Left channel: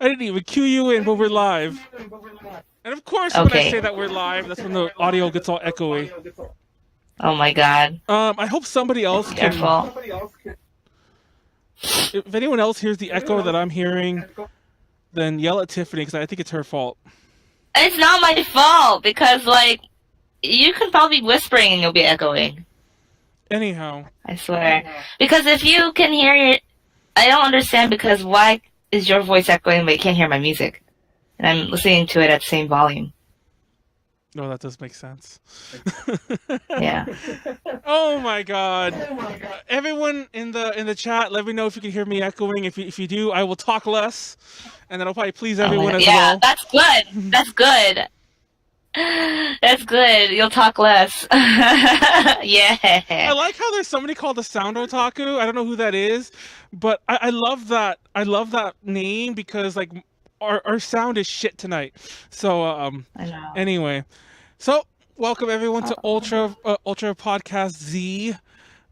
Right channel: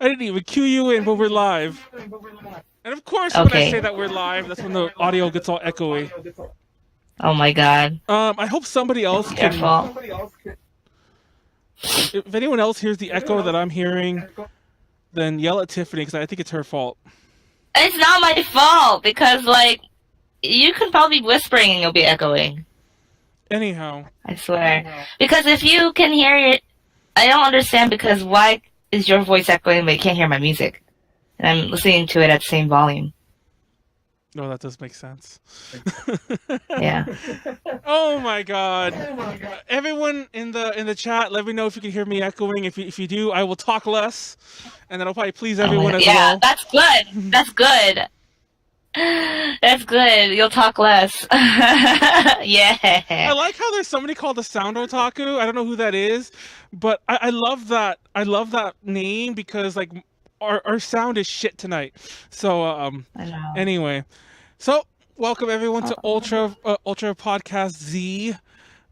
I didn't even cue you in, but we're live. And of course, when I say Okay. that we're live, that's when the audio gets all echoey. Oh my God. I hope somebody else can. Careful. If anyone else hears the echo that I'm hearing, then yell at Tiffany because I think it's her fault. It's not my fault because like you can probably be whispering and you'll be echoing. Anyhow, I swear. Because if you can hear it, I don't understand because why is your voice echoing but you can't hear my music? And I'm listening to it at the same volume. no, that does make sense. Yeah. Oh my god! Everyone in the chat, let me know if you can hear me echoing. If you do, I will talk less, and that'll probably please Oh my everyone God. as Yeah, well. that's good. That's good. That's good. You'll talk less. I Yeah. like how there's somebody called the Sound Otaku. I don't know who that is, but I love that. I love that name because like our sound is shit tonight. So I know. anyway, so welcome everyone to Oh, Ultra Podcast Z,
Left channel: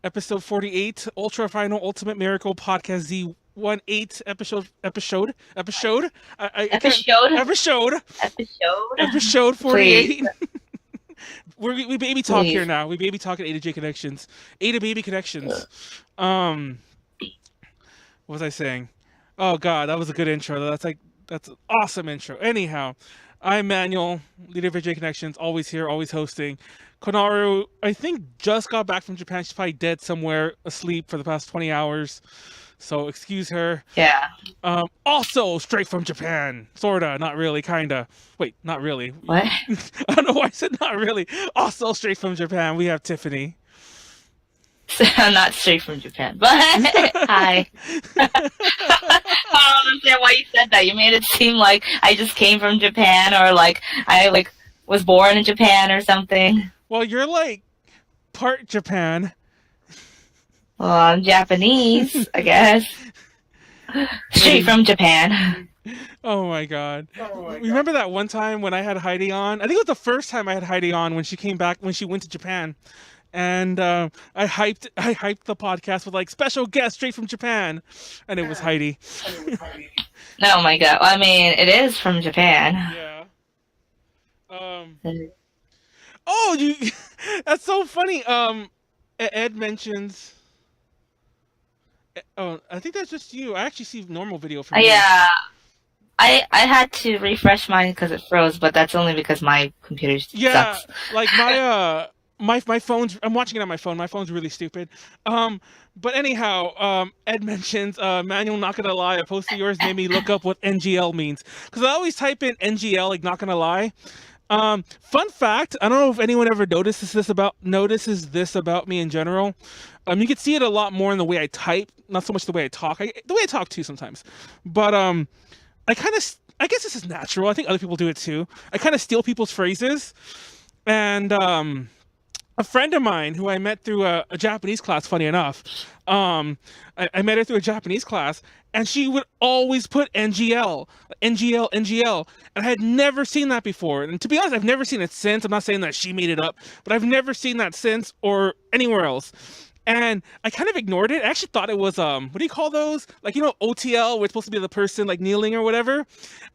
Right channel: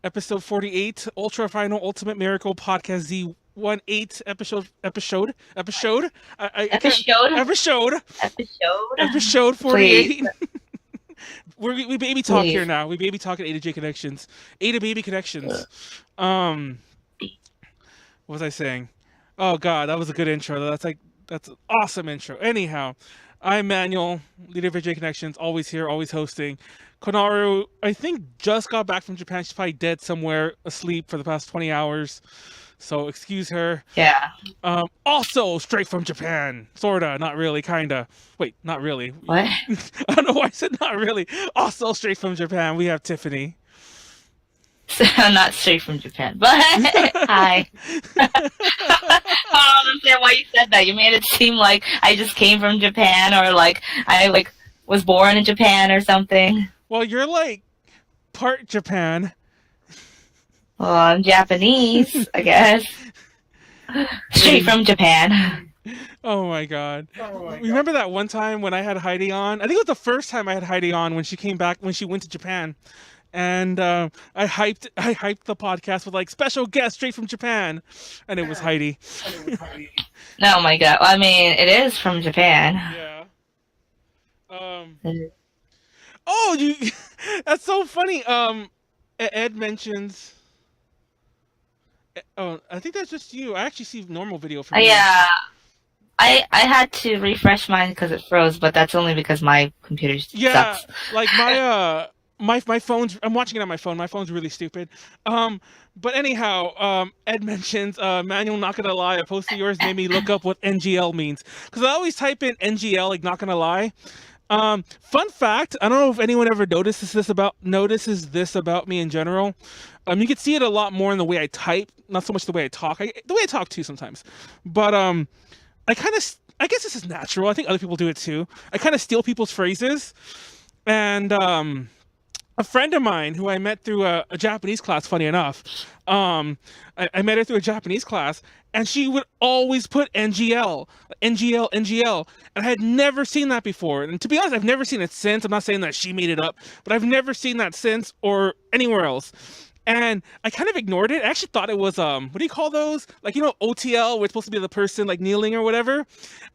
episode 48, Ultra Final Ultimate Miracle Podcast Z. 1-8 episode. I can't episode. episode Episode. episode Please. 48. We baby talk here Please. now. We baby talk at A to J Connections. A to Baby Connections. Um, what was I saying? Oh God, that was a good intro. That's an awesome intro. Anyhow, I'm Manuel, leader of J Connections, always here, always hosting. Konaru, I think just got back from Japan. She's probably dead somewhere, asleep for the past 20 hours. So excuse her. Yeah. Also straight from Japan. Sorta, not really, kinda. Wait, not really. What? I don't know why I said not really. Also straight from Japan, we have Tiffany. I'm not straight from Japan, but hi. I don't understand why you said that. You made it seem like I just came from Japan or like I like was born in Japan or something. Well, you're like part Japan. Well, I'm Japanese, I guess. Straight from Japan. Oh my god. Remember that one time when I had Heidi on? I think it was the first time I had Heidi on when she came back when she went to Japan. And I hyped the podcast with like special guest straight from Japan, and it was Heidi. Oh my God. I mean, it is from Japan. Yeah. Um. Oh, you. That's so funny. Ed mentions. Oh, I think that's just you. I actually see normal video from you. Yeah. I had to refresh mine because it froze, but that's only because my computer Yeah, sucks. like my phone's. I'm watching it on my phone. My phone's really stupid. But anyhow, Ed mentions Manuel. Not gonna lie, a post of yours made me look up what NGL means because I always type in NGL like not gonna lie. Fun fact, I don't know if anyone ever notices this about me in general. You can see it a lot more in the way I type, not so much the way I talk. The way I talk too sometimes, but I guess this is natural. I think other people do it too. I kind of steal people's phrases, and a friend of mine who I met through a Japanese class, funny enough, I met her through a Japanese class, and she would always put NGL, NGL, NGL, and I had never seen that before. And to be honest, I've never seen it since. I'm not saying that she made it up, but I've never seen that since or anywhere else. And I kind of ignored it. I actually thought it was what do you call those? Like OTL, where it's supposed to be the person like kneeling or whatever.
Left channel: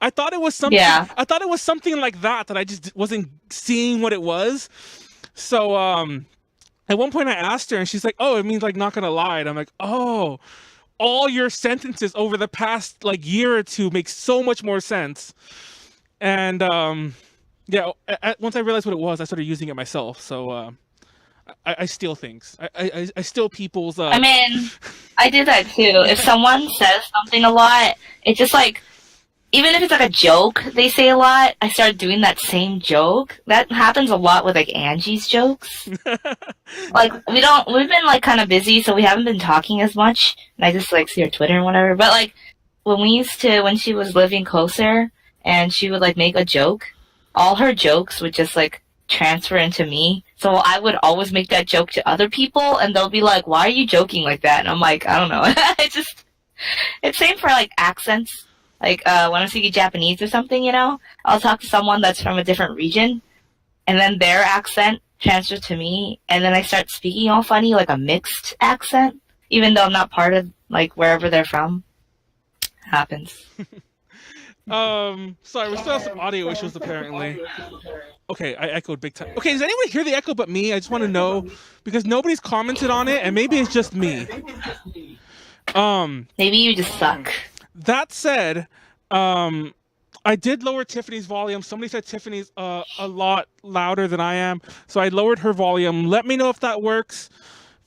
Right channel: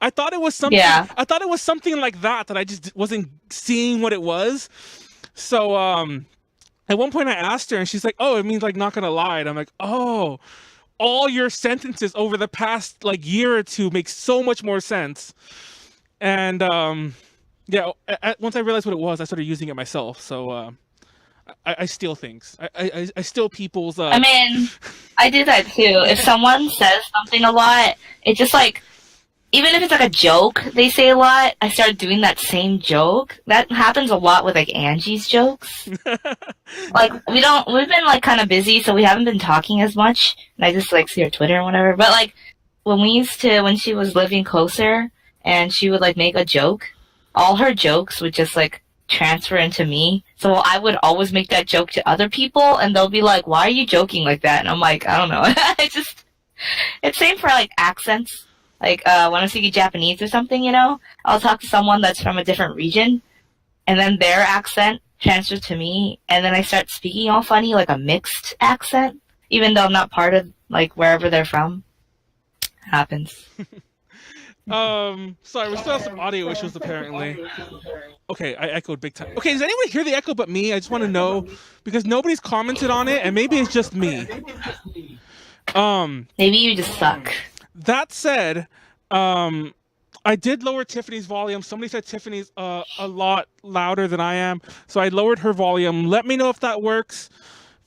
I thought it was something. Yeah. I thought it was something like that I just wasn't seeing what it was. So at one point I asked her and she's like, "Oh, it means like not gonna lie." And I'm like, "Oh, all your sentences over the past like year or two make so much more sense." And yeah, once I realized what it was, I started using it myself. So I steal things. I steal people's I mean, I do that too. If someone says something a lot, it's just like, even if it's like a joke they say a lot, I start doing that same joke. That happens a lot with like Angie's jokes. Like we've been like kind of busy, so we haven't been talking as much. And I just like see her Twitter and whatever. But like when she was living closer and she would like make a joke, all her jokes would just like transfer into me. So I would always make that joke to other people and they'll be like, "Why are you joking like that?" And I'm like, I don't know. It's same for like accents. Like when I'm speaking Japanese or something, I'll talk to someone that's from a different region and then their accent transfers to me and then I start speaking all funny, like a mixed accent, even though I'm not part of like wherever they're from. It happens. Sorry, we still have some audio issues apparently. Okay, I echoed big time. Okay, does anyone hear the echo but me? I just want to know because nobody's commented on it, and maybe it's just me. Maybe you just suck. That said, I did lower Tiffany's volume. Somebody said Tiffany's a lot louder than I am, so I lowered her volume. Let me know if that works.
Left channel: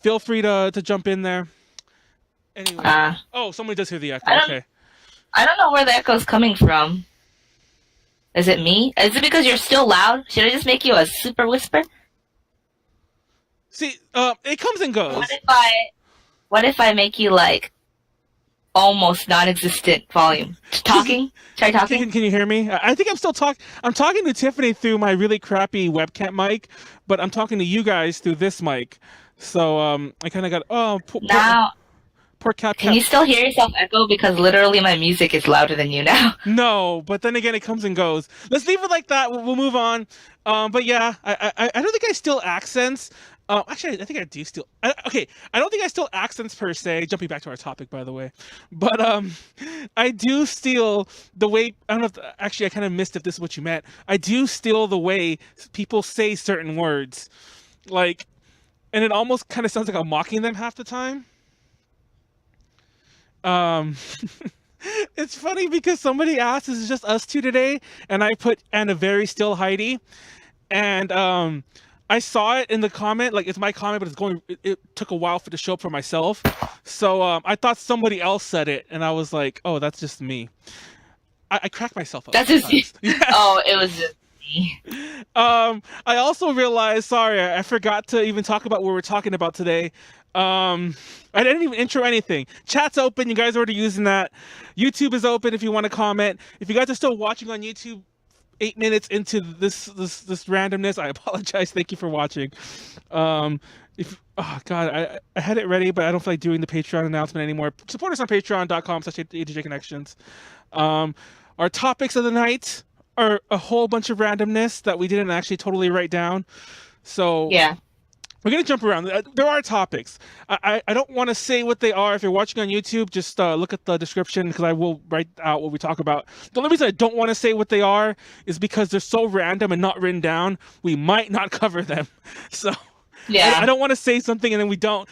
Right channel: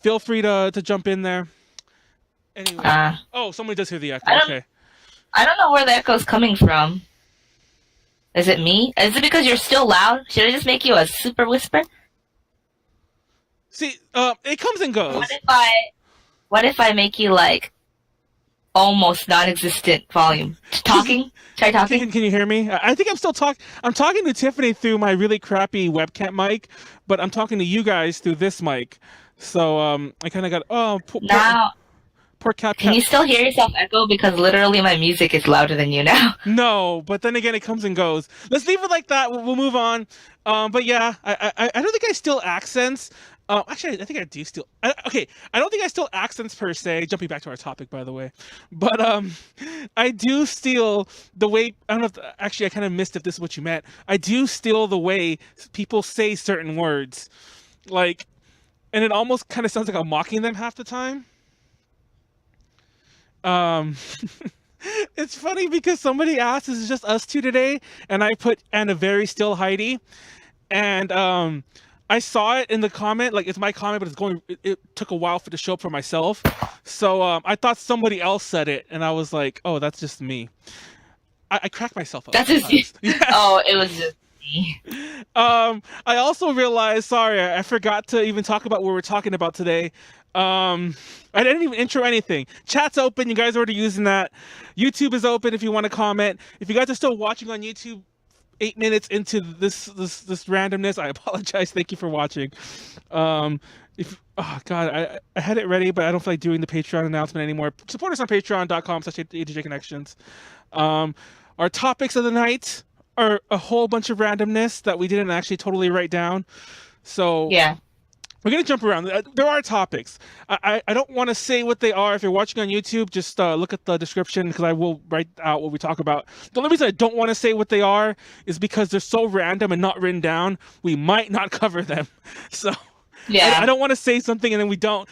Feel free to jump in there. Anyway, oh, somebody does hear the echo. Okay. I don't know where the echo's coming from. Is it me? Is it because you're still loud? Should I just make you a super whisper? See, it comes and goes. What if I make you like almost non-existent volume? Talking? Try talking. Can you hear me? I think I'm still talking. I'm talking to Tiffany through my really crappy webcam mic, but I'm talking to you guys through this mic. So I kind of got poor Cap. Can you still hear yourself echo? Because literally my music is louder than you now. No, but then again, it comes and goes. Let's leave it like that. We'll move on. But yeah, I don't think I steal accents. Actually, I think I do steal. Okay, I don't think I steal accents per se. Jumping back to our topic, by the way. But I do steal the way. I don't know if actually I kind of missed if this is what you meant. I do steal the way people say certain words, like, and it almost kind of sounds like I'm mocking them half the time. It's funny because somebody asked, "Is it just us two today?" And I put "and a very still Heidi," and I saw it in the comment, like it's my comment, but it took a while for it to show up for myself. So I thought somebody else said it, and I was like, "Oh, that's just me." I crack myself up. That's just you. Yes. Oh, it was just me. I also realized, sorry, I forgot to even talk about what we're talking about today. I didn't even intro anything. Chat's open. You guys are already using that. YouTube is open if you want to comment. If you guys are still watching on YouTube 8 minutes into this randomness, I apologize. Thank you for watching. Oh God, I had it ready, but I don't feel like doing the Patreon announcement anymore. Support us on patreon.com/ADJ Our topics of the night are a whole bunch of randomness that we didn't actually totally write down. So yeah. We're going to jump around. There are topics. I don't want to say what they are. If you're watching on YouTube, just look at the description because I will write out what we talk about. The only reason I don't want to say what they are is because they're so random and not written down, we might not cover them. So yeah. I don't want to say something and then we don't.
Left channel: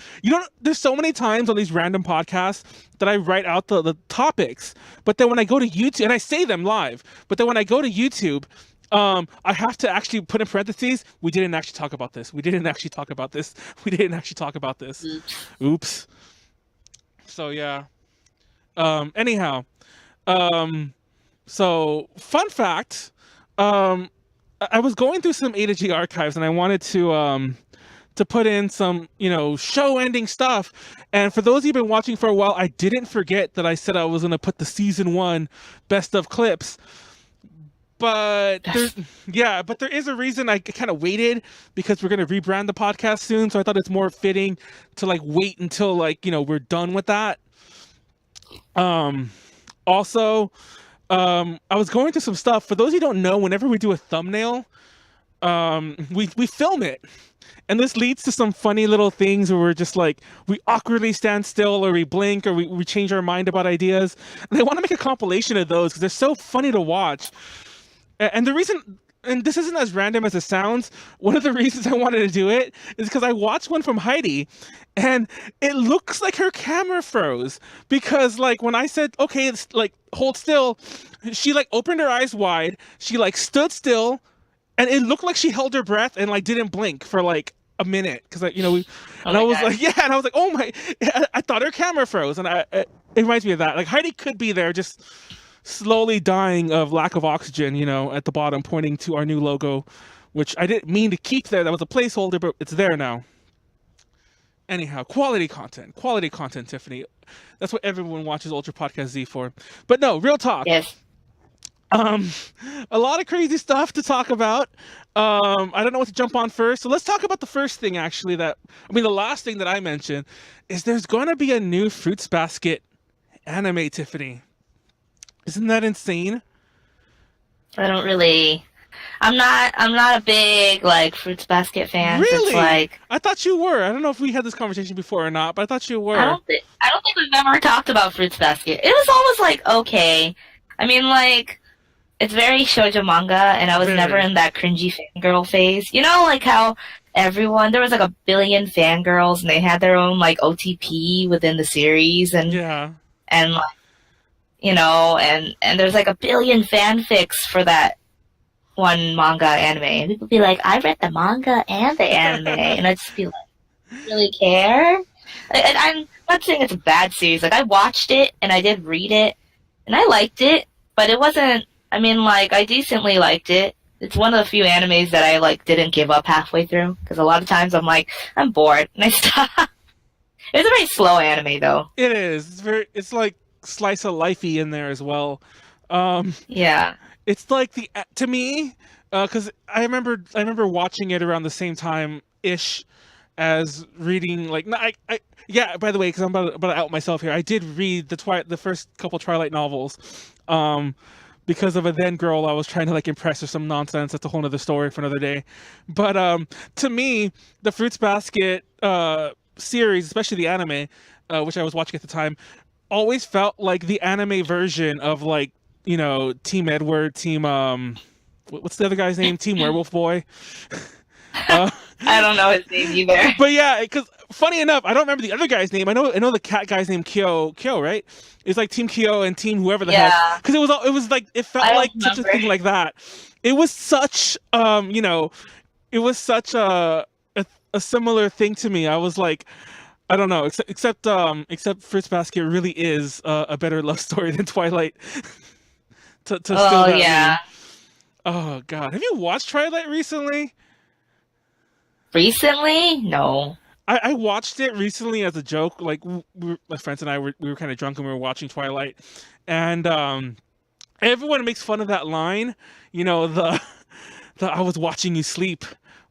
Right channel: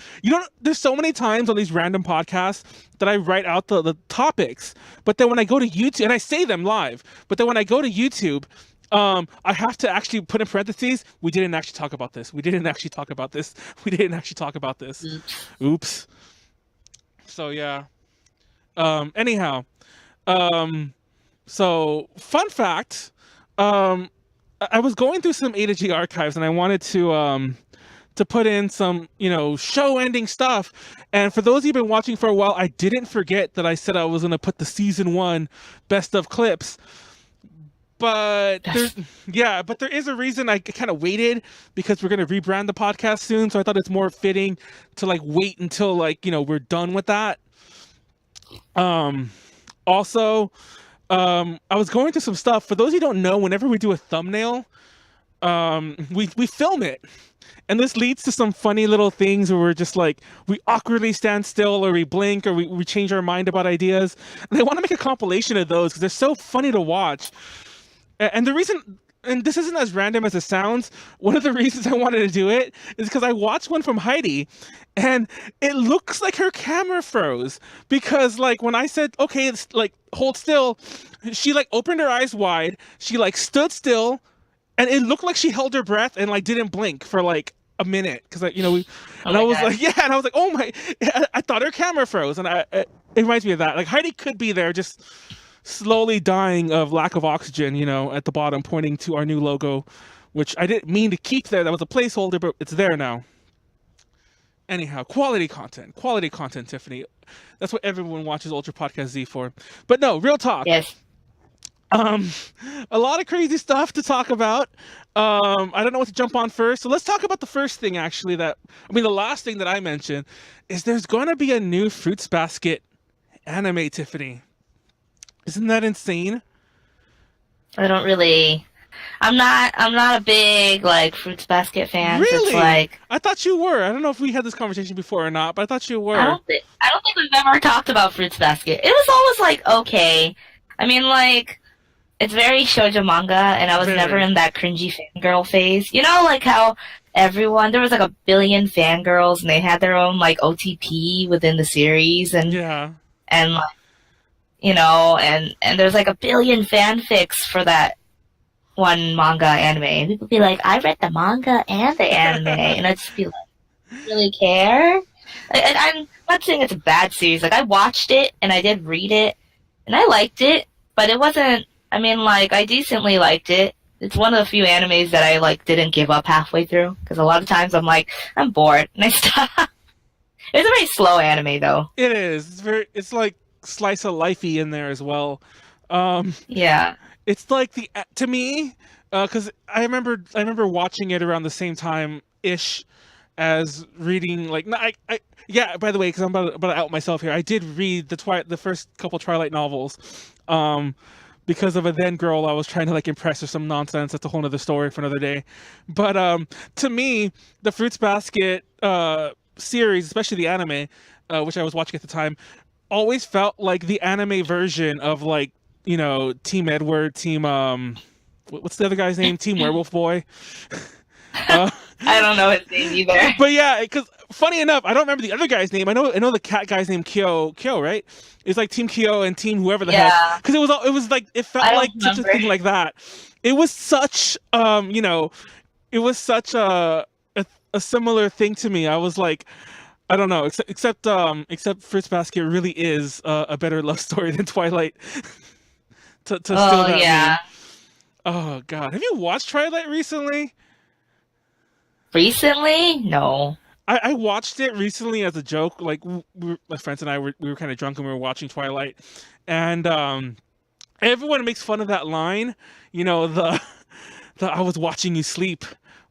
There's so many times on these random podcasts that I write out the topics, but then when I go to YouTube, and I say them live, but then when I go to YouTube, I have to actually put in parentheses, we didn't actually talk about this. We didn't actually talk about this. We didn't actually talk about this. Oops. So, yeah. Anyhow. So, fun fact. I was going through some A to G archives and I wanted to put in some, show-ending stuff. And for those of you who've been watching for a while, I didn't forget that I said I was going to put the season 1 best of clips. But there is a reason I kind of waited because we're going to rebrand the podcast soon. So I thought it's more fitting to wait until we're done with that. Also, I was going through some stuff. For those of you who don't know, whenever we do a thumbnail, we film it. And this leads to some funny little things where we're just we awkwardly stand still or we blink or we change our mind about ideas. And I want to make a compilation of those because they're so funny to watch. And the reason, and this isn't as random as it sounds, one of the reasons I wanted to do it is because I watched one from Heidi and it looks like her camera froze because when I said, okay, it's hold still, she opened her eyes wide, she stood still and it looked like she held her breath and didn't blink for a minute because I was God. Oh my, I thought her camera froze and it reminds me of that. Heidi could be there just slowly dying of lack of oxygen, at the bottom, pointing to our new logo, which I didn't mean to keep there. That was a placeholder, but it's there now. Anyhow, quality content, Tiffany. That's what everyone watches Ultra Podcast Z for. But no, real talk. Yes. A lot of crazy stuff to talk about. I don't know what to jump on first. So let's talk about the first thing, actually, the last thing that I mentioned is there's going to be a new Fruits Basket anime, Tiffany. Isn't that insane? I'm not a big Fruits Basket fan. Really? So I thought you were. I don't know if we had this conversation before or not, but I thought you were. I don't think we've ever talked about Fruits Basket. It was always okay. I mean, like, it's very shoujo manga, and I was Very. never in that cringy fangirl phase. You know, like how there was like a billion fangirls, and they had their own like OTP within the series, Yeah. and like, you know, and there's like a billion fanfics for that one manga anime, and people be like, I read the manga and the anime, and I'd just be like, really care? And I'm not saying it's a bad series. Like, I watched it and I did read it and I liked it, but it wasn't. I mean, like, I decently liked it. It's one of the few animes that I like didn't give up halfway through, because a lot of times I'm like, I'm bored and I stop. It's a very slow anime though. It is. It's very. It's like slice of lifey in there as well. Um, Yeah. it's like to me, because I remember watching it around the same time ish as reading like no, yeah. By the way, because I'm about to out myself here, I did read the first couple Twilight novels, because of a then girl I was trying to like impress or some nonsense. That's a whole other story for another day. But to me, the Fruits Basket series, especially the anime, which I was watching at the time, always felt like the anime version of like Team Edward, Team what's the other guy's name? Team Werewolf Boy. Uh, I don't know his name either. but yeah, because funny enough, I don't remember the other guy's name. I know the cat guy's name Kyo, right? It's like Team Kyo and Team whoever the heck. Yeah. Because it was like it felt I don't like such a remember. thing like that. It was such it was such a similar thing to me. I was like, I don't know, except Fruits Basket really is a better love story than Twilight. to steal Oh that yeah. meme. Oh God, have you watched Twilight recently? Recently? No. I watched it recently as a joke. Like my friends and I we were kind of drunk and we were watching Twilight, and everyone makes fun of that line. The I was watching you sleep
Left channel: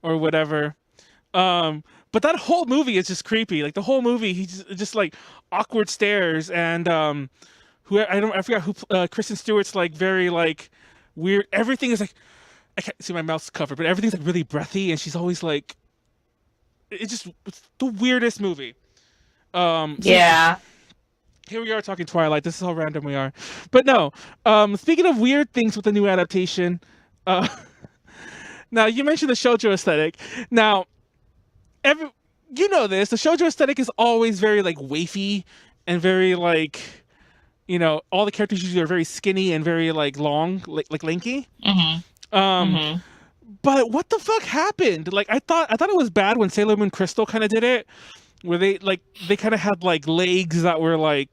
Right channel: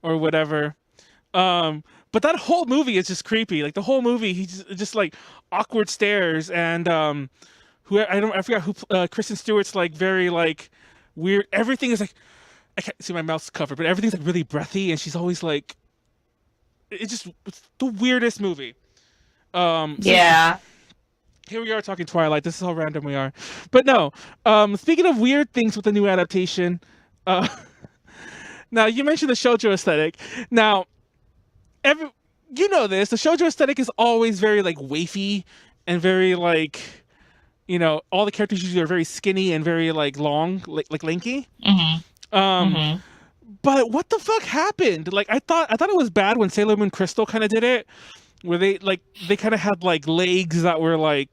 or whatever. But that whole movie is just creepy. Like the whole movie, he's just like awkward stares and I forgot who Kristen Stewart's like very like weird. Everything is like I can't see my mouth's covered, but everything's like really breathy, and she's always like. It's the weirdest movie. So Yeah. here we are talking Twilight. This is how random we are. But no. Speaking of weird things with the new adaptation, uh, now you mentioned the shoujo aesthetic. Now, you know this. The shoujo aesthetic is always very like wafy and very like, all the characters usually are very skinny and very like long, like lanky. Mm-hmm. Um, Mm-hmm. But what the fuck happened? Like I thought it was bad when Sailor Moon Crystal kind of did it, where they kind of had like legs that were like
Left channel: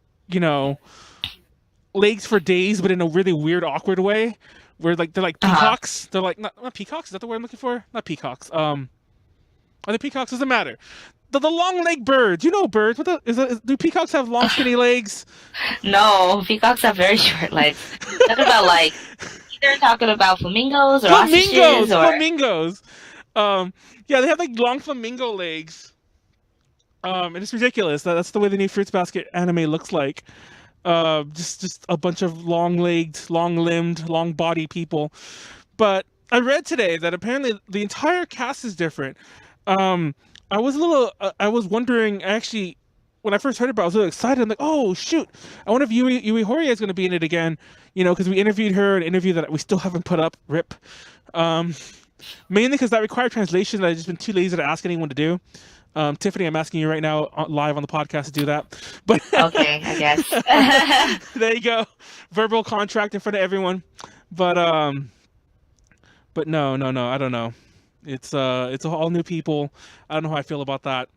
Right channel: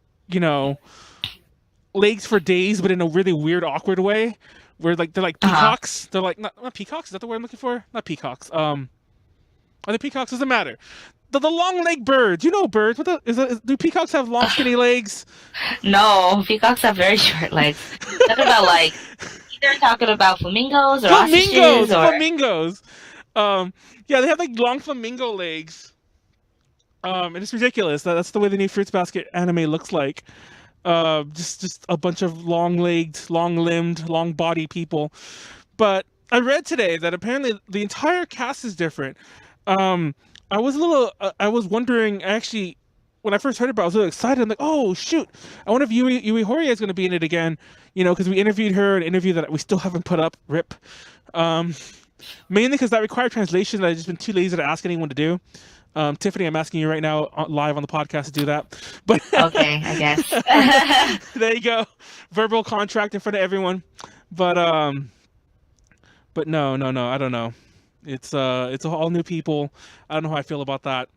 legs for days, but in a really weird, awkward way, where like they're like peacocks. They're like not peacocks. Is that the word I'm looking for? Not peacocks. Are they peacocks? Doesn't matter. The long leg birds. You know birds. Do peacocks have long skinny legs? No, peacocks have very short legs. Talking about like either talking about flamingos or ostriches or Flamingos. Yeah, they have like long flamingo legs. And it's ridiculous. That's the way the new Fruits Basket anime looks like. Just a bunch of long-legged, long-limbed, long-bodied people. But I read today that apparently the entire cast is different. I was wondering actually. When I first heard about it, I was really excited. I'm like, oh, shoot. I wonder if Yui Horia is going to be in it again. Because we interviewed her, an interview that we still haven't put up. RIP. Mainly because that required translation that I've just been too lazy to ask anyone to do. Tiffany, I'm asking you right now live on the podcast to do that. But okay, I guess. there you go. Verbal contract in front of everyone. But no, I don't know. It's all new people. I don't know how I feel about that.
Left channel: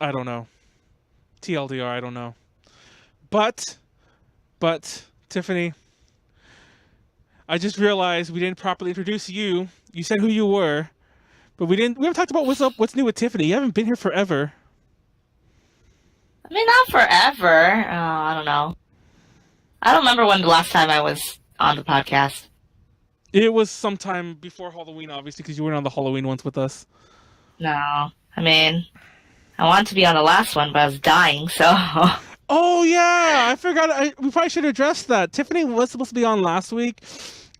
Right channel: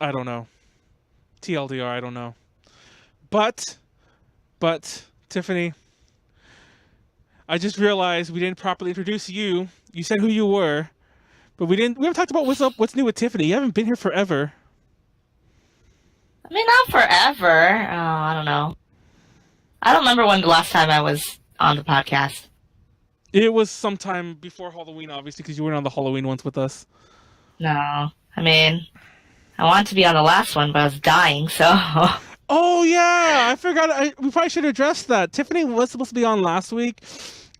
I don't know. TLDR, I don't know. But Tiffany, I just realized we didn't properly introduce you. You said who you were, but we haven't talked about what's new with Tiffany. You haven't been here forever. I mean, not forever. I don't know. I don't remember when the last time I was on the podcast. It was sometime before Halloween, obviously, because you weren't on the Halloween ones with us. No. I mean, I wanted to be on the last one, but I was dying, so. Oh, yeah. I forgot. We probably should address that. Tiffany was supposed to be on last week,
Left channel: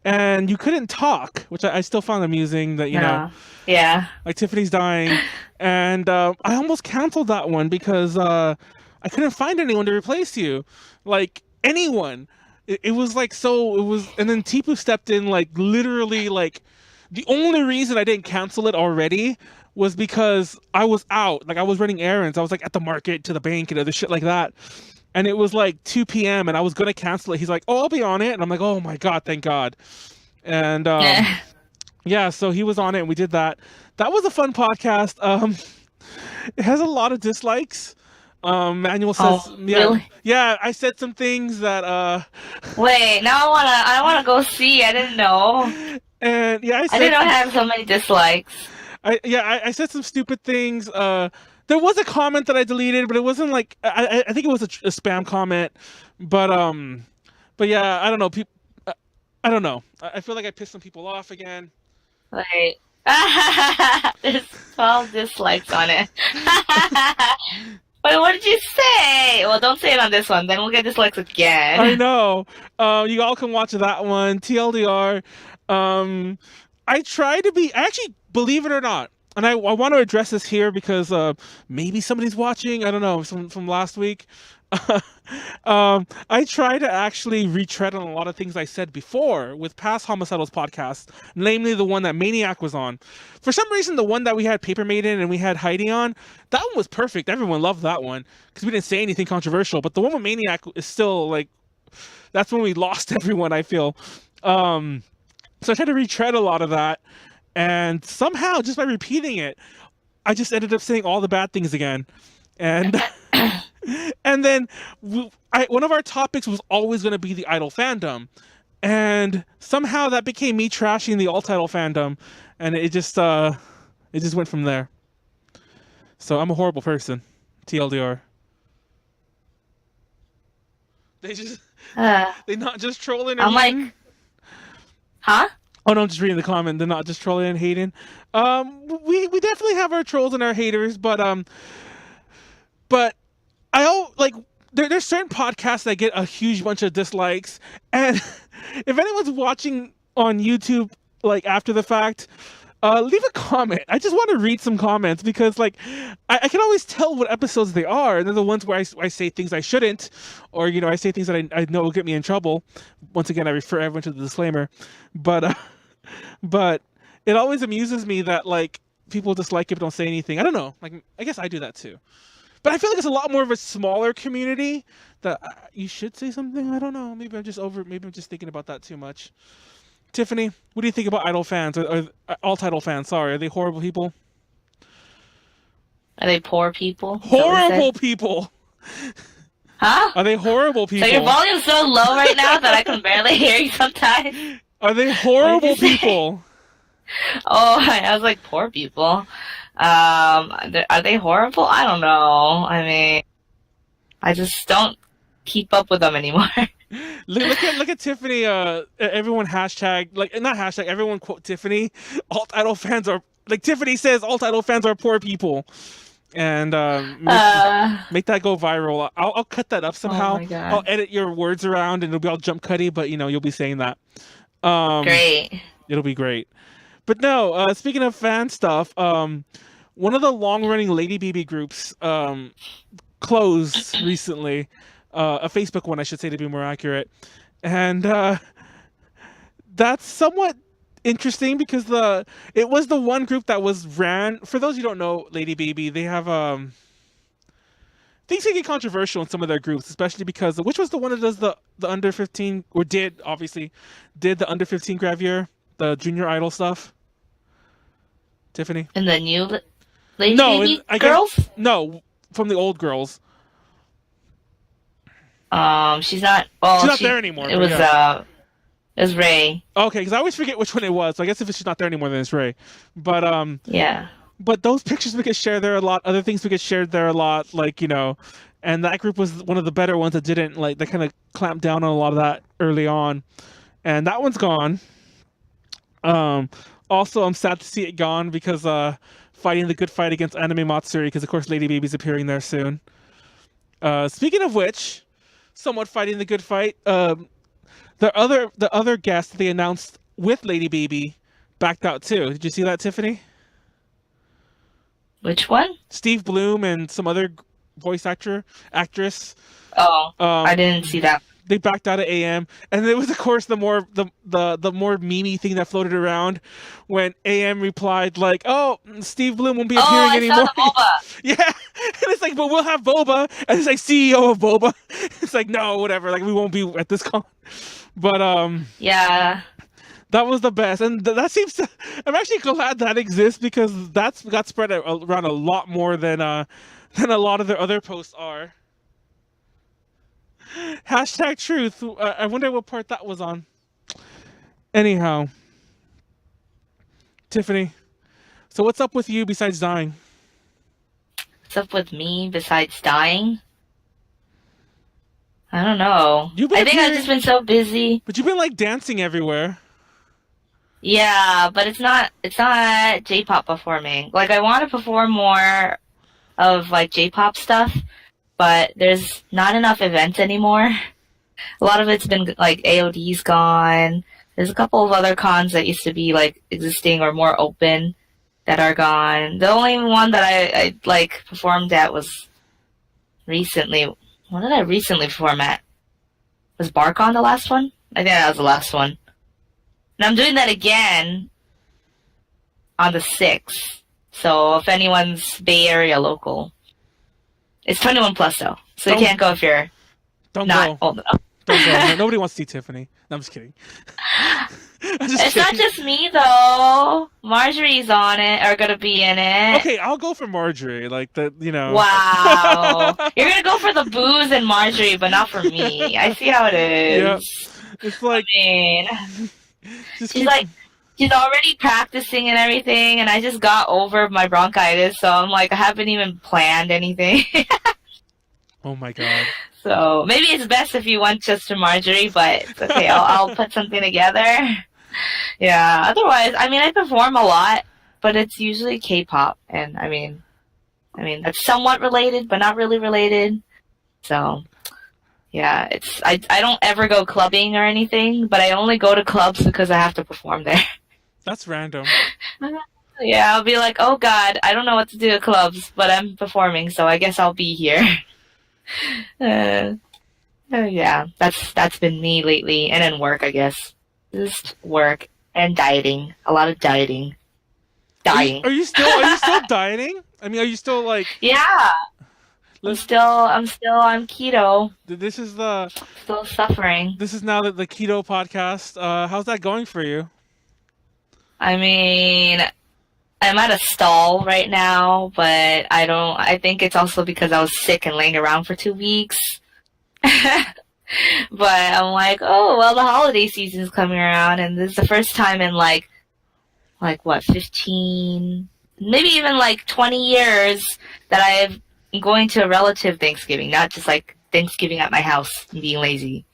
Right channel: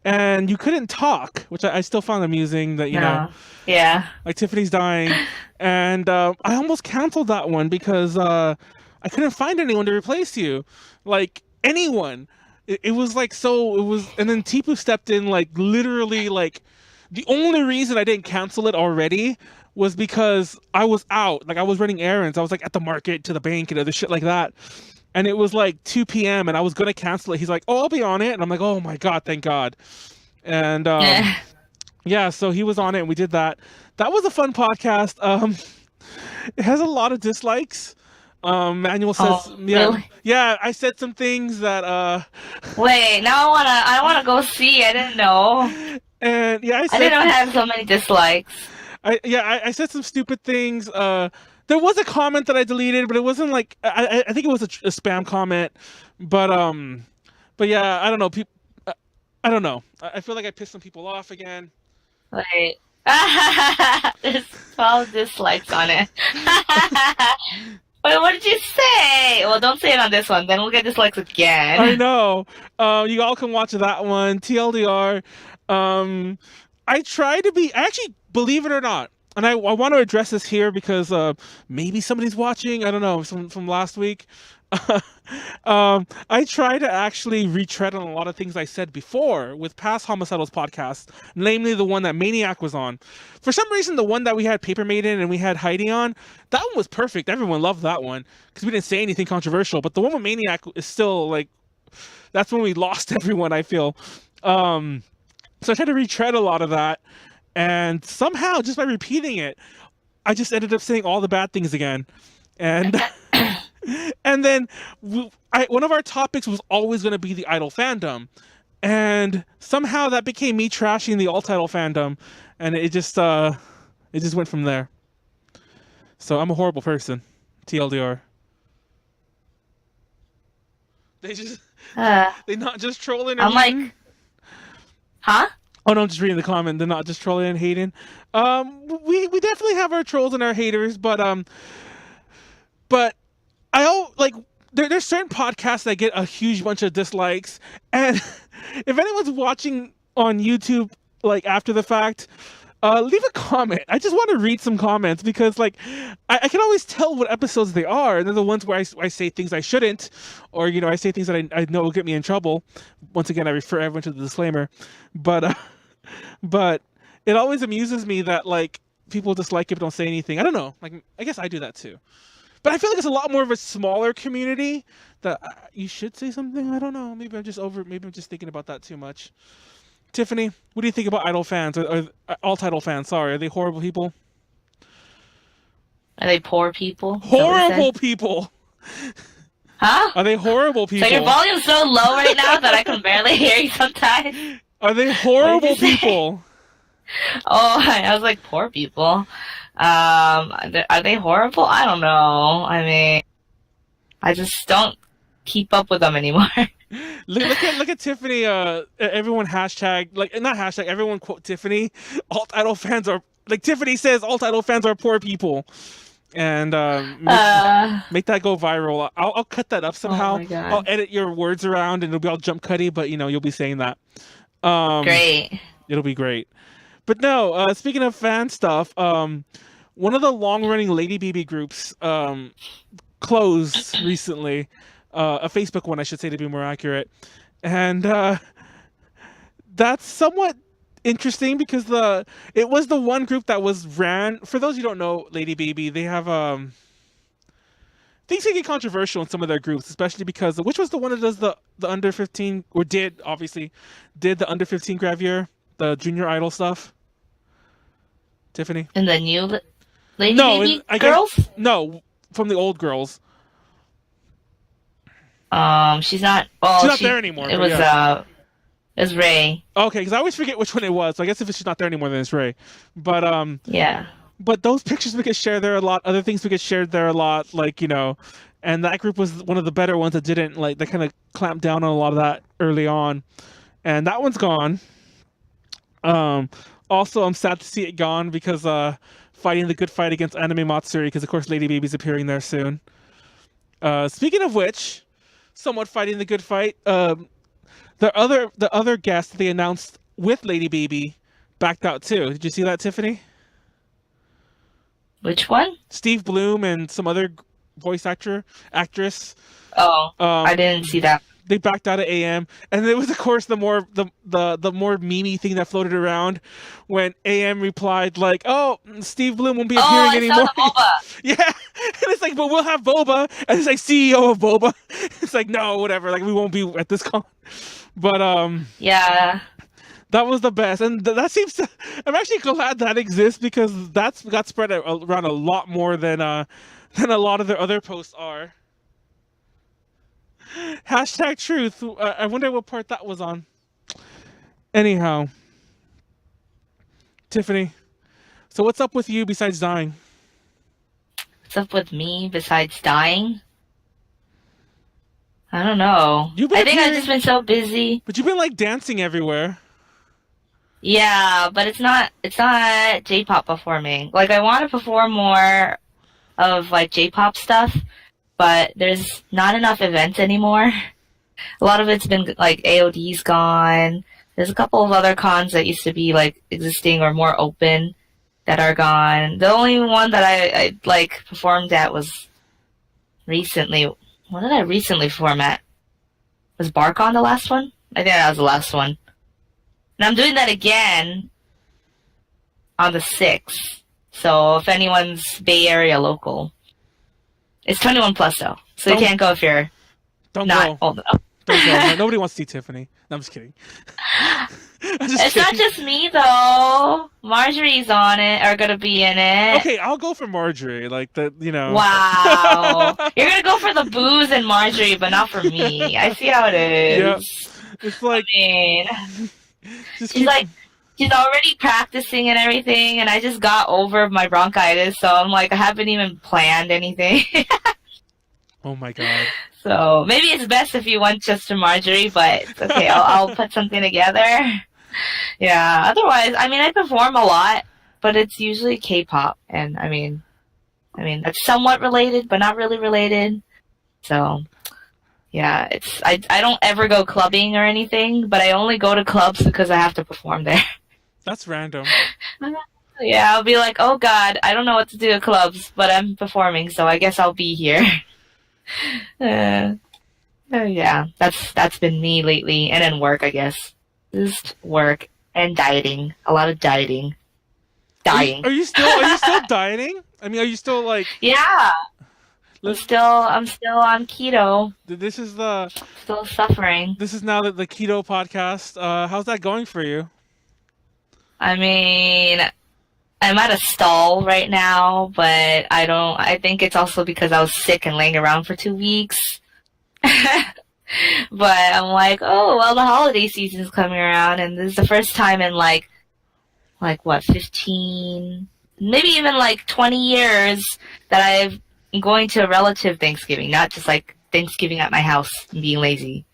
and you couldn't talk, which I still found amusing that, know. Yeah. Like, Tiffany's dying. And I almost canceled that one because I couldn't find anyone to replace you. Like, anyone. it was like so. It was, and then Tipu stepped in, like literally, like the only reason I didn't cancel it already was because I was out. Like I was running errands. I was like at the market, to the bank, and other shit like that. And it was like 2 p.m. and I was gonna cancel it. He's like, "Oh, I'll be on it," and I'm like, "Oh my god, thank God." And yeah, so he was on it, and we did that. That was a fun podcast. It has a lot of dislikes. Manuel says, Oh, yeah, really? yeah. I said some things that, Wait, now I wanna go see. I didn't know. and yeah, I didn't know I had so many dislikes. I said some stupid things. There was a comment that I deleted, but it wasn't like I think it was a spam comment, but yeah, I don't know. People, I don't know. I feel like I pissed some people off again. Wait. There's 12 dislikes on it. Wait, what did you say? Well, don't say it on this one. Then we'll get dislikes again. I know. You all can watch that one. TLDR. I try to be actually, believe it or not, and I want to address this here because maybe somebody's watching. I don't know, from last week. I try to actually retread on a lot of things I said before with past Homicidals podcasts, namely the one that Maniac was on. For some reason, the one that we had Paper Maiden and we had Heidi on, that one was perfect. Everyone loved that one because we didn't say anything controversial. But the one with Maniac is still like, that's when we lost everyone, I feel. So I tried to retread a lot of that. And somehow, just by repeating it, I just ended up saying all the bad things again. And and then one of our topics was always going to be the Idol fandom. And somehow that became me trashing the alt-Idol fandom. And it just went from there. So I'm a horrible person. TLDR. They not just trolling or I'm like, hating. huh? Oh no, I'm just reading the comment. They're not just trolling and hating. We definitely have our trolls and our haters, but like there's certain podcasts that get a huge bunch of dislikes, and if anyone's watching on YouTube like after the fact, leave a comment. I just want to read some comments because like I can always tell what episodes they are, and they're the ones where I say things I shouldn't, or I say things that I know will get me in trouble. Once again, I refer everyone to the disclaimer, but it always amuses me that like people dislike it but don't say anything. I don't know. Like I guess I do that too. But I feel like it's a lot more of a smaller community that you should say something. I don't know. Maybe I'm just thinking about that too much. Tiffany, what do you think about Idol fans or alt-Idol fans? Sorry, are they horrible people? Are they poor people? Horrible people. Huh? Are they horrible people? So your volume's so low right now that I can barely hear you sometimes. Are they horrible people? Oh, I was like, poor people. Are they horrible? I don't know. I mean, I just don't keep up with them anymore. Look at Tiffany. Everyone hashtag, like, not hashtag, everyone quote Tiffany. Alt-Idol fans are, like Tiffany says, alt-Idol fans are poor people. And make that go viral. I'll cut that up somehow. Oh my God. I'll edit your words around and it'll be all jump cutty, but you'll be saying that. Great. It'll be great. But no, speaking of fan stuff, one of the long-running Lady BB groups closed recently. A Facebook one, I should say, to be more accurate. And that's somewhat interesting because it was the one group that was ran. For those who don't know Lady BB, they have things can get controversial in some of their groups, especially because which was the one that does the under 15 or did the under 15 gravure, the junior idol stuff. Tiffany. And the new Lady BB girls? No, from the old girls. She's not. Well, she's not there anymore. It was yeah. It was Ray. Okay, because I always forget which one it was. So I guess if she's not there anymore, then it's Ray. But yeah. But those pictures would get shared there a lot. Other things would get shared there a lot. Like and that group was one of the better ones that didn't like. They kind of clamped down on a lot of that early on, and that one's gone. Also, I'm sad to see it gone because fighting the good fight against Anime Matsuri because of course Lady Baby's appearing there soon. Speaking of which. Somewhat fighting the good fight. The other guest they announced with Lady Baby backed out too. Did you see that, Tiffany? Which one? Steve Bloom and some other voice actress. Oh, I didn't see that. they backed out of AM, and there was of course the more memey thing that floated around when AM replied like, "Oh, Steve Bloom won't be appearing I anymore." saw the boba. Yeah, and it's like, but we'll have Boba, and it's like CEO of Boba. It's like, no, whatever, like we won't be at this con. But Yeah. that was the best, and that seems to. I'm actually glad that exists because that's got spread around a lot more than a lot of their other posts are. Hashtag truth. I wonder what part that was on. Anyhow, Tiffany. So what's up with you besides dying? What's up with me besides dying? I don't know. You've been I think I've appearing- just been so busy. But you've been like dancing everywhere. Yeah, but it's not J-pop performing. Like I want to perform more of like J-pop stuff, but there's not enough events anymore. A lot of it's been like AOD's gone. There's a couple of other cons that used to be like existing or more open that are gone. The only one that I like performed at was recently. What did I recently perform at? Was BarCon the last one? I think that was the last one. And I'm doing that again on the 6th. So if anyone's Bay Area local, it's 21 plus though. So you can't go if you're Don't not go. old enough. Don't go. No, nobody wants to see Tiffany. No, I'm just kidding. I'm just It's kidding. not just me though. Marjorie's on it, or gonna be in it. Okay, I'll go for Marjorie. Like Wow. You're gonna go for the booze and Marjorie, but not for me. I see how it is. Yep. It's like I mean, just she's keep. like, she's already practicing and everything, and I just got over my bronchitis, so I'm like, I haven't even planned anything. Oh my god. So maybe it's best if you went just to Marjorie, but it's okay. I'll put something together. Yeah. Otherwise, I mean, I perform a lot, but it's usually K-pop, and I mean, that's somewhat related, but not really related. So, yeah, I don't ever go clubbing or anything, but I only go to clubs because I have to perform there. That's random. Yeah, I'll be like, oh God, I don't know what to do at clubs, but I'm performing, so I guess I'll be here. Yeah, that's been me lately, and then work, I guess. Just work and dieting. A lot of dieting. Dying. Are you still dieting? I mean, are you still like? Yeah. I'm still on keto. This is Still suffering. This is now the keto podcast. How's that going for you? I mean, I'm at a stall right now, but I think it's also because I was sick and laying around for 2 weeks. But I'm like, oh, well, the holiday season's coming around, and this is the first time in like what, 15, maybe even like 20 years that I'm going to a relative Thanksgiving, not just like Thanksgiving at my house and being lazy.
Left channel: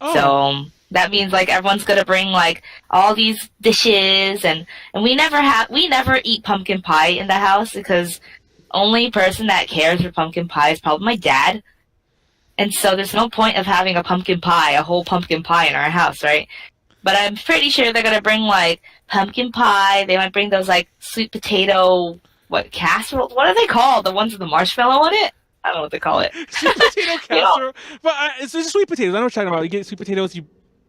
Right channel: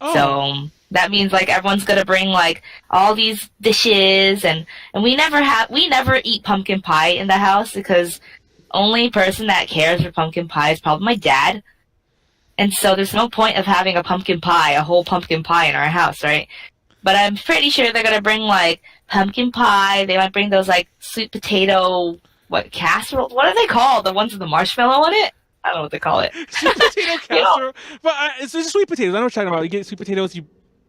Oh. So that means like everyone's gonna bring like all these dishes, and we never eat pumpkin pie in the house because only person that cares for pumpkin pie is probably my dad. And so there's no point of having a whole pumpkin pie in our house, right? But I'm pretty sure they're gonna bring like pumpkin pie. They might bring those like sweet potato, casserole? What are they called? The ones with the marshmallow on it? I don't know what they call it. Sweet potato casserole. But it's just sweet potatoes. I know what you're talking about. You get sweet potatoes,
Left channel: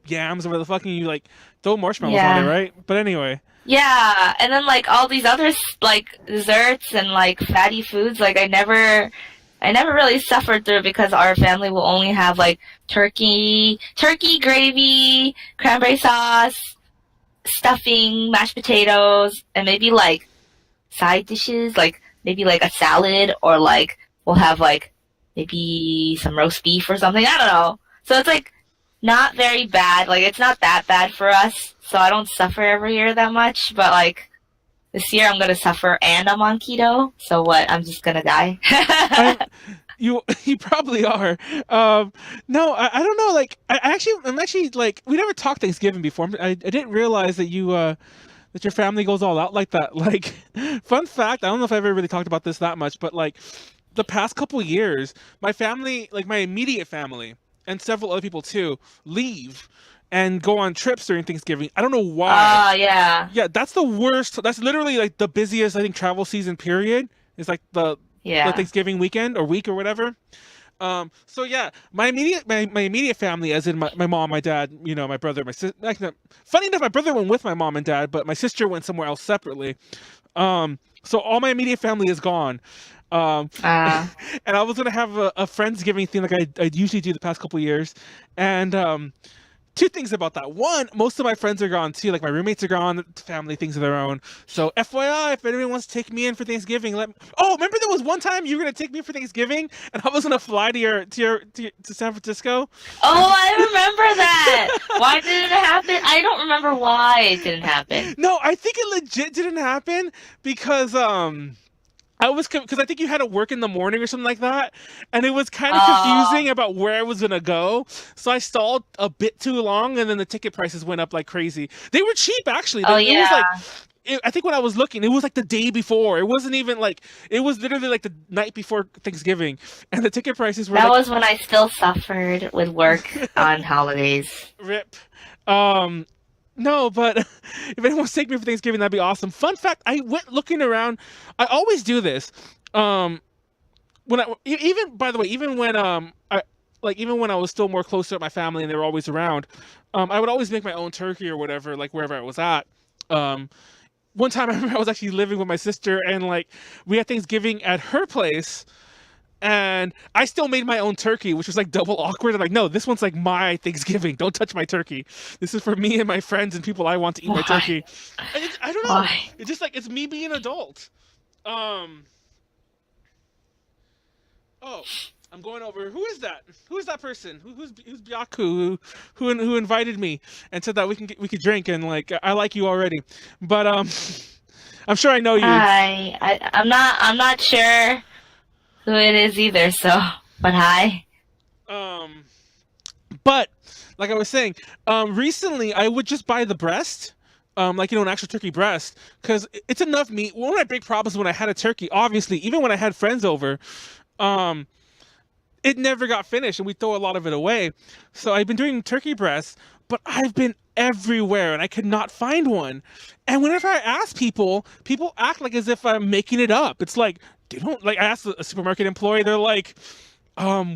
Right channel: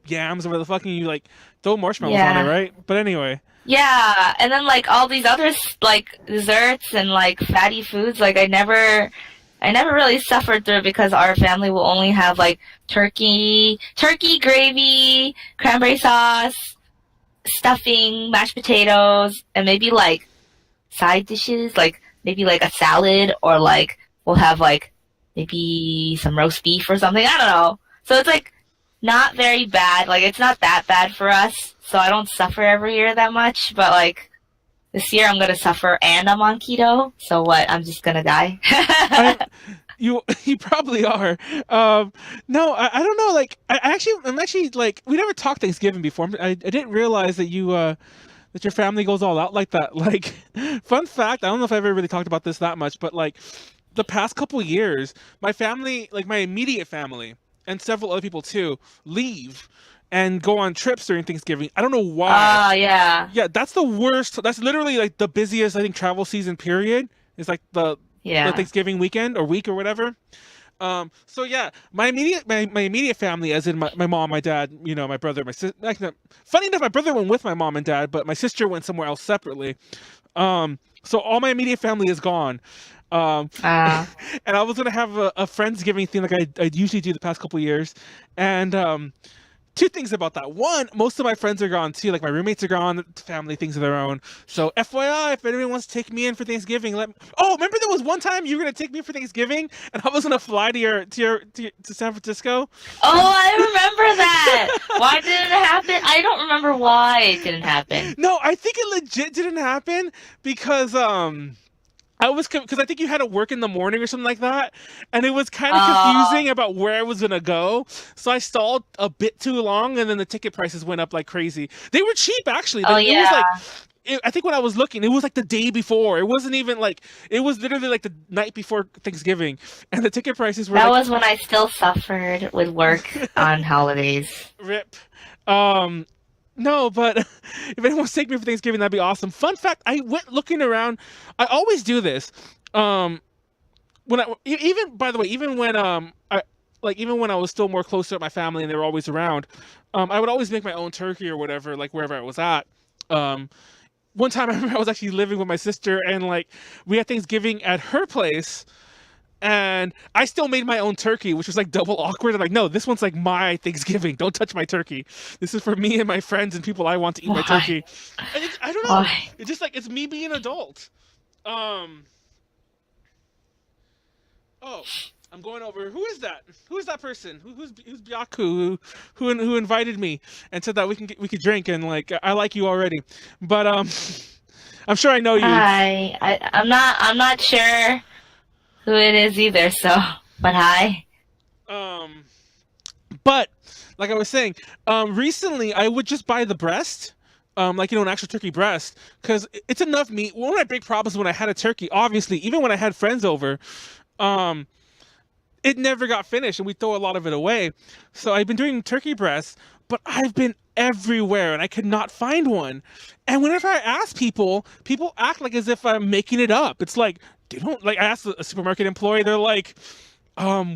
yams, or whatever the fuck, and you like throw marshmallows on it, right? But anyway. Yeah, and then like all these other like desserts and like fatty foods, like I never really suffered through because our family will only have like turkey gravy, cranberry sauce, stuffing, mashed potatoes, and maybe like side dishes, like maybe like a salad, or like we'll have like maybe some roast beef or something. I don't know. So it's like not very bad. Like it's not that bad for us. So I don't suffer every year that much. But like this year I'm gonna suffer, and I'm on keto. So what? I'm just gonna die. You probably are. No, I don't know. Like I'm actually like, we never talked Thanksgiving before. I didn't realize that that your family goes all out like that. Like, fun fact, I don't know if I ever really talked about this that much, but like the past couple years, my family, like my immediate family and several other people too, leave and go on trips during Thanksgiving. I don't know why. Yeah. Yeah, that's the worst. That's literally like the busiest, I think, travel season period. It's like the Thanksgiving weekend or week or whatever. So yeah, my immediate family, as in my mom, my dad, my brother, my sister. Funny enough, my brother went with my mom and dad, but my sister went somewhere else separately. So all my immediate family is gone. Um, Uh, and I was gonna have a friendsgiving thing like I usually do the past couple years, and two things about that. One, most of my friends are gone too. Like my roommates are gone, family things of their own. So FYI, if anyone wants to take me in for Thanksgiving, let me. Oh, remember there was one time you were gonna take me for Thanksgiving, and I was gonna fly to San Francisco. oh, I remember that. Why did it happen? I don't remember why it didn't happen. No, I think it legit didn't happen because because I think you had to work in the morning or something like that, and it was kind of Oh, confusing about where I was gonna go. So I stalled a bit too long, and then the ticket prices went up like crazy. They were cheap actually. oh It was yeah. like, I think when I was looking, it was like the day before. It wasn't even like it was literally like the night before Thanksgiving, and the ticket prices were That like was when I still suffered with work on holidays. rip. Um, no, but if anyone wants to take me for Thanksgiving, that'd be awesome. Fun fact: I went looking around. I always do this. Um, when even by the way, even when even when I was still more closer to my family and they were always around, I would always make my own turkey or whatever, like wherever I was at. Um, one time I remember I was actually living with my sister and like we had Thanksgiving at her place. And I still made my own turkey, which was like double awkward. I'm like, no, this one's like my Thanksgiving. Don't touch my turkey. This is for me and my friends and people I want to eat my Why? turkey. And I don't know. Why? It's just like it's me being an adult. Um. Oh, I'm going over. Who is that? Who is that person? Who's Byaku? Who invited me and said that we could drink and like I like you already, but I'm sure I know you. Hi. I'm not sure who it is either, so but hi. Um. But like I was saying, recently I would just buy the breast, like an actual turkey breast, because it's enough meat. One of my big problems when I had a turkey, obviously, even when I had friends over, um, it never got finished, and we throw a lot of it away. So I've been doing turkey breasts, but I've been everywhere, and I could not find one. And whenever I ask people, people act like as if I'm making it up. It's like they don't like. I asked a supermarket employee, they're like.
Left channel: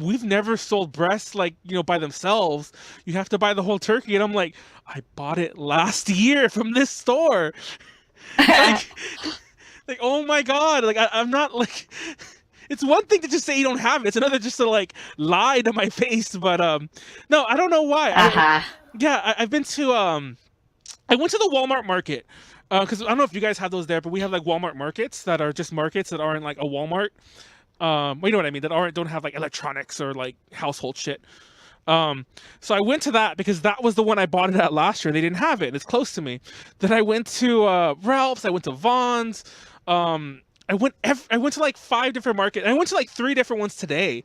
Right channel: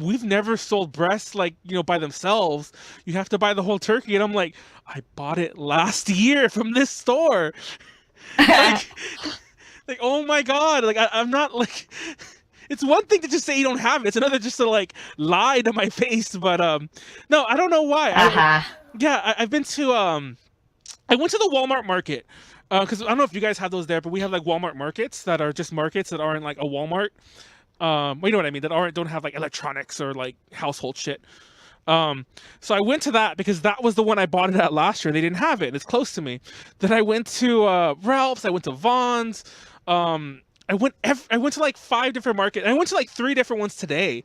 We've never sold breasts like, by themselves. You have to buy the whole turkey. And I'm like, I bought it last year from this store. Like, like, oh my God. Like, I'm not like, it's one thing to just say you don't have it. It's another just to like lie to my face. But, no, I don't know why. Uh-huh. I've been to, I went to the Walmart market. Because I don't know if you guys have those there, but we have like Walmart markets that are just markets that aren't like a Walmart. Well, you know what I mean, that don't have like electronics or like household shit. So I went to that because that was the one I bought it at last year. They didn't have it. It's close to me. Then I went to Ralph's. I went to Vaughn's. I went to like 5 different markets. I went to like 3 different ones today.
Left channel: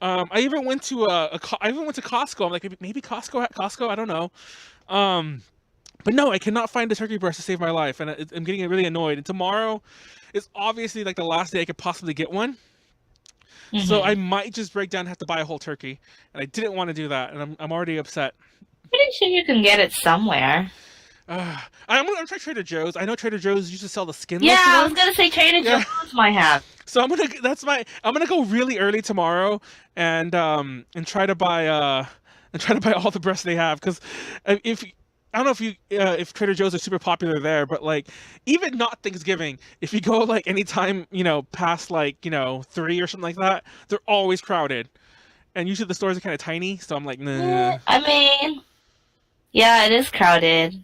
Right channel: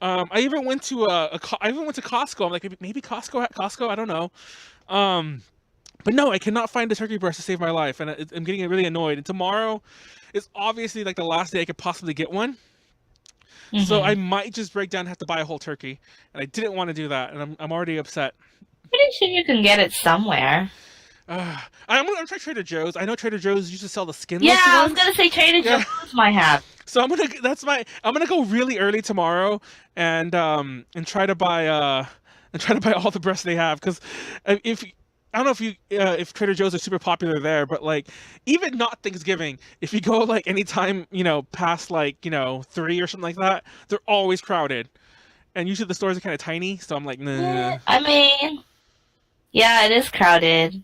I even went to I even went to Costco. I'm like maybe Costco. I don't know. Um, but no, I cannot find a turkey breast to save my life, and I'm getting really annoyed. And tomorrow is obviously like the last day I could possibly get one. So Hmm. I might just break down and have to buy a whole turkey, and I didn't want to do that, and I'm already upset. Pretty sure you can get it somewhere. I'm gonna try Trader Joe's. I know Trader Joe's used to sell the Yeah, skinless I was ones. gonna say Trader Yeah, Joe's might have. so I'm gonna go really early tomorrow and try to buy all the breasts they have because if I don't know if Trader Joe's are super popular there, but like even not Thanksgiving, if you go like anytime past like 3 or something like that, they're always crowded. And usually the stores are kind of tiny, so I'm like, nah. I mean, yeah, it is crowded.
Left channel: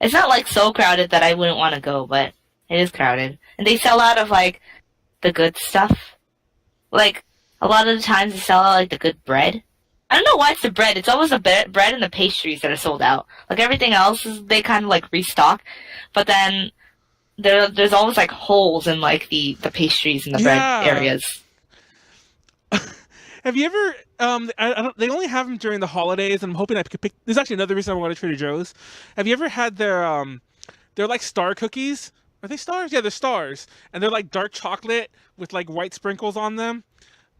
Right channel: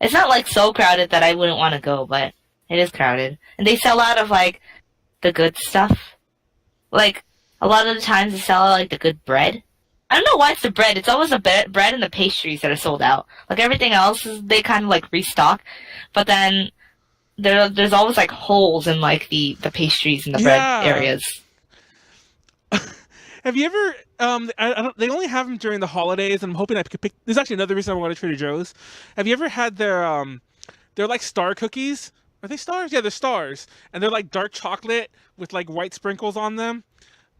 It's not like so crowded that I wouldn't want to go, but it is crowded. And they sell out of like the good stuff. Like a lot of the times they sell out like the good bread. I don't know why it's the bread. It's always the bread and the pastries that are sold out. Like everything else is they kind of like restock, but then there's always like holes in like the pastries and the bread Yeah. areas. Have you ever? I don't. They only have them during the holidays, and I'm hoping I could pick. There's actually another reason I want to Trader Joe's. Have you ever had they're like star cookies? Are they stars? Yeah, they're stars, and they're like dark chocolate with like white sprinkles on them.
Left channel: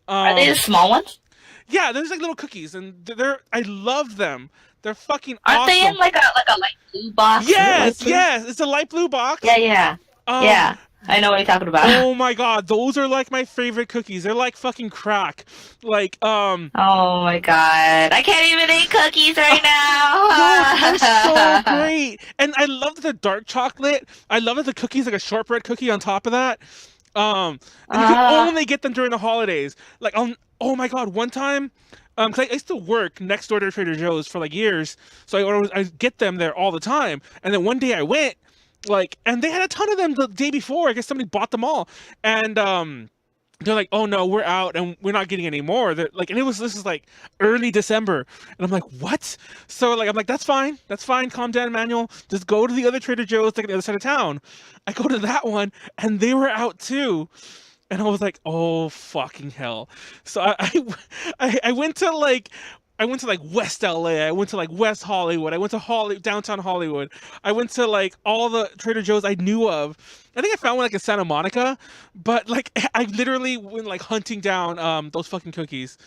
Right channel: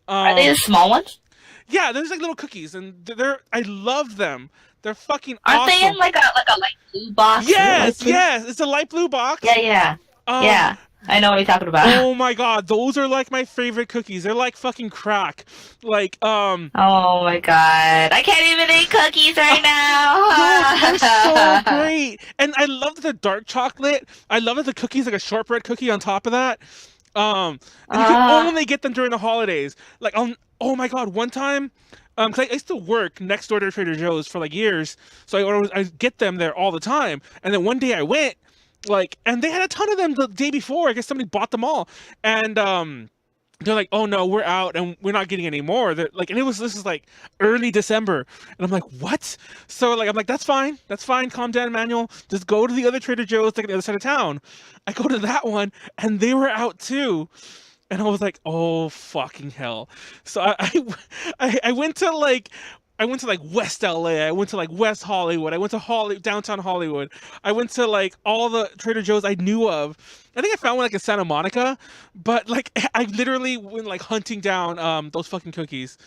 Are they the Um, small ones? yeah, there's like little cookies, and I love them. They're fucking Aren't they in awesome. like a light blue box? Is it light Yes, blue? yes, it's a light blue box. Yeah, yeah, Um, yeah. I know what you're talking about. Oh my god, those are like my favorite cookies. They're like fucking crack. Like, Oh my god. I can't even eat cookies right no, they're so now. great. And I love the dark chocolate. I love that the cookie's like a shortbread cookie on top of that. And you can only get them during the holidays. Like, oh my god, one time, 'cause I used to work next door to Trader Joe's for like years, so I get them there all the time. And then one day I went, like, and they had a ton of them the day before. I guess somebody bought them all, and they're like, "Oh no, we're out, and we're not getting any more." They're like, and this is like early December, and I'm like, "What?" So like, I'm like, "That's fine, calm down, Manuel. Just go to the other Trader Joe's, like on the other side of town." I go to that one, and they were out too. And I was like, "Oh fucking hell!" So I went to like West LA. I went to like West Hollywood. I went to downtown Hollywood. I went to like all the Trader Joe's I knew of. I think I found one like in Santa Monica, but like I literally went like hunting down those fucking cookies.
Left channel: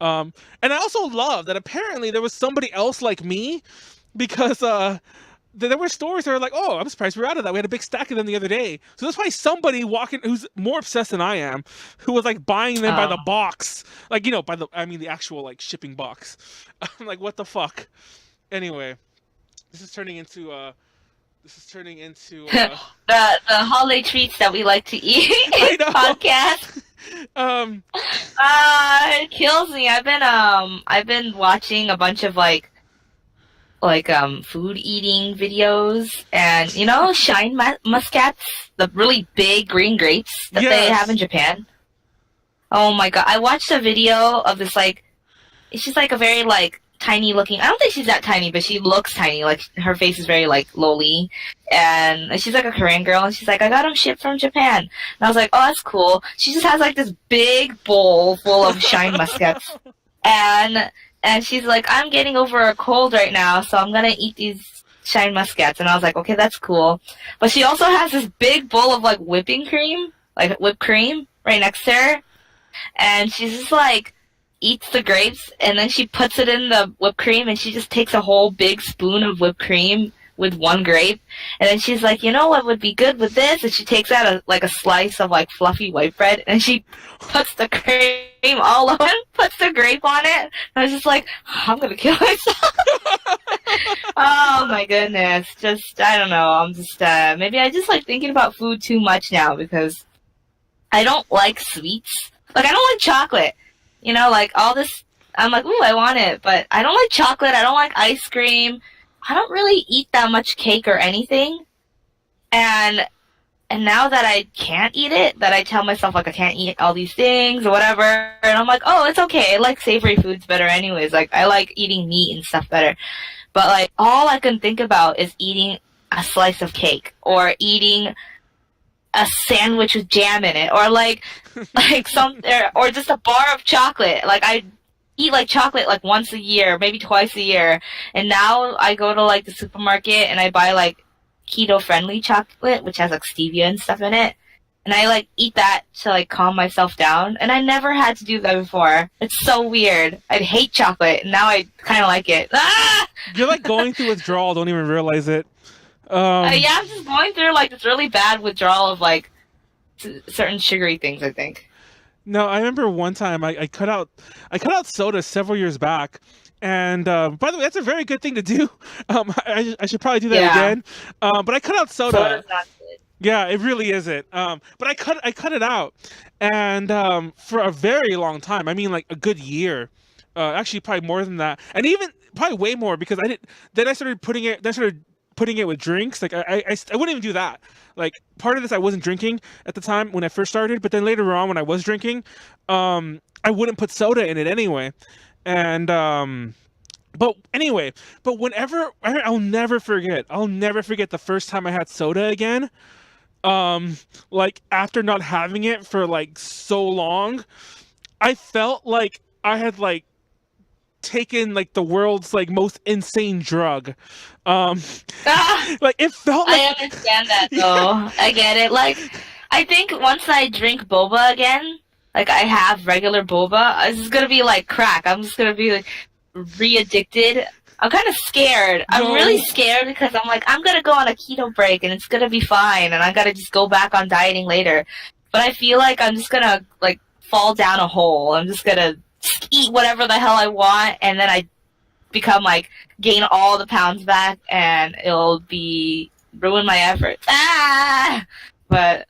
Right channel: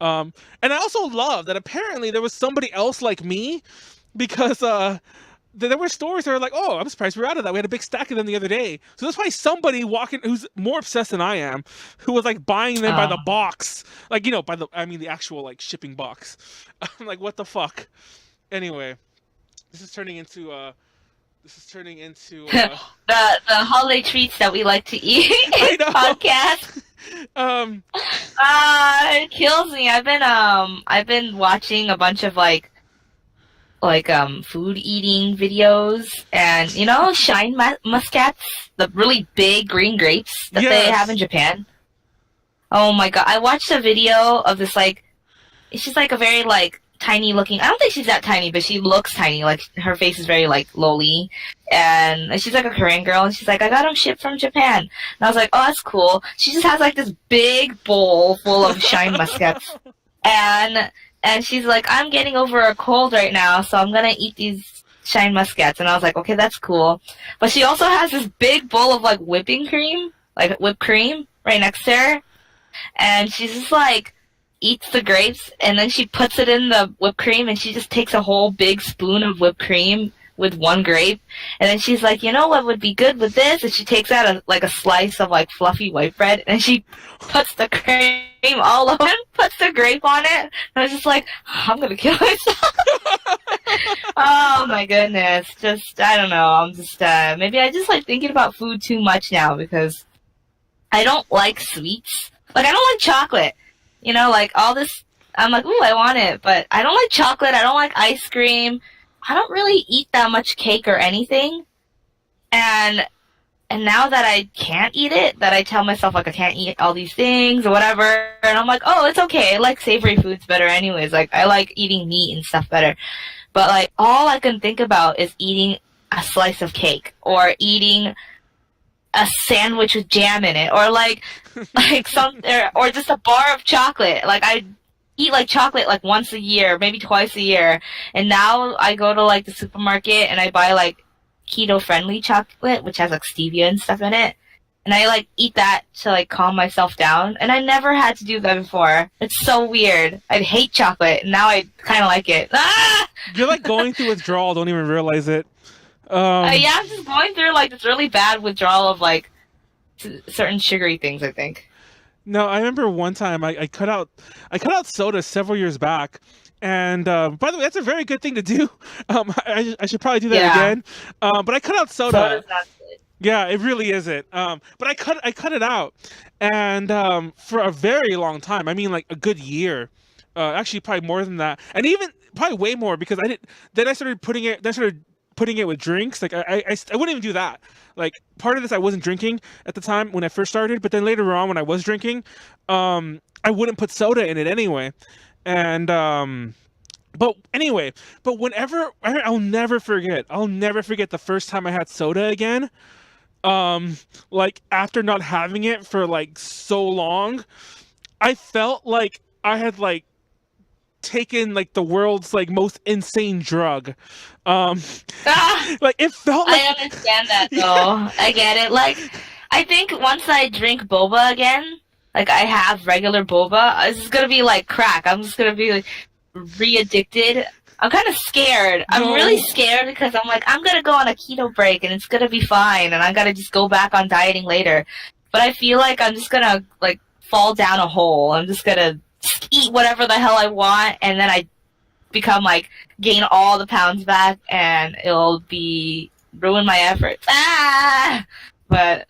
And I also love that apparently there was somebody else like me, because there were stores that were like, "Oh, I'm surprised we're out of that. We had a big stack of them the other day." So there's probably somebody walking who's more obsessed than I am, who was like buying them by the box, like, you know, I mean the actual like shipping box. I'm like, what the fuck? Anyway, this is turning into the holiday treats that we like to eat I know. podcast. Um, It kills me. I've been watching a bunch of like food eating videos, and you know, shine muscats, the really big green grapes that they have in Japan. Oh my god, I watched a video of this, like, she's like a very like tiny looking, I don't think she's that tiny, but she looks tiny, like her face is very like lowly, and she's like a Korean girl, and she's like, "I got them shipped from Japan." And I was like, "Oh, that's cool." She just has like this big bowl full of shine muscats, and she's like, "I'm getting over a cold right now, so I'm gonna eat these shine muscats." And I was like, "Okay, that's cool." But she also has this big bowl of like whipping cream, like whipped cream, right next to her. And she's just like, eats the grapes, and then she puts it in the whipped cream, and she just takes a whole big spoon of whipped cream with one grape. And then she's like, "You know what would be good with this?" And she takes out a slice of like fluffy white bread, and she puts the cream all over it, puts the grape on it. And I was just like, I'm gonna kill myself. Oh my goodness. Just, I don't know. I'm just, maybe I just like thinking about food too much now, because I don't like sweets. Like, I don't like chocolate. You know, like all this, I'm like, ooh, I want it. But I don't like chocolate. I don't like ice cream. I don't really eat that much cake or anything. And now that I can't eat it, that I tell myself, like, I can't eat all these things or whatever, and I'm like, oh, it's okay. I like savory foods better anyways. Like, I like eating meat and stuff better. But, like, all I can think about is eating a slice of cake or eating a sandwich with jam in it, or, like or just a bar of chocolate. Like, I eat like chocolate like once a year, maybe twice a year, and now I go to like the supermarket and I buy like keto friendly chocolate, which has like stevia and stuff in it, and I like eat that to like calm myself down. And I never had to do that before. It's so weird. I hate chocolate, and now I kind of like it. You're like going through withdrawal, don't even realize it. Yeah, I'm just going through like this really bad withdrawal of like certain sugary things, I think. No, I remember one time I cut out soda several years back, and by the way, that's a very good thing to do. I should probably do that again. But I cut out soda. Soda's not good. Yeah, it really isn't. But I cut it out, and for a very long time. I mean, like a good year. Actually, probably more than that, and even probably way more, because I didn't. Then I started putting it. Then I started putting it with drinks. Like I wouldn't even do that. Like, part of this, I wasn't drinking at the time when I first started, but then later on when I was drinking, I wouldn't put soda in it anyway. And but whenever, I'll never forget the first time I had soda again. Like, after not having it for like so long, I felt like I had like taken like the world's like most insane drug. Like, it felt like, I understand that though. Yeah. I get it. Like, I think once I drink boba again, like I have regular boba, it's just gonna be like crack. I'm just gonna be like re-addicted. I'm kind of scared. I'm really No. scared because I'm like, I'm gonna go on a keto break and it's gonna be fine, and I gotta just go back on dieting later. But I feel like I'm just gonna like fall down a hole. I'm just gonna eat whatever the hell I want, and then I become like gain all the pounds back, and it'll be ruin my efforts. Ah! But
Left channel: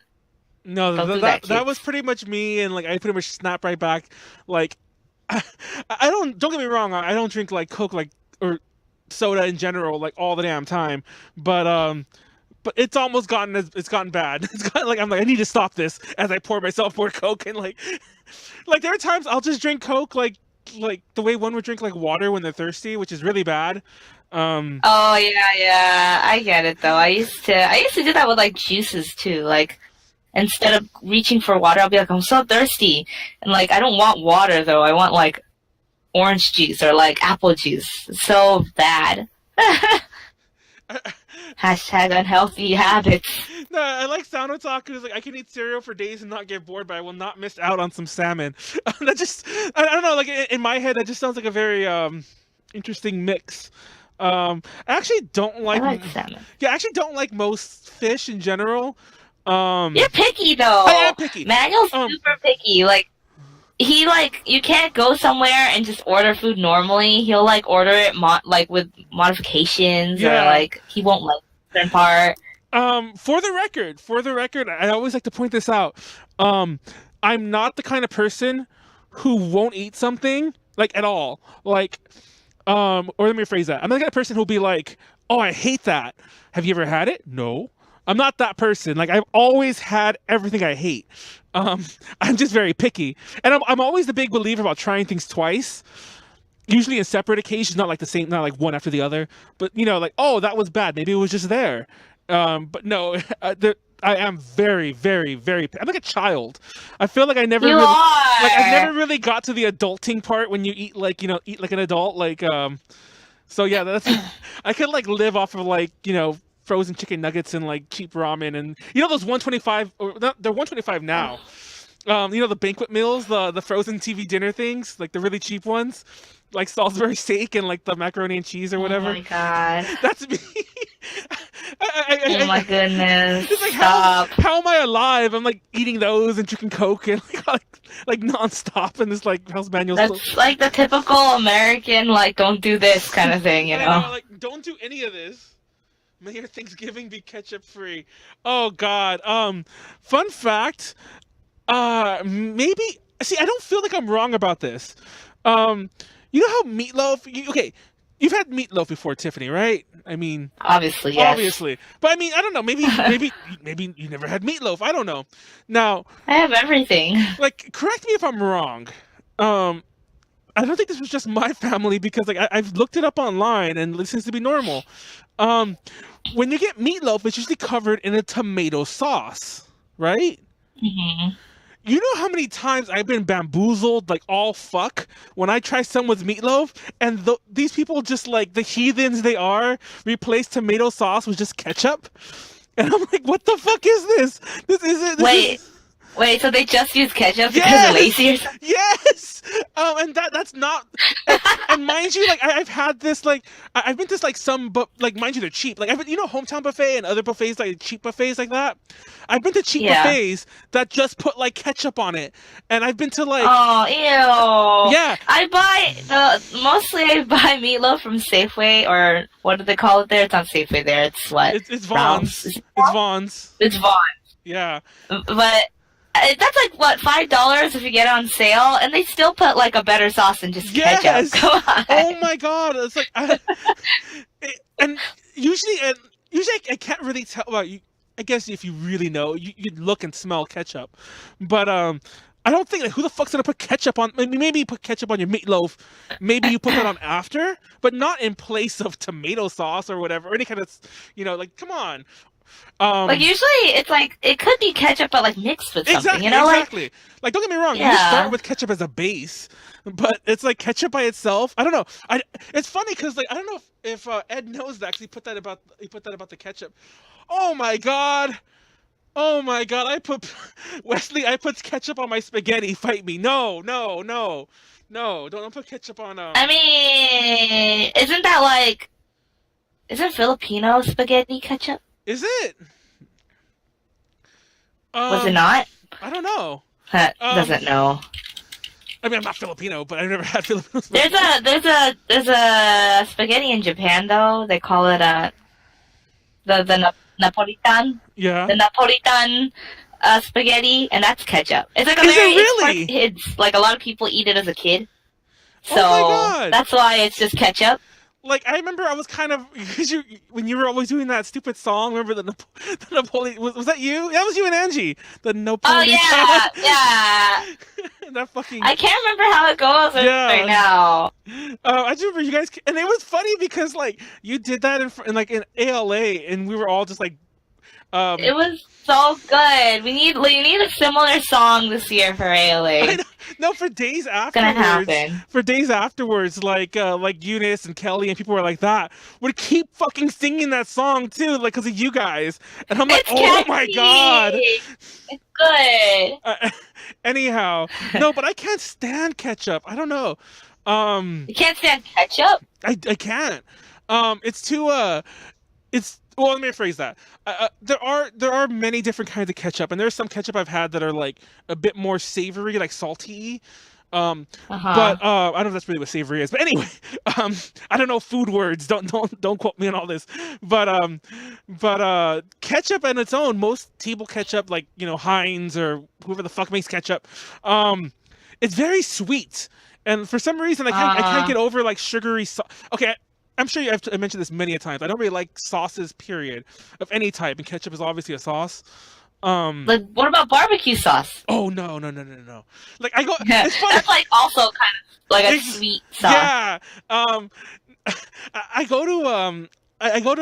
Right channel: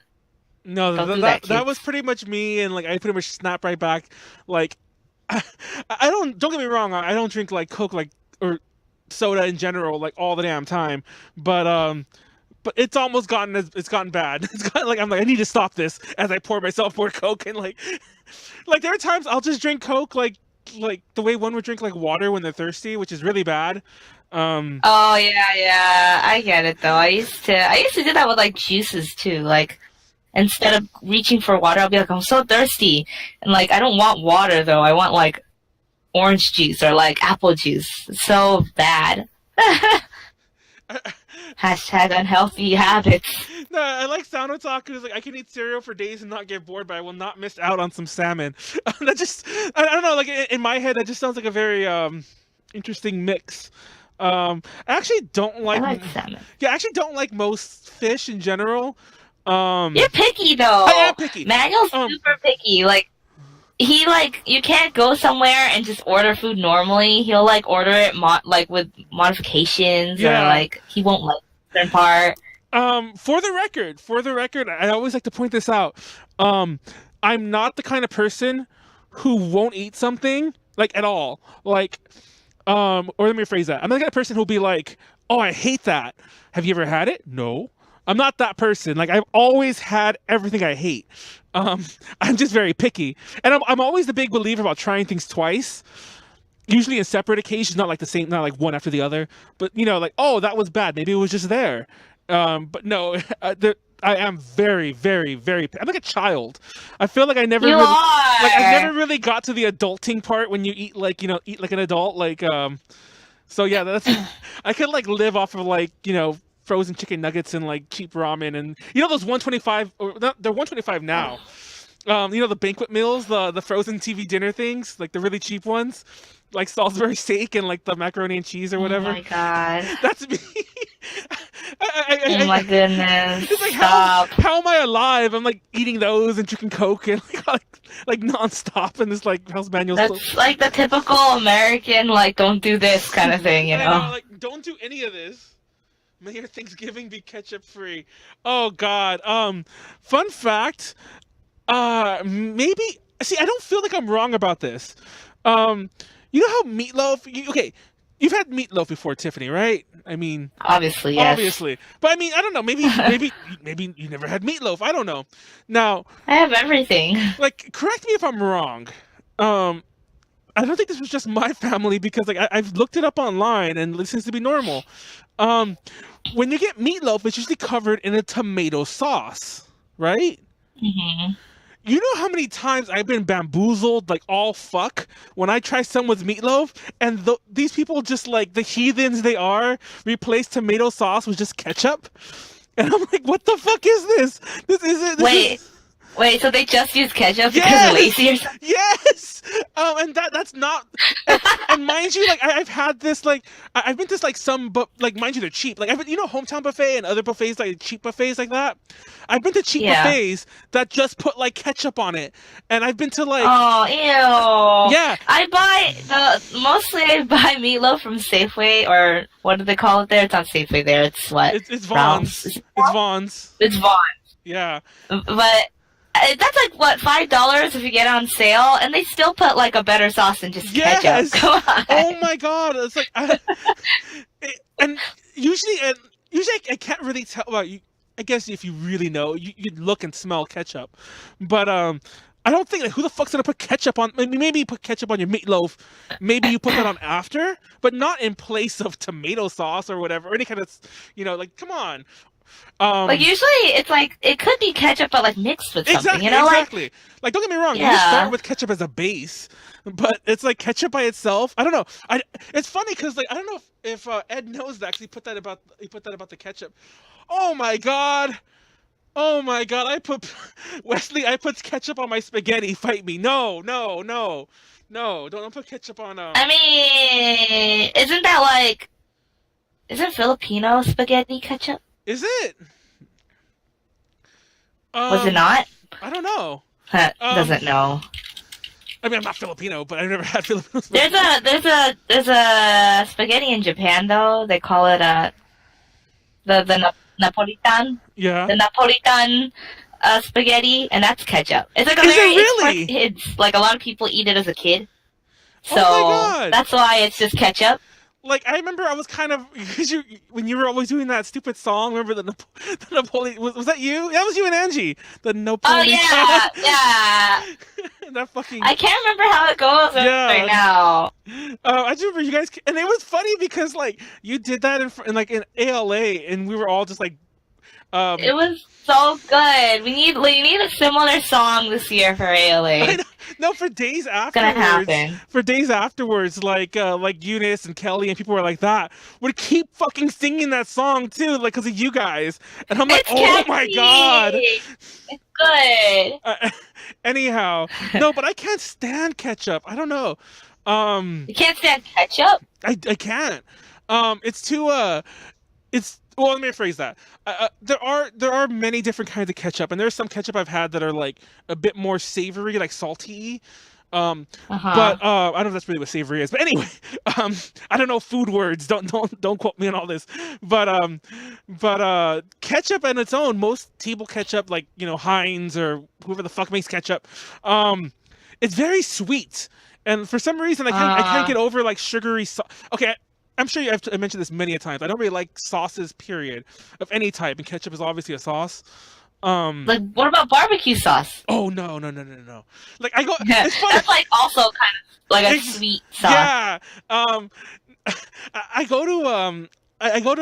No, don't do that that, that kids. was pretty much me, and like I pretty much snapped right back. Like, I don't get me wrong, I don't drink like Coke like or soda in general like all the damn time, but it's almost gotten it's gotten bad. It's gotten like I'm like I need to stop this as I pour myself more Coke and like there are times I'll just drink Coke like the way one would drink like water when they're thirsty, which is really bad. Um, Oh yeah, yeah. I get it though. I used to do that with like juices too. Like instead of reaching for water, I'll be like, I'm so thirsty. And like I don't want water though. I want like orange juice or like apple juice. It's so bad. Hashtag unhealthy habits. no, I like Sounder Talk because like I can eat cereal for days and not get bored, but I will not miss out on some salmon. That just I don't know, like in my head that just sounds like a very interesting mix. I actually don't I like like salmon. yeah, I actually don't like most fish in general. Um, You're picky I am though. picky. Manuel's Um, super picky. Like you can't go somewhere and just order food normally. He'll like order it like with modifications, or yeah. like he won't like a certain part. For the record, I always like to point this out. Um, I'm not the kind of person who won't eat something like at all. Like, or let me rephrase that. I'm not the kind of person who'll be like, "Oh, I hate that. Have you ever had it?" No, I'm not that person. Like, I've always had everything I hate. Um, I'm just very picky, and I'm always the big believer about trying things twice. Usually in separate occasions, not like the same, not like one after the other. But like, oh, that was bad. Maybe it was just there. But no, I am very, very, very. I'm like a child. I feel like You I are. never really got to the adulting part when you eat like eat like an adult. So yeah, that's I could like live off of like frozen chicken nuggets and like cheap ramen and those 125 or not, they're 125 now. The banquet meals, the frozen TV dinner things, like the really cheap ones, like Salisbury steak and like the macaroni and cheese or Oh whatever. my god. That's me. Oh my I, goodness. it's like Stop. how am I alive? I'm like eating those and drinking Coke and like nonstop and this like how's manual still. That's like the typical American, like, don't do this kind of thing, you I know? know, like don't do any of this. May your Thanksgiving be ketchup free. Oh God. Fun fact. Maybe. See, I don't feel like I'm wrong about this. Um, you know how meatloaf? Okay, you've had meatloaf before, Tiffany, right? I mean, Obviously, yes. obviously, but I mean, I don't know. Maybe you never had meatloaf. I don't know. Now, I have everything. like, correct me if I'm wrong. Um, I don't think this was just my family because like I've looked it up online and it seems to be normal. Um, when you get meatloaf, it's usually covered in a tomato sauce, right? Hmm. You know how many times I've been bamboozled, like all fuck, when I try someone's meatloaf, and these people just like the heathens they are, replace tomato sauce with just ketchup, and I'm like, what the fuck is this? This isn't. This Wait, is wait, so they just use ketchup because they're yes, lazy or something? yes. And that's not. And mind you, like I've had this, like I've been to like some, but like mind you, they're cheap. Like I've been, Hometown Buffet and other buffets, like cheap buffets like that. I've been to cheap Yeah. buffets that just put like ketchup on it, and I've been to like Oh, ew. yeah, Mostly I buy meatloaf from Safeway, or what do they call it there? It's not Safeway there, it's what? it's Ralph's. Vaughn's. Is it It's Ralph's? Vaughn's. It's Vaughn. Yeah. But that's like what, $5 if you get it on sale, and they still put like a better sauce than just Yes. ketchup. Come on. Oh my God. It's like, and usually I can't really tell about you. I guess if you really know, you'd look and smell ketchup, but I don't think like who the fuck's gonna put ketchup on? Maybe you put ketchup on your meatloaf. Maybe you put that on after, but not in place of tomato sauce or whatever, or any kind of, like come on. Like usually it's like it could be ketchup but like mixed with something, Exactly, you know? Like exactly. Like, don't get me wrong. You just yeah. start with ketchup as a base, but it's like ketchup by itself. I don't know. It's funny because like I don't know if Ed knows that 'cause he put that about the ketchup. Oh my God. Oh my God. Wesley. I put ketchup on my spaghetti. Fight me. No, no, no. No, don't put ketchup on. I mean, isn't Filipino spaghetti ketchup? Is it? Was it not? I don't know. Doesn't know. I mean, I'm not Filipino, but I've never had Filipino spaghetti. There's a spaghetti in Japan though. They call it the Napolitan. Yeah. The Napolitan spaghetti, and that's ketchup. It's like Is it really? It's like a lot of people eat it as a kid. So Oh my God. that's why it's just ketchup. Like, I remember I was kind of, because when you were always doing that stupid song, remember the Napoleon, was that you? That was you and Angie. The Napoleon. Oh yeah. That fucking. I can't remember how it goes right now. I just remember you guys, and it was funny because like you did that in ALA, and we were all just like. It was so good. We need a similar song this year for ALA. I know. No, for days afterwards. It's gonna happen. For days afterwards, like Eunice and Kelly and people were like that would keep fucking singing that song too, like because of you guys. And I'm like, It's oh catchy. my God. It's good. Anyhow, no, but I can't stand ketchup. I don't know. You can't stand ketchup? I can't. It's too it's well. Let me rephrase that. There are many different kinds of ketchup, and there's some ketchup I've had that are like a bit more savory, like salty. But I don't know if that's really what savory is. But anyway, I don't know food words. Don't quote me on all this. But ketchup on its own, most table ketchup, like Heinz or whoever the fuck makes ketchup, it's very sweet. And for some reason, I can't get over like sugary. Okay. I'm sure I mentioned this many a times. I don't really like sauces, period, of any type, and ketchup is obviously a sauce. Like, what about barbecue sauce? Oh no. Like I go, it's funny. That's like also kind of like a sweet sauce. Yeah. I go to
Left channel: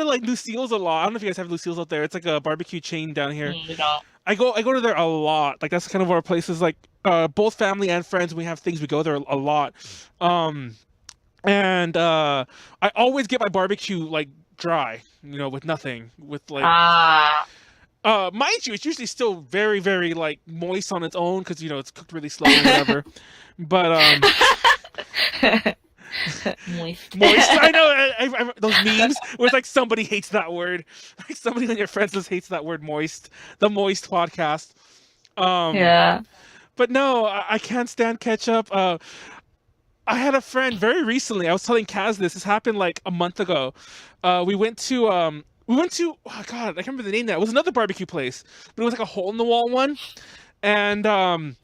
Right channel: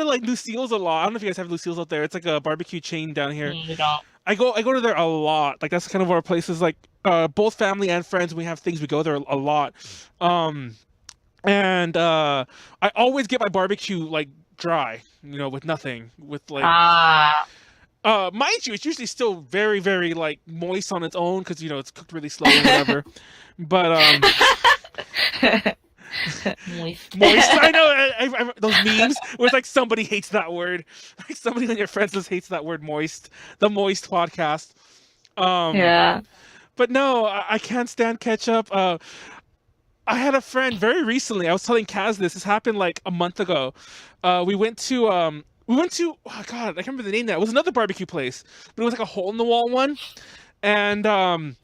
like Lucille's a lot. I don't know if you guys have Lucille's out there. It's like a barbecue chain down here. We don't. I go to there a lot. Like that's kind of our places. Like both family and friends. We have things. We go there a lot. And I always get my barbecue like dry, with nothing, with like. Mind you, it's usually still very, very like moist on its own because it's cooked really slow or whatever. But moist. I know. I those memes where it's like somebody hates that word, like somebody on your friends list hates that word moist. The moist podcast. Yeah. But no, I can't stand ketchup. I had a friend very recently. I was telling Kaz this. This happened like a month ago. We went to oh God, I can't remember the name now. It was another barbecue place, but it was like a hole in the wall one, and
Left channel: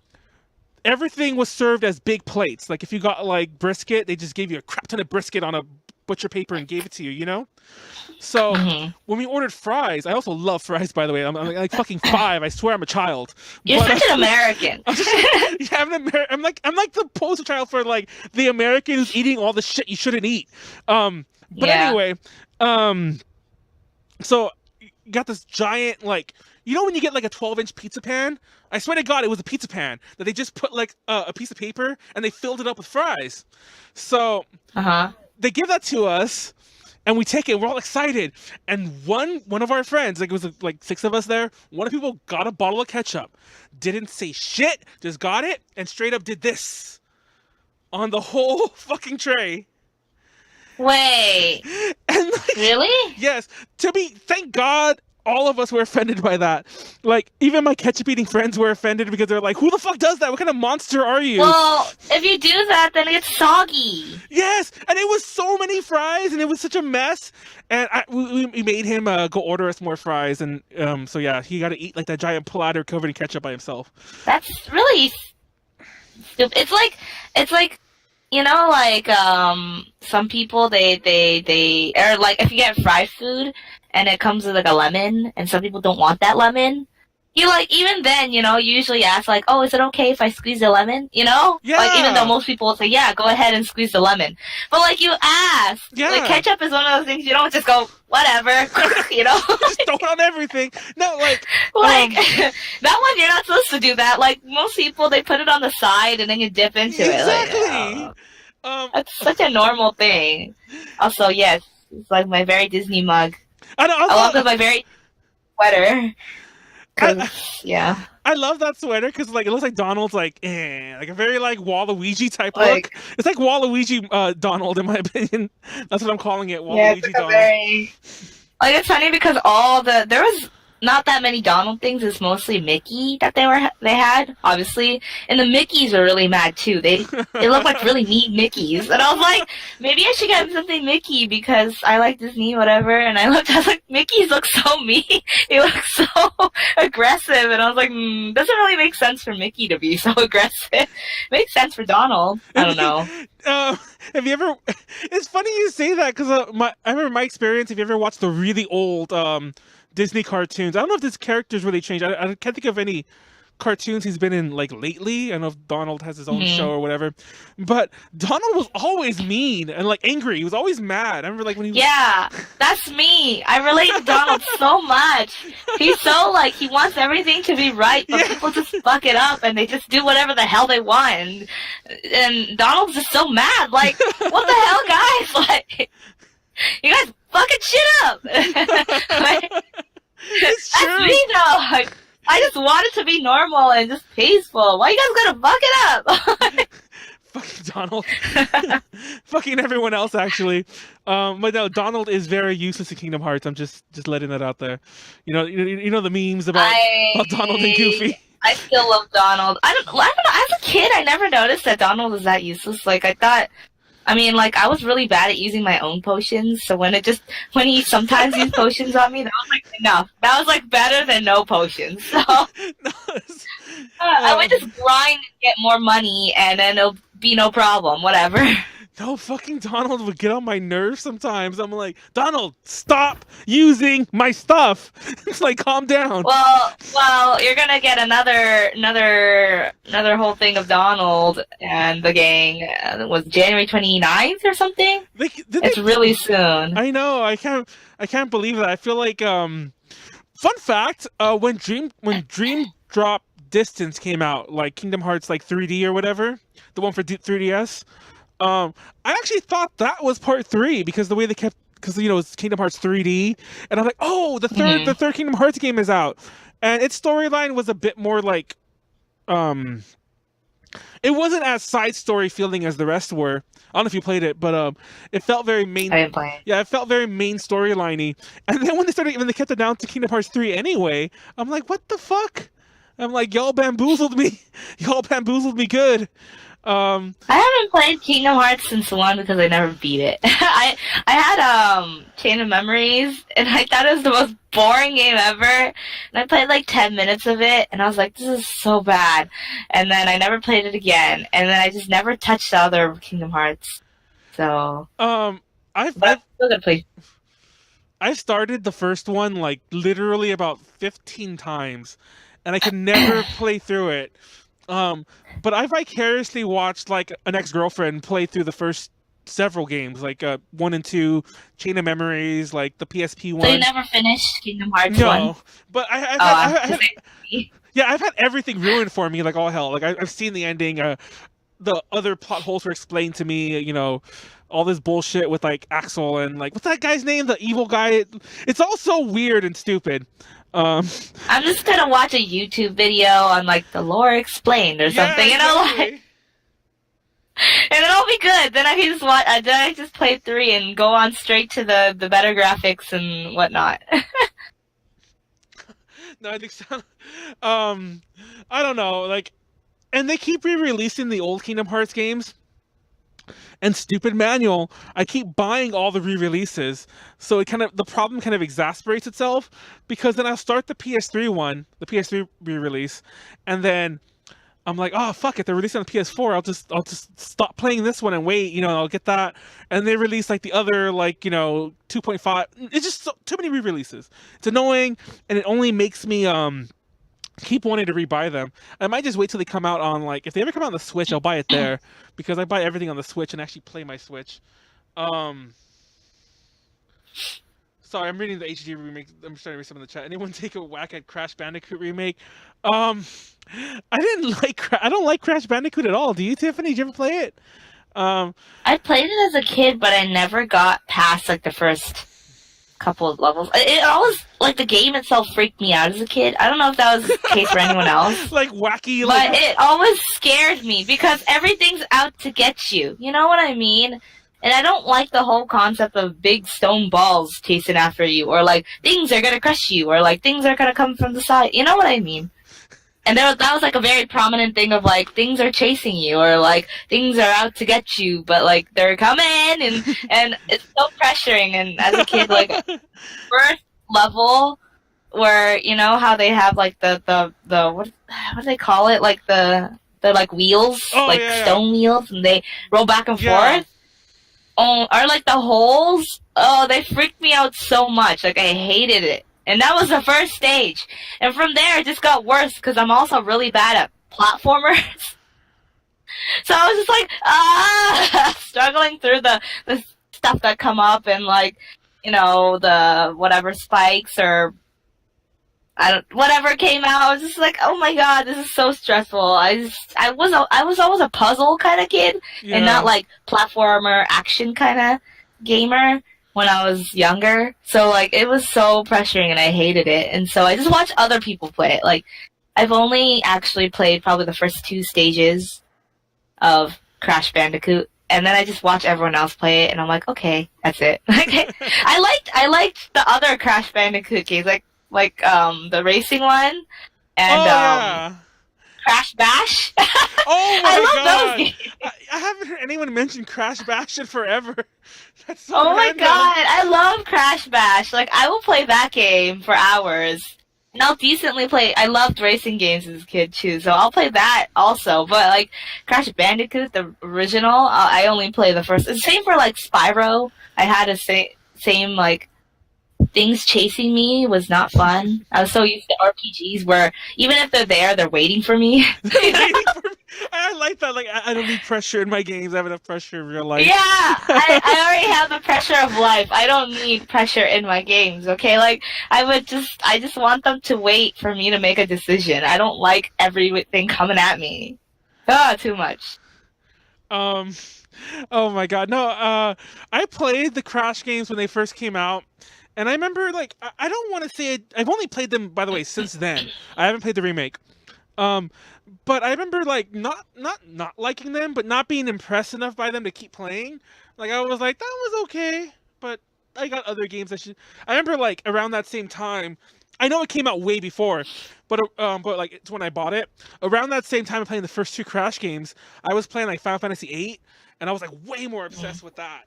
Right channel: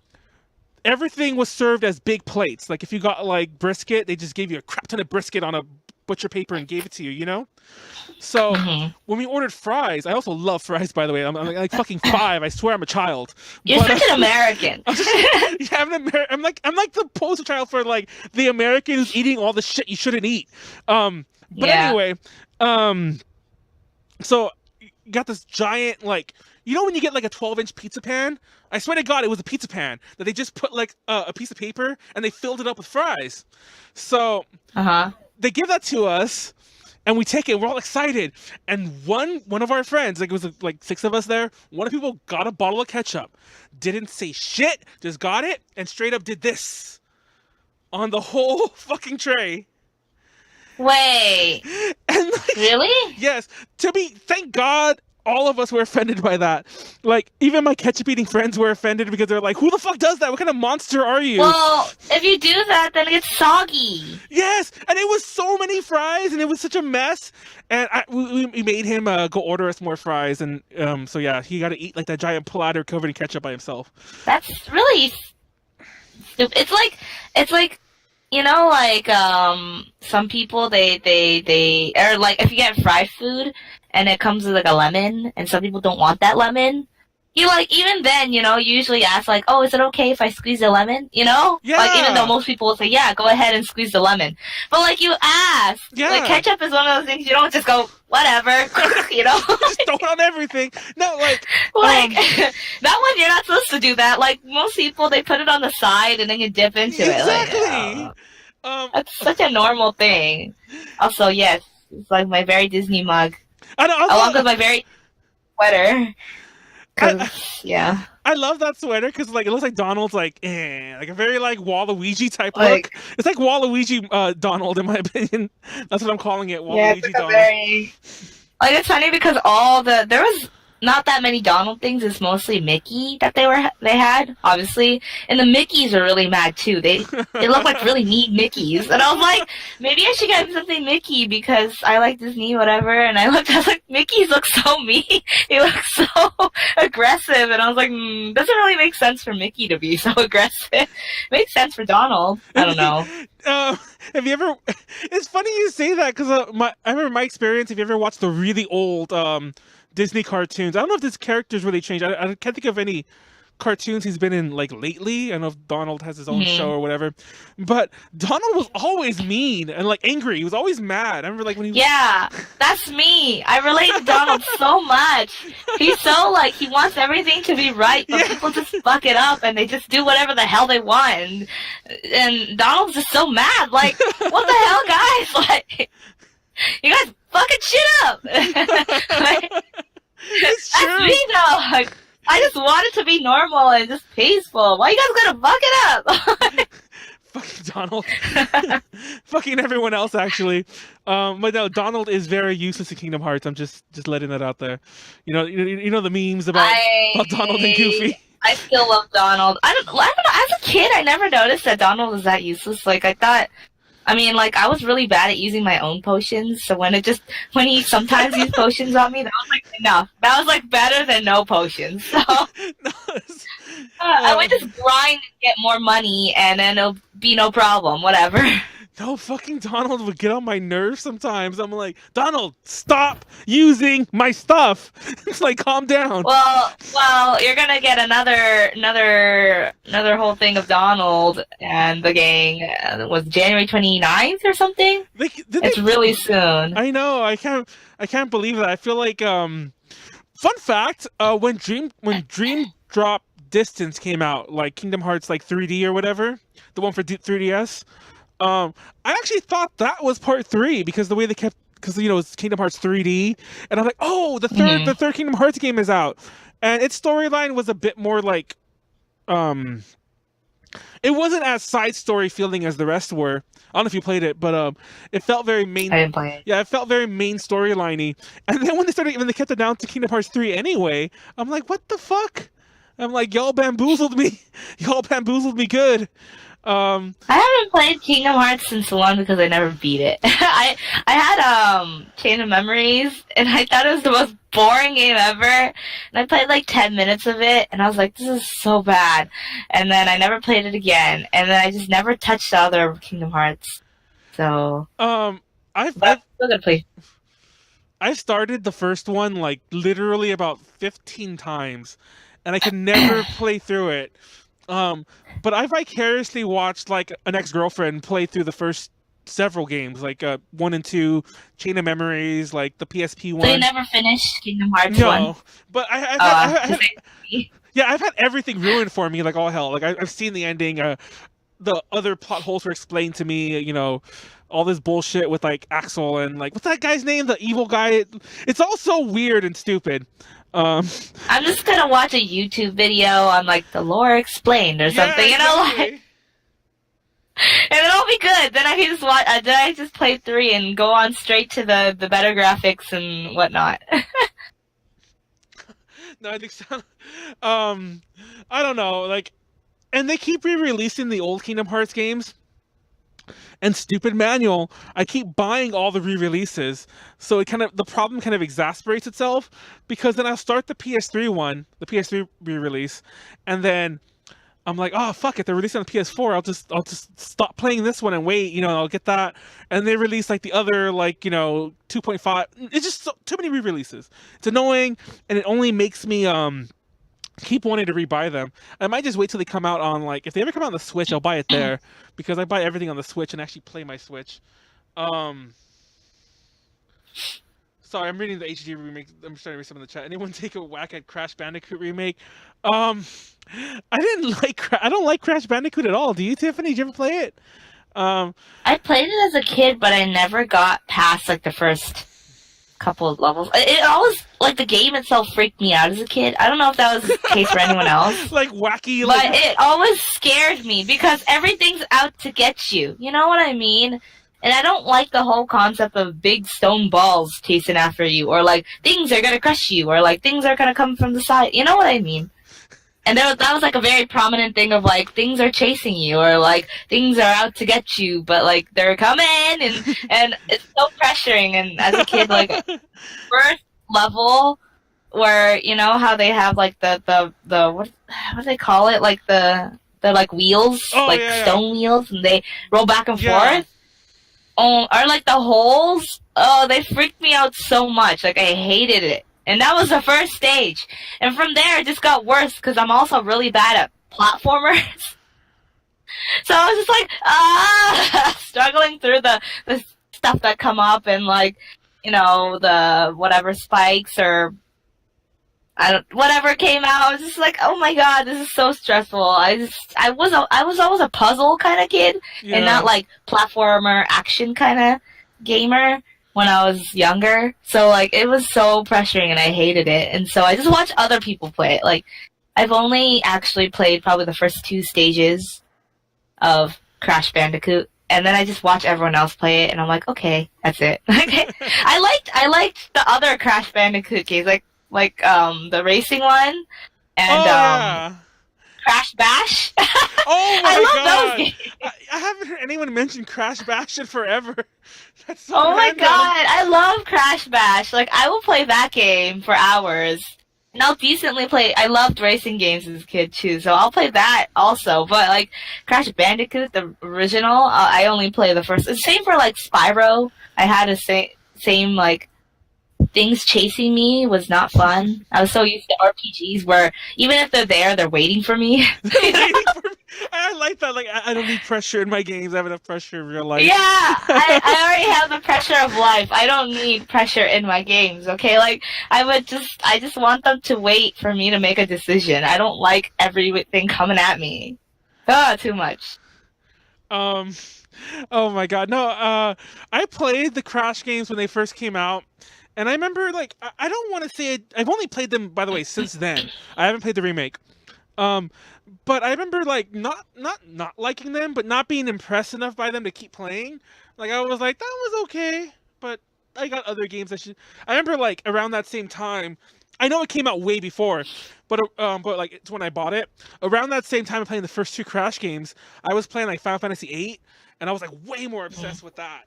everything was served as big plates. Like if you got like brisket, they just gave you a crap ton of brisket on a butcher paper and gave it to you. So when we ordered fries, I also love fries, by the way. I'm like fucking 5. I swear I'm a child. You're such an American. I'm like the poster child for like the American who's eating all the shit you shouldn't eat. Anyway, so you got this giant like when you get like a 12-inch pizza pan. I swear to God, it was a pizza pan that they just put like a piece of paper and they filled it up with fries. So they give that to us. And we take it. We're all excited. And one of our friends, like it was like 6 of us there. One of the people got a bottle of ketchup, didn't say shit, just got it, and straight up did this on the whole fucking tray. Wait. And like, really? Yes. Thank God, all of us were offended by that. Like even my ketchup eating friends were offended because they're like, "Who the fuck does that? What kind of monster are you?" Well, if you do that, then it's soggy. Yes, and it was so many fries, and it was such a mess. And we made him go order us more fries, and so yeah, he got to eat like that giant platter covered in ketchup by himself. That's really stupid. It's like some people they or like if you get fried food and it comes with like a lemon, and some people don't want that lemon. Even then, you usually ask like, oh, is it okay if I squeeze the lemon? Yeah. Like even though most people will say, yeah, go ahead and squeeze the lemon. But like you ask. Yeah. Like ketchup is one of those things you don't just go, whatever, Just throw it on everything. No, like that one you're not supposed to do that. Like most people, they put it on the side and then you dip into it. Exactly. That's such a normal thing. Also, yes, it's like my very Disney mug. I Along with my very sweater. Yeah. I love that sweater because like it looks like Donald's like like a very like Waluigi type Like, look. It's like Waluigi Donald in my opinion. That's what I'm calling it, yeah, it's Waluigi like a Donald. very like it's funny because there was not that many Donald things. It's mostly Mickey that they had, obviously, and the Mickeys were really mad too. They looked like really neat Mickeys, and I was like, maybe I should get something Mickey because I like Disney, whatever. And I was like, Mickey's look so mean. He looks so aggressive, and I was like, doesn't really make sense for Mickey to be so aggressive. Makes sense for Donald. I don't know. Have you ever? It's funny you say that because I remember my experience. If you ever watched the really old Disney cartoons, I don't know if this character's really changed. I can't think of any cartoons he's been in like lately. I don't know if Donald has his own show or whatever, but Donald was always mean and like angry. He was always mad. I remember like when he Yeah, that's me. I relate to Donald so much. He's so like he wants everything to be right, but people just fuck it up and they just do whatever the hell they want. And Donald's just so mad. Like, what the hell, guys? Like, you guys fucking shit up. Like, It's true. that's me though. Like, I just want it to be normal and just peaceful. Why you guys gonna fuck it up? Fucking Donald. Fucking everyone else, actually. But no, Donald is very useless in Kingdom Hearts. I'm just letting that out there. You know the memes about Donald and Goofy. I still love Donald. I don't know. As a kid, I never noticed that Donald was that useless. Like, I thought. I mean, like, I was really bad at using my own potions, so when he sometimes used potions on me, that was, like, enough. That was, like, better than no potions. So, I would just grind and get more money, and then it'll be no problem, whatever. No, fucking Donald would get on my nerves sometimes. I'm like, Donald, stop using my stuff. It's like, calm down. Well, you're gonna get another whole thing of Donald and the gang. Was January 29th or something? It's really soon. I know. I can't believe that. I feel like fun fact. When Dream Drop Distance came out, like Kingdom Hearts like 3D or whatever, the one for 3DS. I actually thought that was part 3 because the way they kept, because it's Kingdom Hearts 3D, and I'm like, oh, the third Kingdom Hearts game is out, and its storyline was a bit more like, it wasn't as side story feeling as the rest were. I don't know if you played it, but it felt very main. I didn't play it. Yeah, it felt very main storyliney, and then when they kept it down to Kingdom Hearts 3 anyway, I'm like, what the fuck? I'm like, y'all bamboozled me. Y'all bamboozled me good. I haven't played Kingdom Hearts since 1 because I never beat it. I had Chain of Memories, and I thought it was the most boring game ever. And I played like 10 minutes of it, and I was like, this is so bad. And then I never played it again, and then I just never touched the other Kingdom Hearts. So I've still gonna play. I've started the first one like literally about 15 times, and I could never play through it. But I vicariously watched like an ex-girlfriend play through the first several games, like 1 and 2, Chain of Memories, like the PSP one. So you never finished Kingdom Hearts 1? No, but I've had everything ruined for me, like all hell. Like I've seen the ending. The other plot holes were explained to me. All this bullshit with like Axel and like what's that guy's name? The evil guy. It's all so weird and stupid. I'm just gonna watch a YouTube video on like the lore explained or something, exactly. And it'll be good. Then I can just watch. Then I just play 3 and go on straight to the better graphics and whatnot. No, I think so. I don't know. Like, and they keep re-releasing the old Kingdom Hearts games. And stupid Manuel, I keep buying all the re-releases, so the problem kind of exasperates itself, because then I'll start the PS3 re-release, and then I'm like, oh fuck it, they're releasing on the PS4. I'll just stop playing this one and wait, I'll get that, and they release like the other 2.5. It's just too many re-releases. It's annoying, and it only makes me keep wanting to rebuy them. I might just wait till they come out on if they ever come out on the Switch, I'll buy it there, because I buy everything on the Switch and actually play my Switch. Sorry, I'm reading the HD remake. I'm starting to read some in the chat. Anyone take a whack at Crash Bandicoot remake? I don't like Crash Bandicoot at all. Do you, Tiffany? Did you ever play it? I played it as a kid, but I never got past the first couple of levels. It always, like, the game itself freaked me out as a kid. I don't know if that was the case for anyone else. Like wacky, but like... it always scared me because everything's out to get you. You know what I mean? And I don't like the whole concept of big stone balls chasing after you, or like things are gonna crush you, or like things are gonna come from the side. You know what I mean? And that was like a very prominent thing of like things are chasing you, or like things are out to get you, but like they're coming, and it's so pressuring. And as a kid, like first level where you know how they have like the what do they call it, like the like wheels, stone wheels, and they roll back and forth. Oh, or like the holes. Oh, they freaked me out so much. Like I hated it. And that was the first stage. And from there, it just got worse because I'm also really bad at platformers. So I was just like, struggling through the stuff that come up and like, you know, the whatever spikes or whatever came out. I was just like, oh my god, this is so stressful. I was always a puzzle kind of kid and not like platformer action kind of gamer when I was younger. So like it was so pressuring and I hated it. And so I just watched other people play it. Like I've only actually played probably the first 2 stages of Crash Bandicoot, and then I just watch everyone else play it and I'm like, okay, that's it. I liked the other Crash Bandicoot games, like the racing one and Crash Bash. Oh my I love god! those games. I haven't heard anyone mention Crash Bash in forever. That's so oh my random. god, I love Crash Bash. Like I will play that game for hours. And I'll decently play. I loved racing games as a kid too, so I'll play that also. But like Crash Bandicoot, the original, I only play the first. Same for like Spyro. I had a same like. Things chasing me was not fun. I was so used to RPGs where even if they're there, they're waiting for me. Waiting for me. I like that. Like I don't need pressure in my games. I have enough pressure in real life. Yeah, I already have the pressure of life. I don't need pressure in my games. Okay, like I just want them to wait for me to make a decision. I don't like everything coming at me. Too much. Oh my god. No. I played the Crash games when they first came out. And I remember, like, I don't want to say I've only played them, by the way, since then. I haven't played the remake. But I remember, like, not liking them, but not being impressed enough by them to keep playing. Like, I was like, that was okay, but I got other games I should... I remember, like, around that same time, I know it came out way before, but like, it's when I bought it. Around that same time of playing the first 2 Crash games, I was playing, like, Final Fantasy VIII, and I was, like, way more obsessed with that.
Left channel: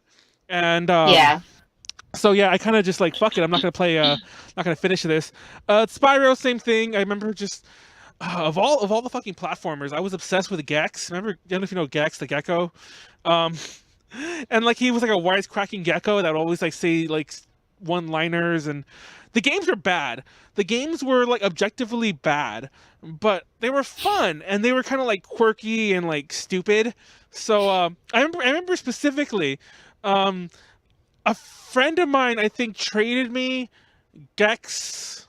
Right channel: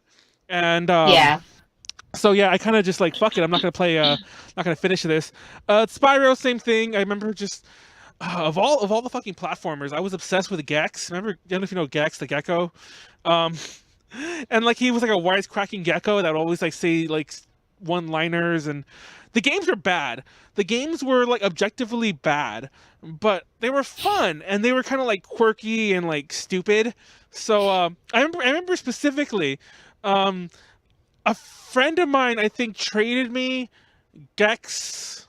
And, yeah. So yeah, I kind of just like, fuck it, I'm not gonna play, not gonna finish this. Spyro, same thing. I remember just of all the fucking platformers, I was obsessed with Gex. Remember, I don't know if you know Gex, the gecko, and like he was like a wisecracking gecko that would always like say like one-liners, and the games were bad. The games were like objectively bad, but they were fun and they were kind of like quirky and like stupid. So I remember specifically. A friend of mine, I think, traded me Gex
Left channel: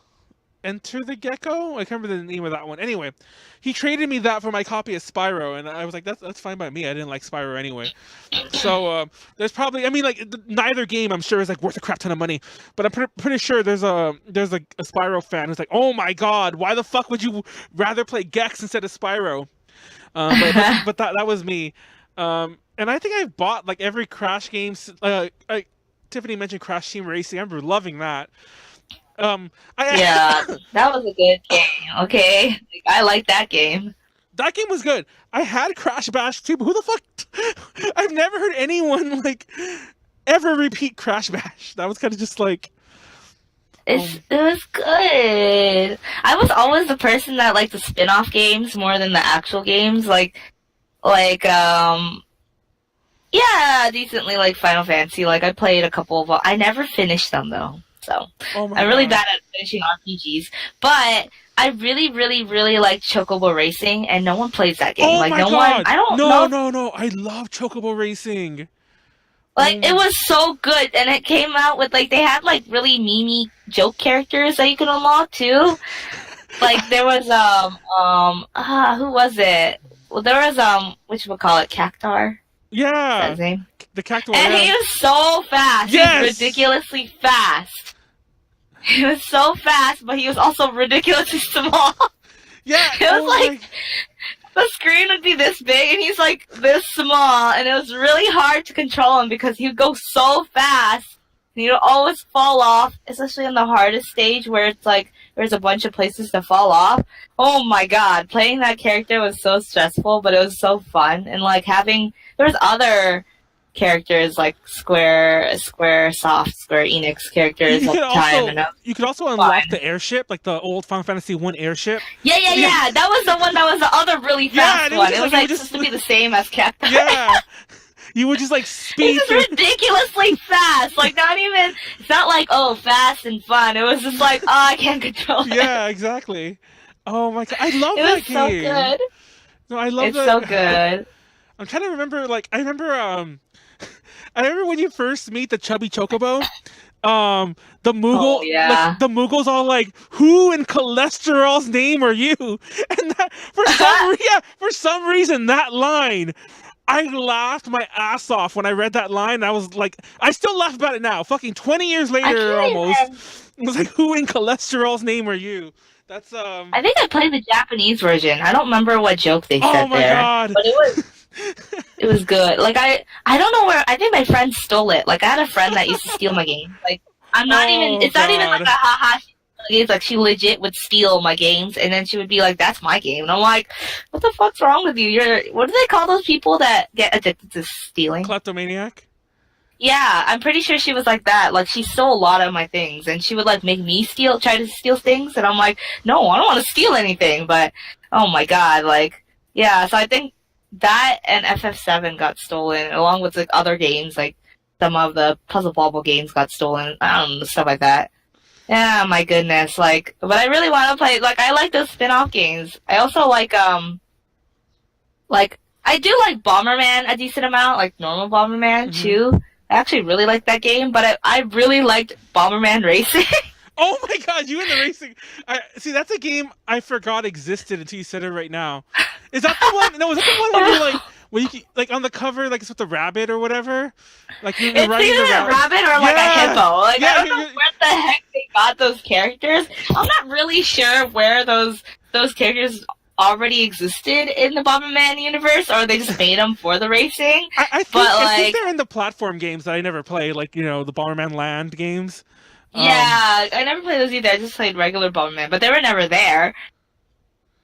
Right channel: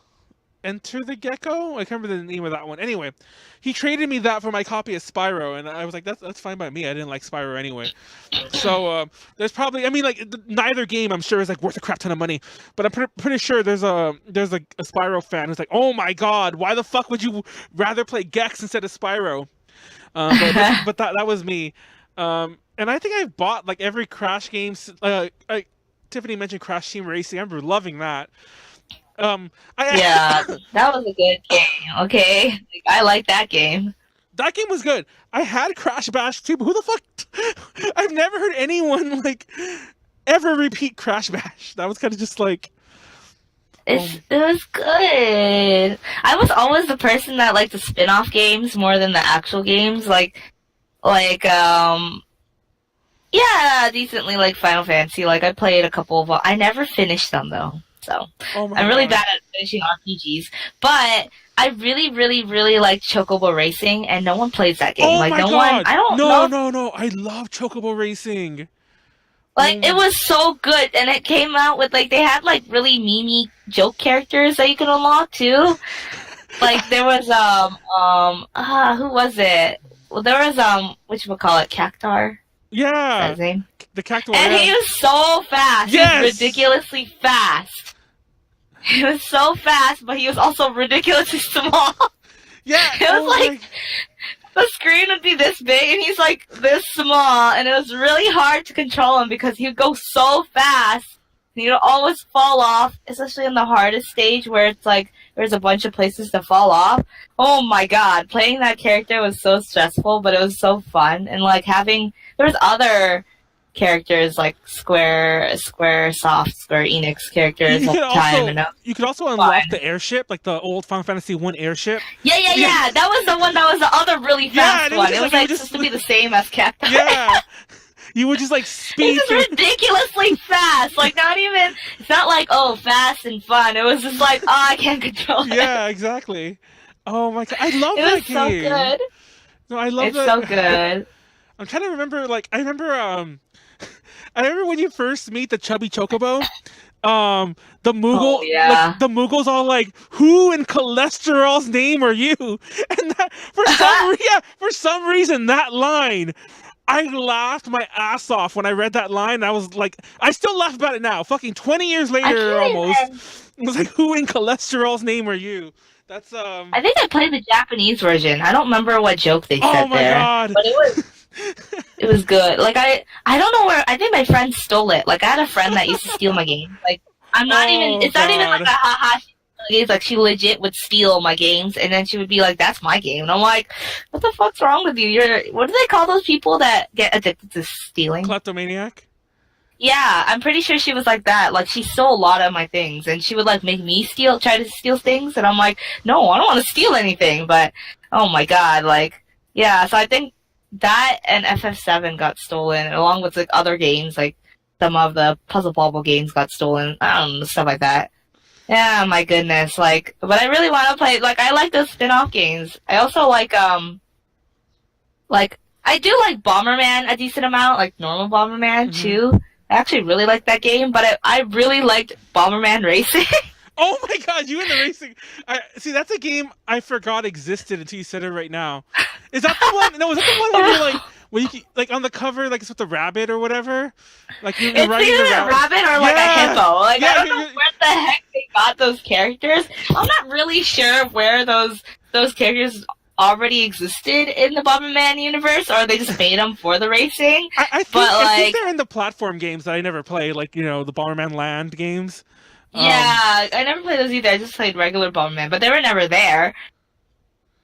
Enter the Gecko? I can't remember the name of that one. Anyway, he traded me that for my copy of Spyro, and I was like, that's fine by me. I didn't like Spyro anyway. So there's probably, I mean, like, neither game, I'm sure, is like worth a crap ton of money. But I'm pretty sure there's a Spyro fan who's like, oh my god, why the fuck would you rather play Gex instead of Spyro? But that was me. And I think I've bought like every Crash game. Tiffany mentioned Crash Team Racing. I remember loving that. Yeah, that was a good game. Okay, like, I like that game. That game was good. I had Crash Bash too, but who the fuck? I've never heard anyone like ever repeat Crash Bash. That was kind of just like. It was good. I was always the person that liked the spin-off games more than the actual games. Yeah, decently like Final Fantasy. Like I played a couple of. I never finished them though, so I'm really bad at finishing RPGs. But I really, really, really like Chocobo Racing, and no one plays that game. Oh like my no god! one. I don't know. No! I love Chocobo Racing. Like it was so good, and it came out with like they had like really memey joke characters that you can unlock too. Like there was who was it? Well, there was whatchamacallit, Cactar. Yeah, the Cactuar. And he was so fast. Yes! He's ridiculously fast. He was so fast, but he was also ridiculously small. Yeah. It was like the screen would be this big, and he's like this small, and it was really hard to control him because he'd go so fast, and he'd always fall off, especially in the hardest stage where it's like there's a bunch of places to fall off. Oh my god, playing that character was so stressful, but it was so fun, and like there's other characters like Square Enix characters. You could also unlock the airship, like the old Final Fantasy 1 airship. Yeah. That was the one that was the other really fast one. It was like supposed to be the same as Captain. Yeah. You would just like speed. It's just ridiculously fast. Like it's not like fast and fun. It was just like I can't control it. Yeah, exactly. Oh my god, I love that game. It was so good. No, I love that. It's so good. I'm trying to remember. Like I remember when you first meet the chubby chocobo. The Moogle, the Moogle's all like, "Who in cholesterol's name are you?" And that, for some reason, that line, I laughed my ass off when I read that line. I was like, I still laugh about it now. Fucking 20 years later, almost. It was like, "Who in cholesterol's name are you?" That's I think I played the Japanese version. I don't remember what joke they said there. Oh my god! But it was good. Like I don't know where. I think my friend stole it. Like I had a friend that used to steal my game. Like I'm not even. It's not even like a haha. It's like she legit would steal my games, and then she would be like, "That's my game," and I'm like, "What the fuck's wrong with you? What do they call those people that get addicted to stealing? Kleptomaniac." Yeah, I'm pretty sure she was like that. Like she stole a lot of my things, and she would like make me try to steal things, and I'm like, "No, I don't want to steal anything." But oh my god, like yeah. So I think that and FF7 got stolen, along with like other games, like some of the Puzzle Bobble games got stolen. I don't know, stuff like that. Yeah, my goodness. Like, but I really want to play. Like, I like those spin-off games. I also like I do like Bomberman a decent amount, like normal Bomberman too. I actually really like that game, but I really liked Bomberman Racing. Oh my god, you in the racing! See, that's a game I forgot existed until you said it right now. Is that the one? No, is that the one where you're like, where you like on the cover, like it's with the rabbit or whatever? Like you're riding the rabbit or like a hippo. Like I don't know where the heck they got those characters. I'm not really sure where those characters already existed in the Bomberman universe, or they just made them for the racing. I think they're in the platform games that I never played, like the Bomberman Land games. Yeah, I never played those either. I just played regular Bomberman, but they were never there.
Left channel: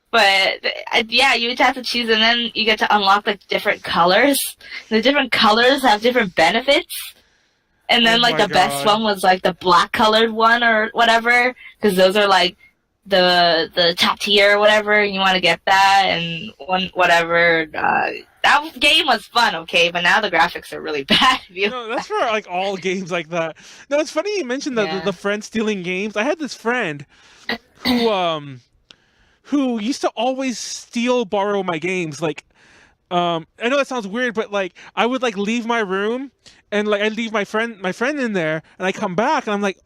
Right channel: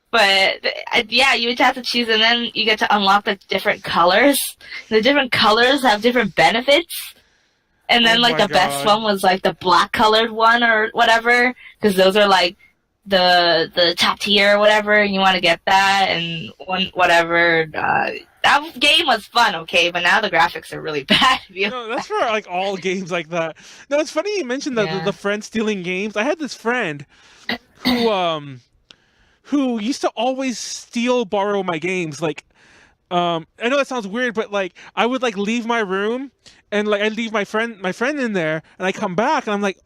But yeah, you would have to choose, and then you get to unlock the different colors. The different colors have different benefits. And then the best one was like the black colored one or whatever, because those are like the top tier or whatever, and you want to get that and whatever. That game was fun, okay, but now the graphics are really bad. No, that's for like all games like that. No, it's funny you mentioned the friend stealing games. I had this friend who used to always borrow my games. Like, I know that sounds weird, but like I would like leave my room and like I'd leave my friend in there, and I come back and I'm like,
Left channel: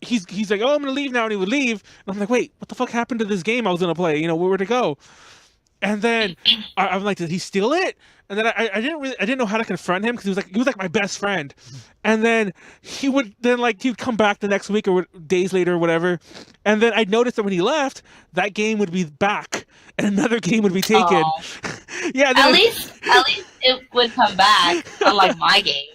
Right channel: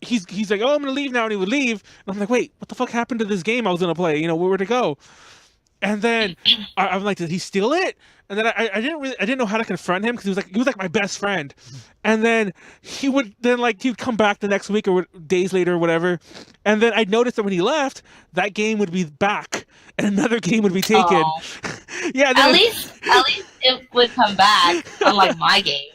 he's like, "Oh, I'm gonna leave now," and he would leave, and I'm like, "Wait, what the fuck happened to this game I was gonna play? Where'd it go?" And then I'm like, "Did he steal it?" And then I didn't know how to confront him, because he was like my best friend. And then he'd come back the next week or days later or whatever, and then I'd noticed that when he left, that game would be back and another game would be taken. Yeah. At least it would come back, unlike my game.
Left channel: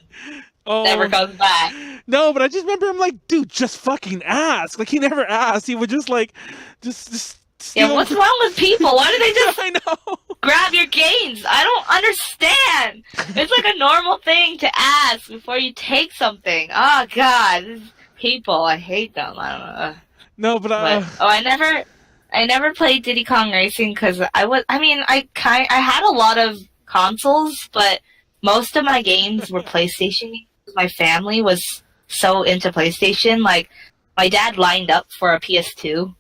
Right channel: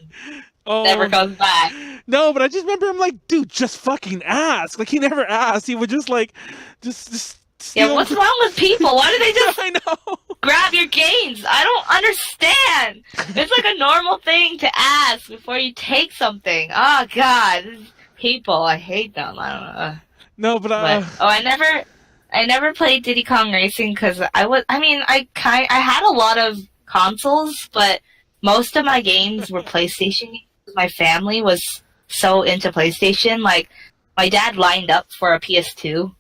Never comes back. No, but I just remember him like, dude, just fucking ask. Like he never asked. He would just just steal. Yeah, what's wrong with people? Why do they just I know. grab your games? I don't understand. It's like a normal thing to ask before you take something. Oh god, people, I hate them. I don't know. No, but I never played Diddy Kong Racing because I had a lot of consoles, but most of my games were PlayStation games. My family was so into PlayStation. Like, my dad lined up for a PS2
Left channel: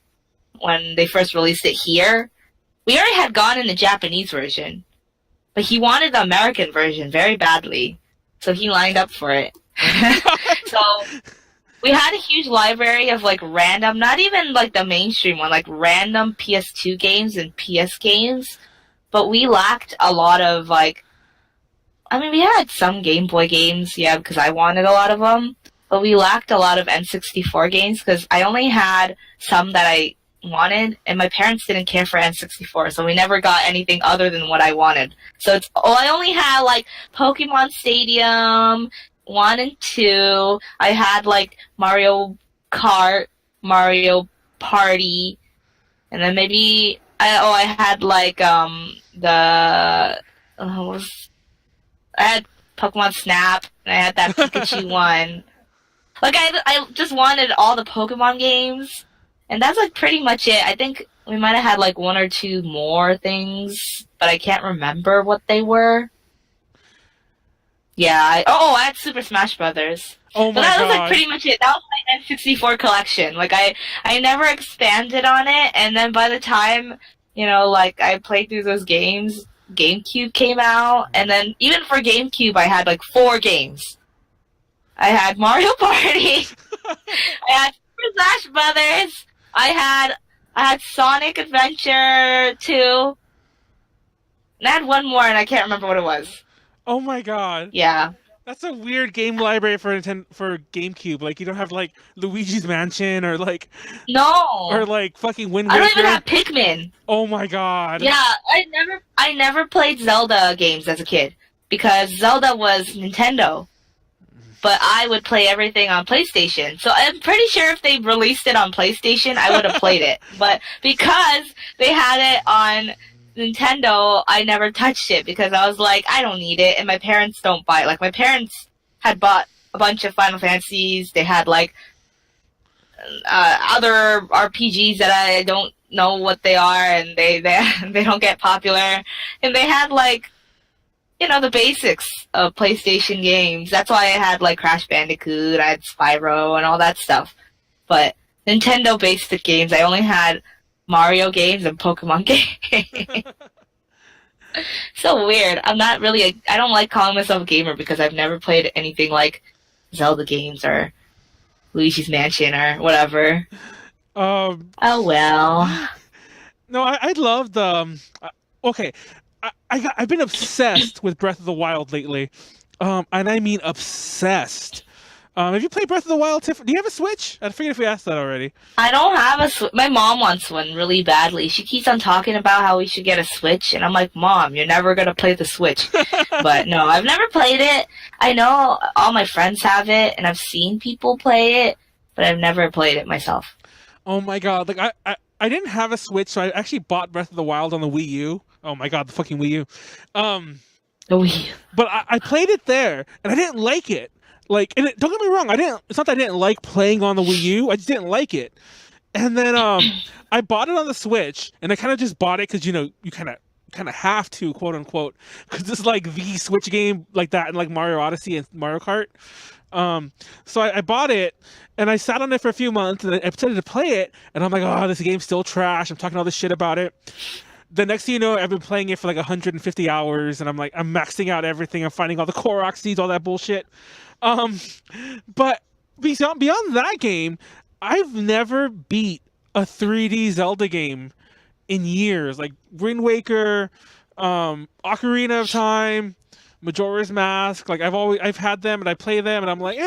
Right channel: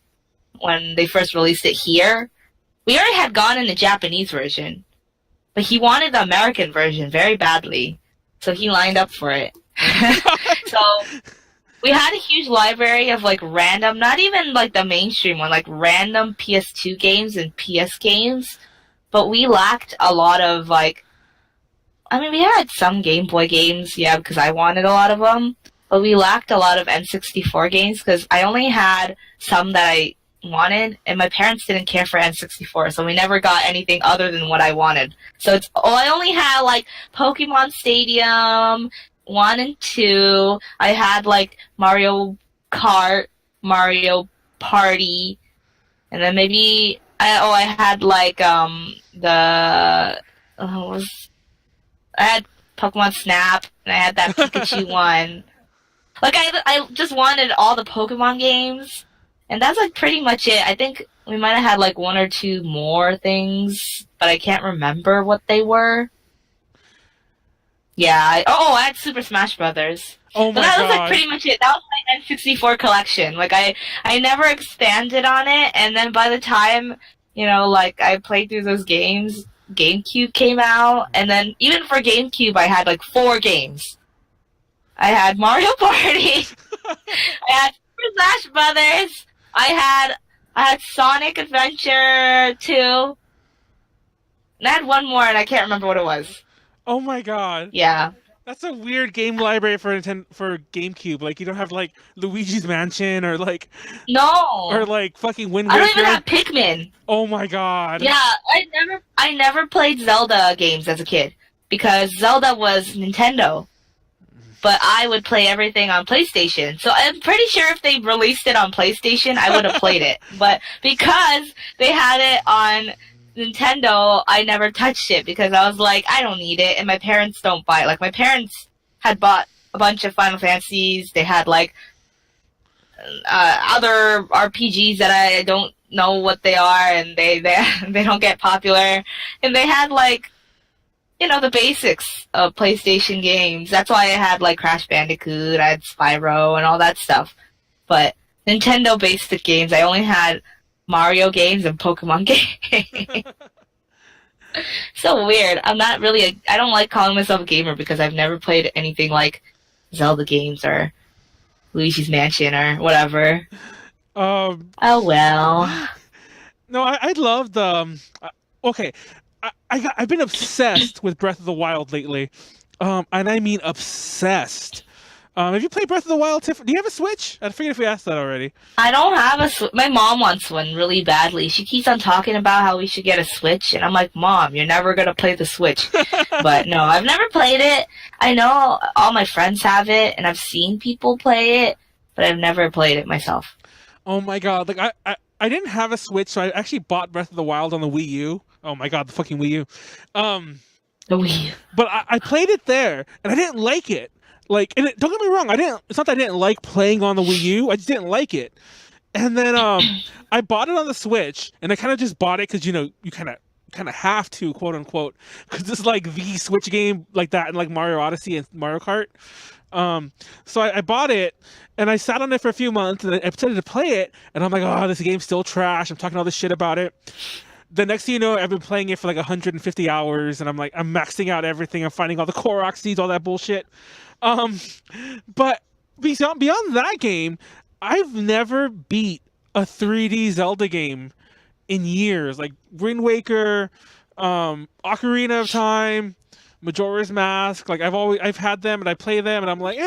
when they first released it here. We already had gone in the Japanese version, but he wanted the American version very badly, so he lined up for it. So we had a huge library of like random, not even like the mainstream one, like random PS2 games and PS games, but we lacked a lot of like, we had some Game Boy games, yeah, because I wanted a lot of them, but we lacked a lot of N64 games because I only had some that I wanted, and my parents didn't care for N64, so we never got anything other than what I wanted. So I only had like Pokemon Stadium 1 and 2. I had like Mario Kart, Mario Party, and then maybe I had like I had Pokemon Snap, and I had that Pikachu one. Like I just wanted all the Pokemon games. And that's like pretty much it. I think we might have had like 1 or 2 more things, but I can't remember what they were. Yeah. I had Super Smash Brothers. Oh my god. That was like pretty much it. That was my N64 collection. Like I never expanded on it, and then by the time, like I played through those games, GameCube came out, and then even for GameCube I had like 4 games. I had Mario Party. I had Super Smash Brothers. I had Sonic Adventure 2. And I had one more, and I can't remember what it was. Oh my god. Yeah. That's a weird game library for GameCube. Like, you don't have like Luigi's Mansion or like fucking Wind Waker. I don't even have Pikmin. Oh my god. Yeah, I never played Zelda games as a kid because Zelda was Nintendo. But I would play everything on PlayStation. So I'm pretty sure if they released it on PlayStation, I would have played it. But because they had it on Nintendo, I never touched it because I was like, I don't need it, and my parents don't buy it. Like, my parents had bought a bunch of Final Fantasies. They had, like, other RPGs that I don't know what they are, and they don't get popular. And they had, like, the basics of PlayStation games. That's why I had, like, Crash Bandicoot, I had Spyro, and all that stuff. But Nintendo basic games, I only had Mario games and Pokemon games. So weird. I'm not really I don't like calling myself a gamer because I've never played anything like Zelda games or Luigi's Mansion or whatever. Oh well. No, I loved okay. I've been obsessed with Breath of the Wild lately, and I mean obsessed. Have you played Breath of the Wild, Tiffany? Do you have a Switch? I forget if we asked that already. I don't have a Switch. My mom wants one really badly. She keeps on talking about how we should get a Switch, and I'm like, Mom, you're never gonna play the Switch. But no, I've never played it. I know all my friends have it, and I've seen people play it, but I've never played it myself. Oh my god! Like I didn't have a Switch, so I actually bought Breath of the Wild on the Wii U. Oh my god, the fucking Wii U. The Wii U. But I played it there, and I didn't like it. Like, and don't get me wrong, it's not that I didn't like playing on the Wii U, I just didn't like it. And then I bought it on the Switch, and I kind of just bought it because, you kind of have to, quote unquote, because it's like the Switch game like that, and like Mario Odyssey and Mario Kart. So I bought it, and I sat on it for a few months, and I decided to play it, and I'm like, oh, this game's still trash. I'm talking all this shit about it. The next thing you know, I've been playing it for like 150 hours, and I'm maxing out everything. I'm finding all the Korok seeds, all that bullshit. But beyond that game, I've never beat a 3D Zelda game in years. Like Wind Waker, Ocarina of Time, Majora's Mask. Like I've had them and I play them and I'm like,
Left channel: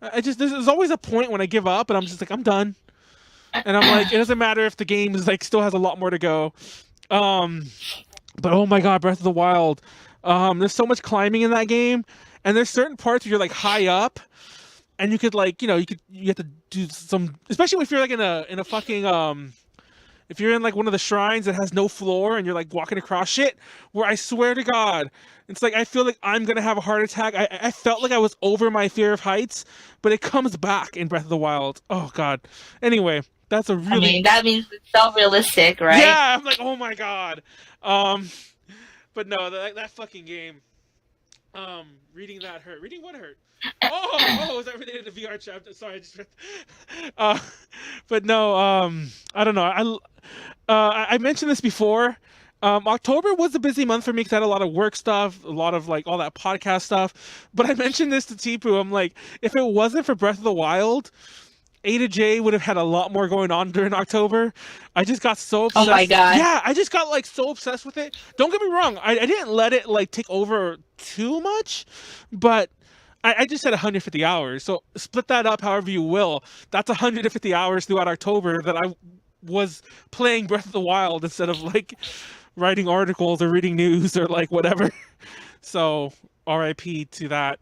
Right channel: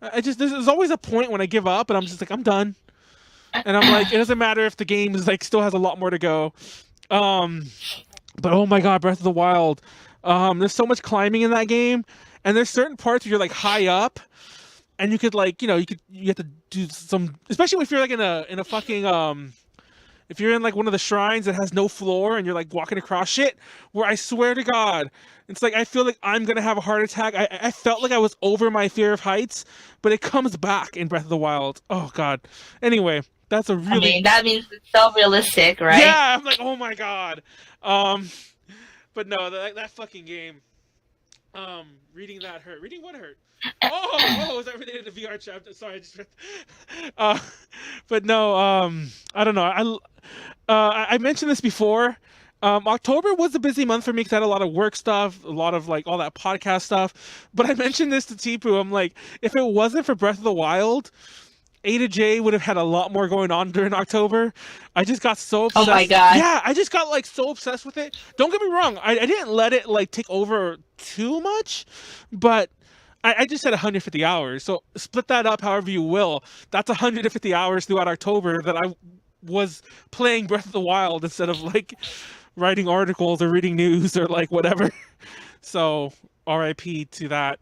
there's always a point when I give up and I'm just like, I'm done. And I'm like, it doesn't matter if the game is like still has a lot more to go. But oh my god, Breath of the Wild. There's so much climbing in that game. And there's certain parts where you're like high up, and you could like, you have to do some, especially if you're like in a fucking if you're in like one of the shrines that has no floor and you're like walking across shit. Where I swear to God, it's like I feel like I'm gonna have a heart attack. I felt like I was over my fear of heights, but it comes back in Breath of the Wild. Oh god. Anyway, that's a really. I mean, that means it's so realistic, right? Yeah, I'm like, oh my god. But no, that fucking game. Reading that hurt. Reading what hurt? Oh, is that related to VR chapter? Sorry, I just read. But no, I don't know. I mentioned this before. October was a busy month for me because I had a lot of work stuff, a lot of like all that podcast stuff. But I mentioned this to Tipu. I'm like, if it wasn't for Breath of the Wild, A to J would have had a lot more going on during October. I just got so obsessed. Oh my god. Yeah, I just got like so obsessed with it. Don't get me wrong. I didn't let it like take over too much, but I just said 150 hours. So split that up however you will. That's 150 hours throughout October that I was playing Breath of the Wild instead of like writing articles or reading news or like whatever. So RIP to that.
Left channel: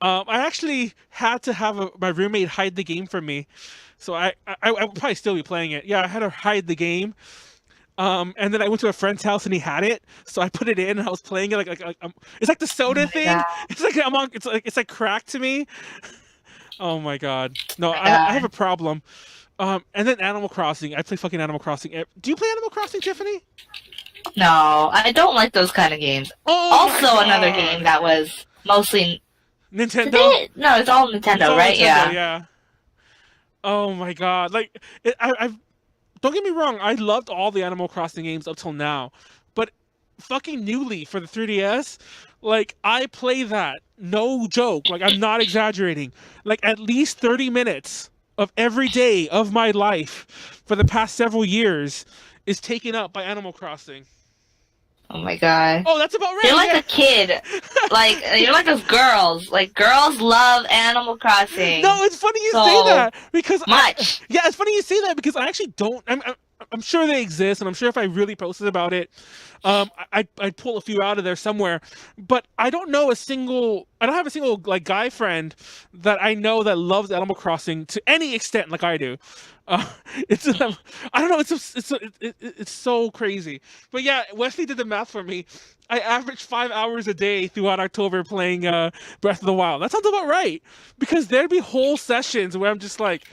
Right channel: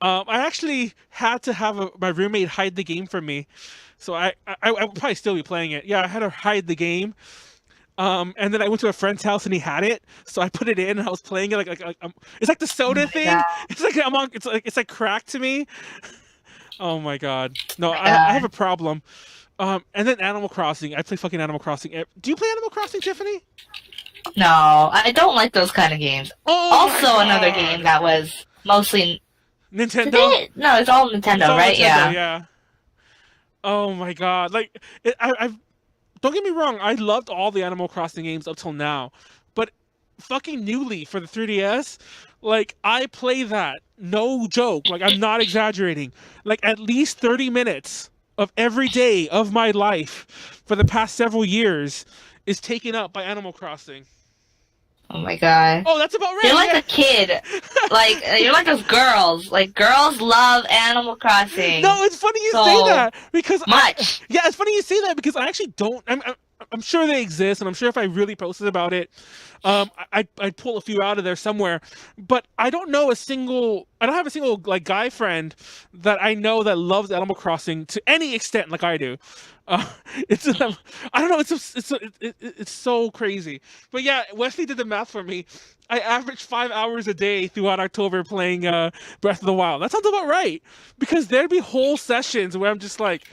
I actually had to have my roommate hide the game from me. So I would probably still be playing it. Yeah, I had to hide the game. And then I went to a friend's house and he had it, so I put it in and I was playing it it's like the soda thing. God. It's like it's like crack to me. Oh my god, no, my I God. have a problem. And then Animal Crossing. I play fucking Animal Crossing. Do you play Animal Crossing, Tiffany? No, I don't like those kind of games. Oh my Also, another God. game that was mostly Nintendo. No, it's all Nintendo, It's all right? Nintendo, yeah. Oh my god, like I've don't get me wrong, I loved all the Animal Crossing games up till now, but fucking newly for the 3DS, like I play that, no joke, like I'm not exaggerating, like at least 30 minutes of every day of my life for the past several years is taken up by Animal Crossing. Oh my god. Oh, that's about right. You're like yeah. a kid. Like you're like those girls. Like girls love Animal Crossing. No, it's funny you so say that because much. yeah, it's funny you say that because I actually don't. I'm sure they exist, and I'm sure if I really posted about it, I'd pull a few out of there somewhere. But I don't know a single. I don't have a single like guy friend that I know that loves Animal Crossing to any extent like I do. It's I don't know. It's so crazy. But yeah, Wesley did the math for me. I averaged 5 hours a day throughout October playing Breath of the Wild. That sounds about right. Because there'd be whole sessions where I'm just like,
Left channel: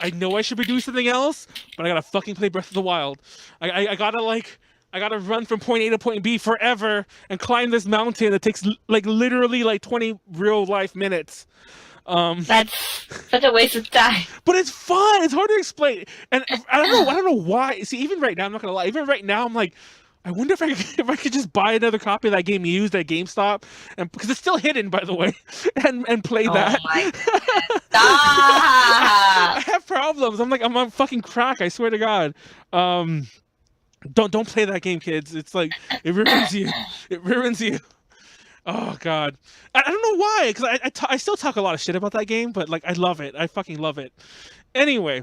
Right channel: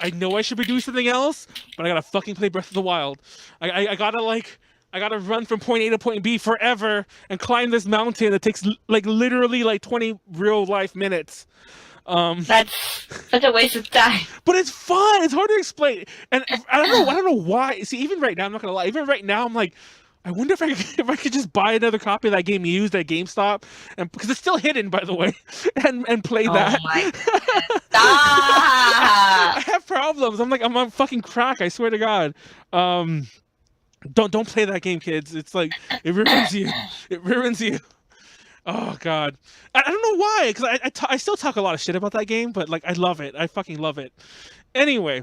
I know I should be doing something else, but I gotta fucking play Breath of the Wild. I gotta run from point A to point B forever and climb this mountain that takes like literally like 20 real life minutes. That's such a waste of time. But it's fun. It's hard to explain, and I don't know why. See, even right now, I'm not gonna lie. Even right now, I'm like, I wonder if I could just buy another copy of that game used at GameStop, and because it's still hidden, by the way, and play that. Oh my goodness. I Stop. have problems. I'm on fucking crack. I swear to God. Don't play that game, kids. It's like it ruins you. It ruins you. Oh God, I don't know why, because I still talk a lot of shit about that game, but like I love it. I fucking love it. Anyway.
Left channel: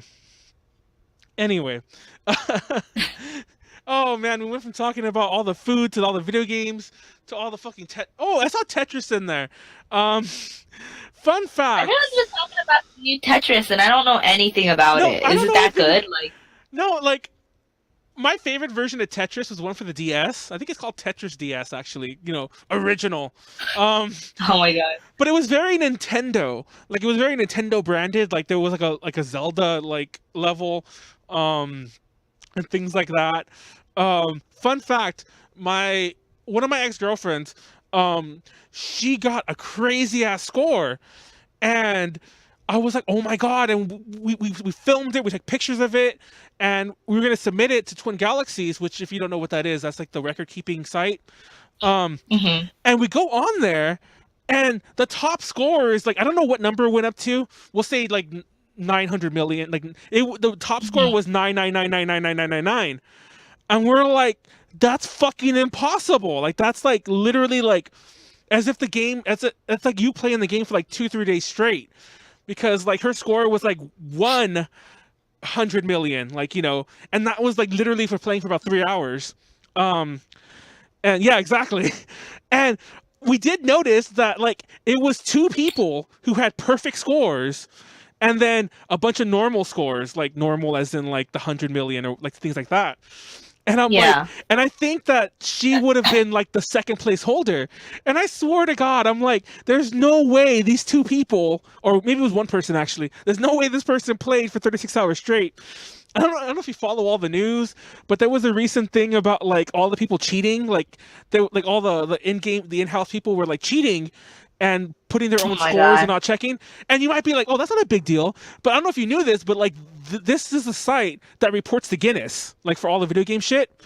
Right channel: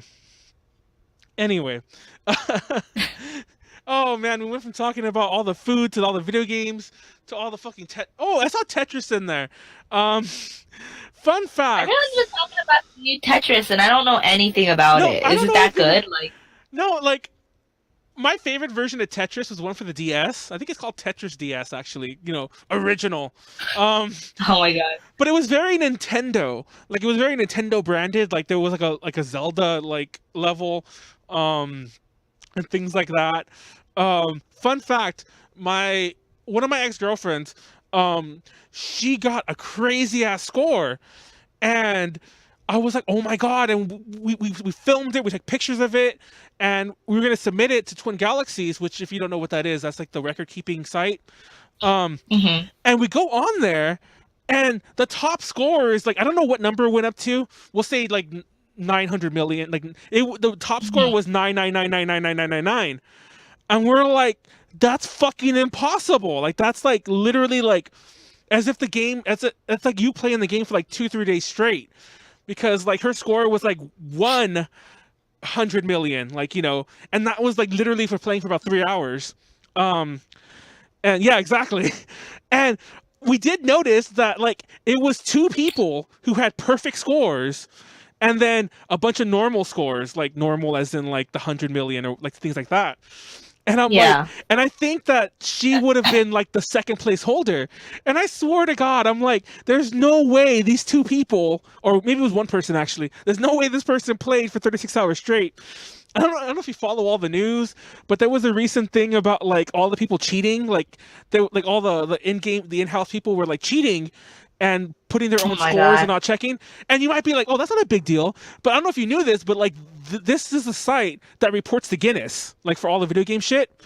Oh man, we went from talking about all the food to all the video games to all the fucking Oh, I saw Tetris in there. Fun fact. Everyone's been talking about the new Tetris, and I don't know anything about No, it. I Is don't it know that anything- good? Like, No, like my favorite version of Tetris was one for the DS. I think it's called Tetris DS, actually. You know, original. oh my god. But it was very Nintendo. Like it was very Nintendo branded. Like there was like a Zelda like level, and things like that. Fun fact: one of my ex-girlfriends, she got a crazy ass score, and I was like, oh my god! And we filmed it. We took pictures of it, and we were gonna submit it to Twin Galaxies, which, if you don't know what that is, that's like the record-keeping site. And we go on there, and the top score is like, I don't know what number it went up to. We'll say like 900 million. Like the top score was 999999999, and we're like, that's fucking impossible. Like that's like literally like as if the game it's like you playing the game for like 2-3 days straight, because like her score was like 100 million, like, you know, and that was like literally for playing for about 3 hours. And yeah, exactly. And we did notice that like it was 2 people who had perfect scores, and then a bunch of normal scores, like normal as in like the 100 million or like things like that. And I'm like, and I think that she would have been like the second place holder. And I swear to God, I'm like, there's no way these 2 people, or maybe it was 1 person actually, there's no way this person played for 36 hours straight. I don't know if you follow all the news, but there was a recent thing about like all the people cheating, like like all the in-house people were like cheating and putting their own scores and not checking. And you might be like, oh, that's not a big deal. But I don't know if you knew this, but like this is a site that reports to Guinness, like for all the video game shit.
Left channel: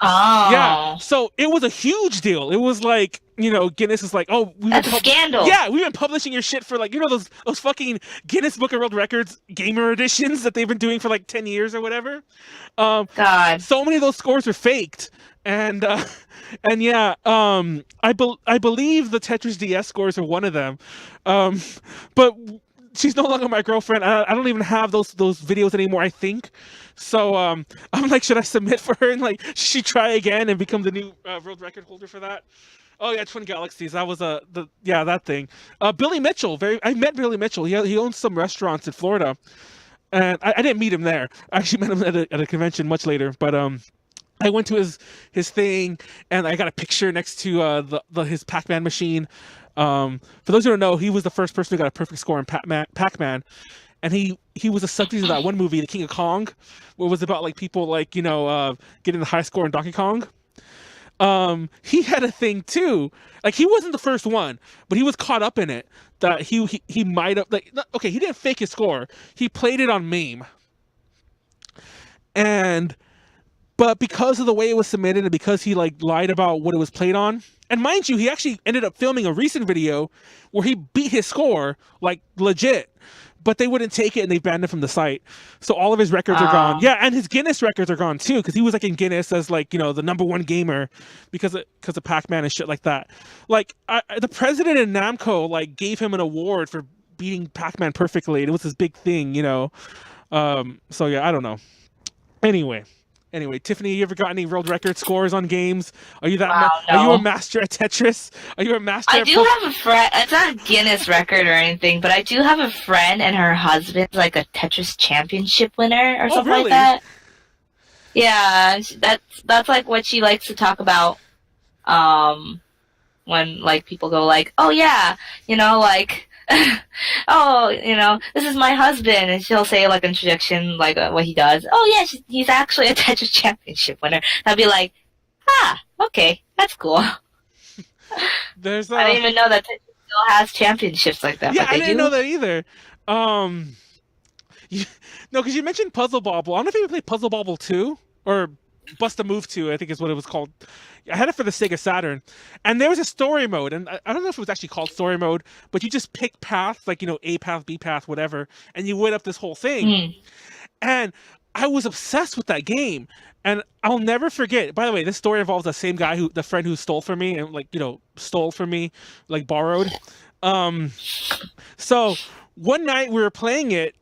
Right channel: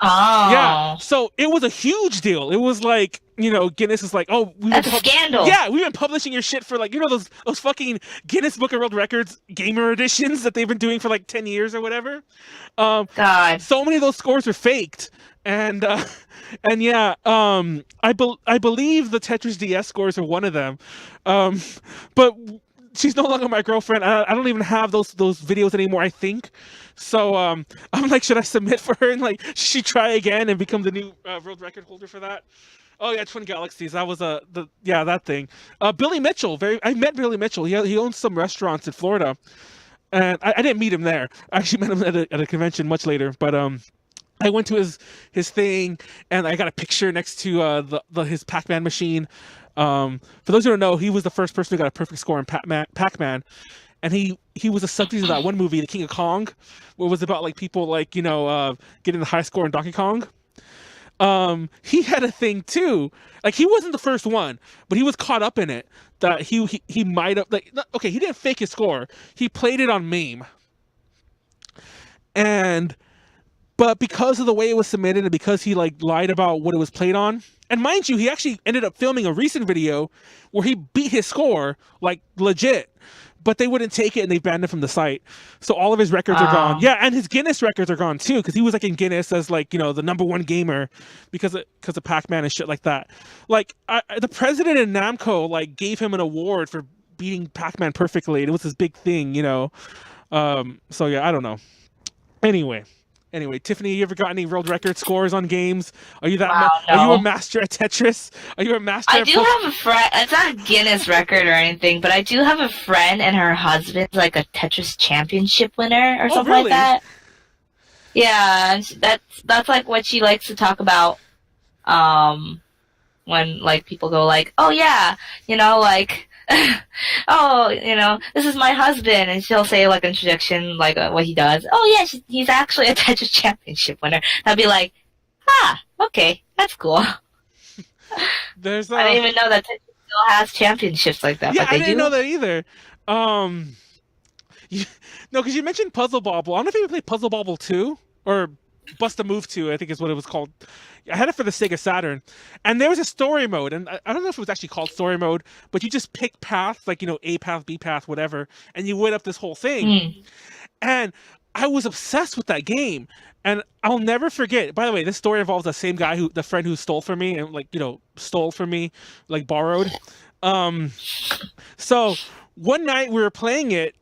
Oh. Yeah. So it was a huge deal. It was like, you know, Guinness is like, oh, that's a scandal. Yeah, we've been publishing your shit for like, you know, those fucking Guinness Book of World Records gamer editions that they've been doing for like 10 years or whatever. God. So many of those scores were faked. and and yeah, I believe the Tetris DS scores are one of them, um, but she's no longer my girlfriend. I don't even have those videos anymore, I think. So I'm like, should I submit for her and like should she try again and become the new world record holder for that? Oh yeah, Twin Galaxies. That was that thing. Billy Mitchell. I met Billy Mitchell. He owns some restaurants in Florida, and I didn't meet him there. I actually met him at a convention much later. But I went to his thing, and I got a picture next to his Pac-Man machine. For those who don't know, he was the first person who got a perfect score in Pac-Man, and he was a subject of that one movie, The King of Kong, where it was about like people like getting the high score in Donkey Kong. He had a thing too. Like he wasn't the first one, but he was caught up in it. That he might have okay, he didn't fake his score. He played it on MAME, but because of the way it was submitted and because he like lied about what it was played on, and mind you, he actually ended up filming a recent video where he beat his score like legit, but they wouldn't take it and they banned him from the site. So all of his records are gone. Yeah, and his Guinness records are gone too because he was like in Guinness as like the #1 gamer because of Pac-Man and shit like that. Like the president in Namco like gave him an award for beating Pac-Man perfectly. It was this big thing, So yeah, I don't know. Anyway, Tiffany, you ever got any world record scores on games? Are you Wow, Are you a no. master at Tetris? Are you a master I at do have a friend. It's not a Guinness record or anything, but I do have a friend and her husband's like a Tetris championship winner or Oh, something really? like that. Yeah, that's like what she likes to talk about. When like people go like, oh yeah, like, oh, this is my husband, and she'll say like an introduction like what he does. Oh yeah, he's actually a Tetris championship winner. I'll be like, okay, that's cool. There's I didn't even know that Tetris still has championships like that. Yeah, but I they didn't do. know that either. No, because you mentioned Puzzle Bobble. I don't know if you ever played Puzzle Bobble 2 or Bust a Move 2, I think is what it was called. I had it for the Sega Saturn. And there was a story mode, and I don't know if it was actually called story mode, but you just pick paths, like, A path, B path, whatever, and you went up this whole thing. And I was obsessed with that game. And I'll never forget. By the way, this story involves the friend who stole from me and stole from me, like borrowed. So one night we were playing it,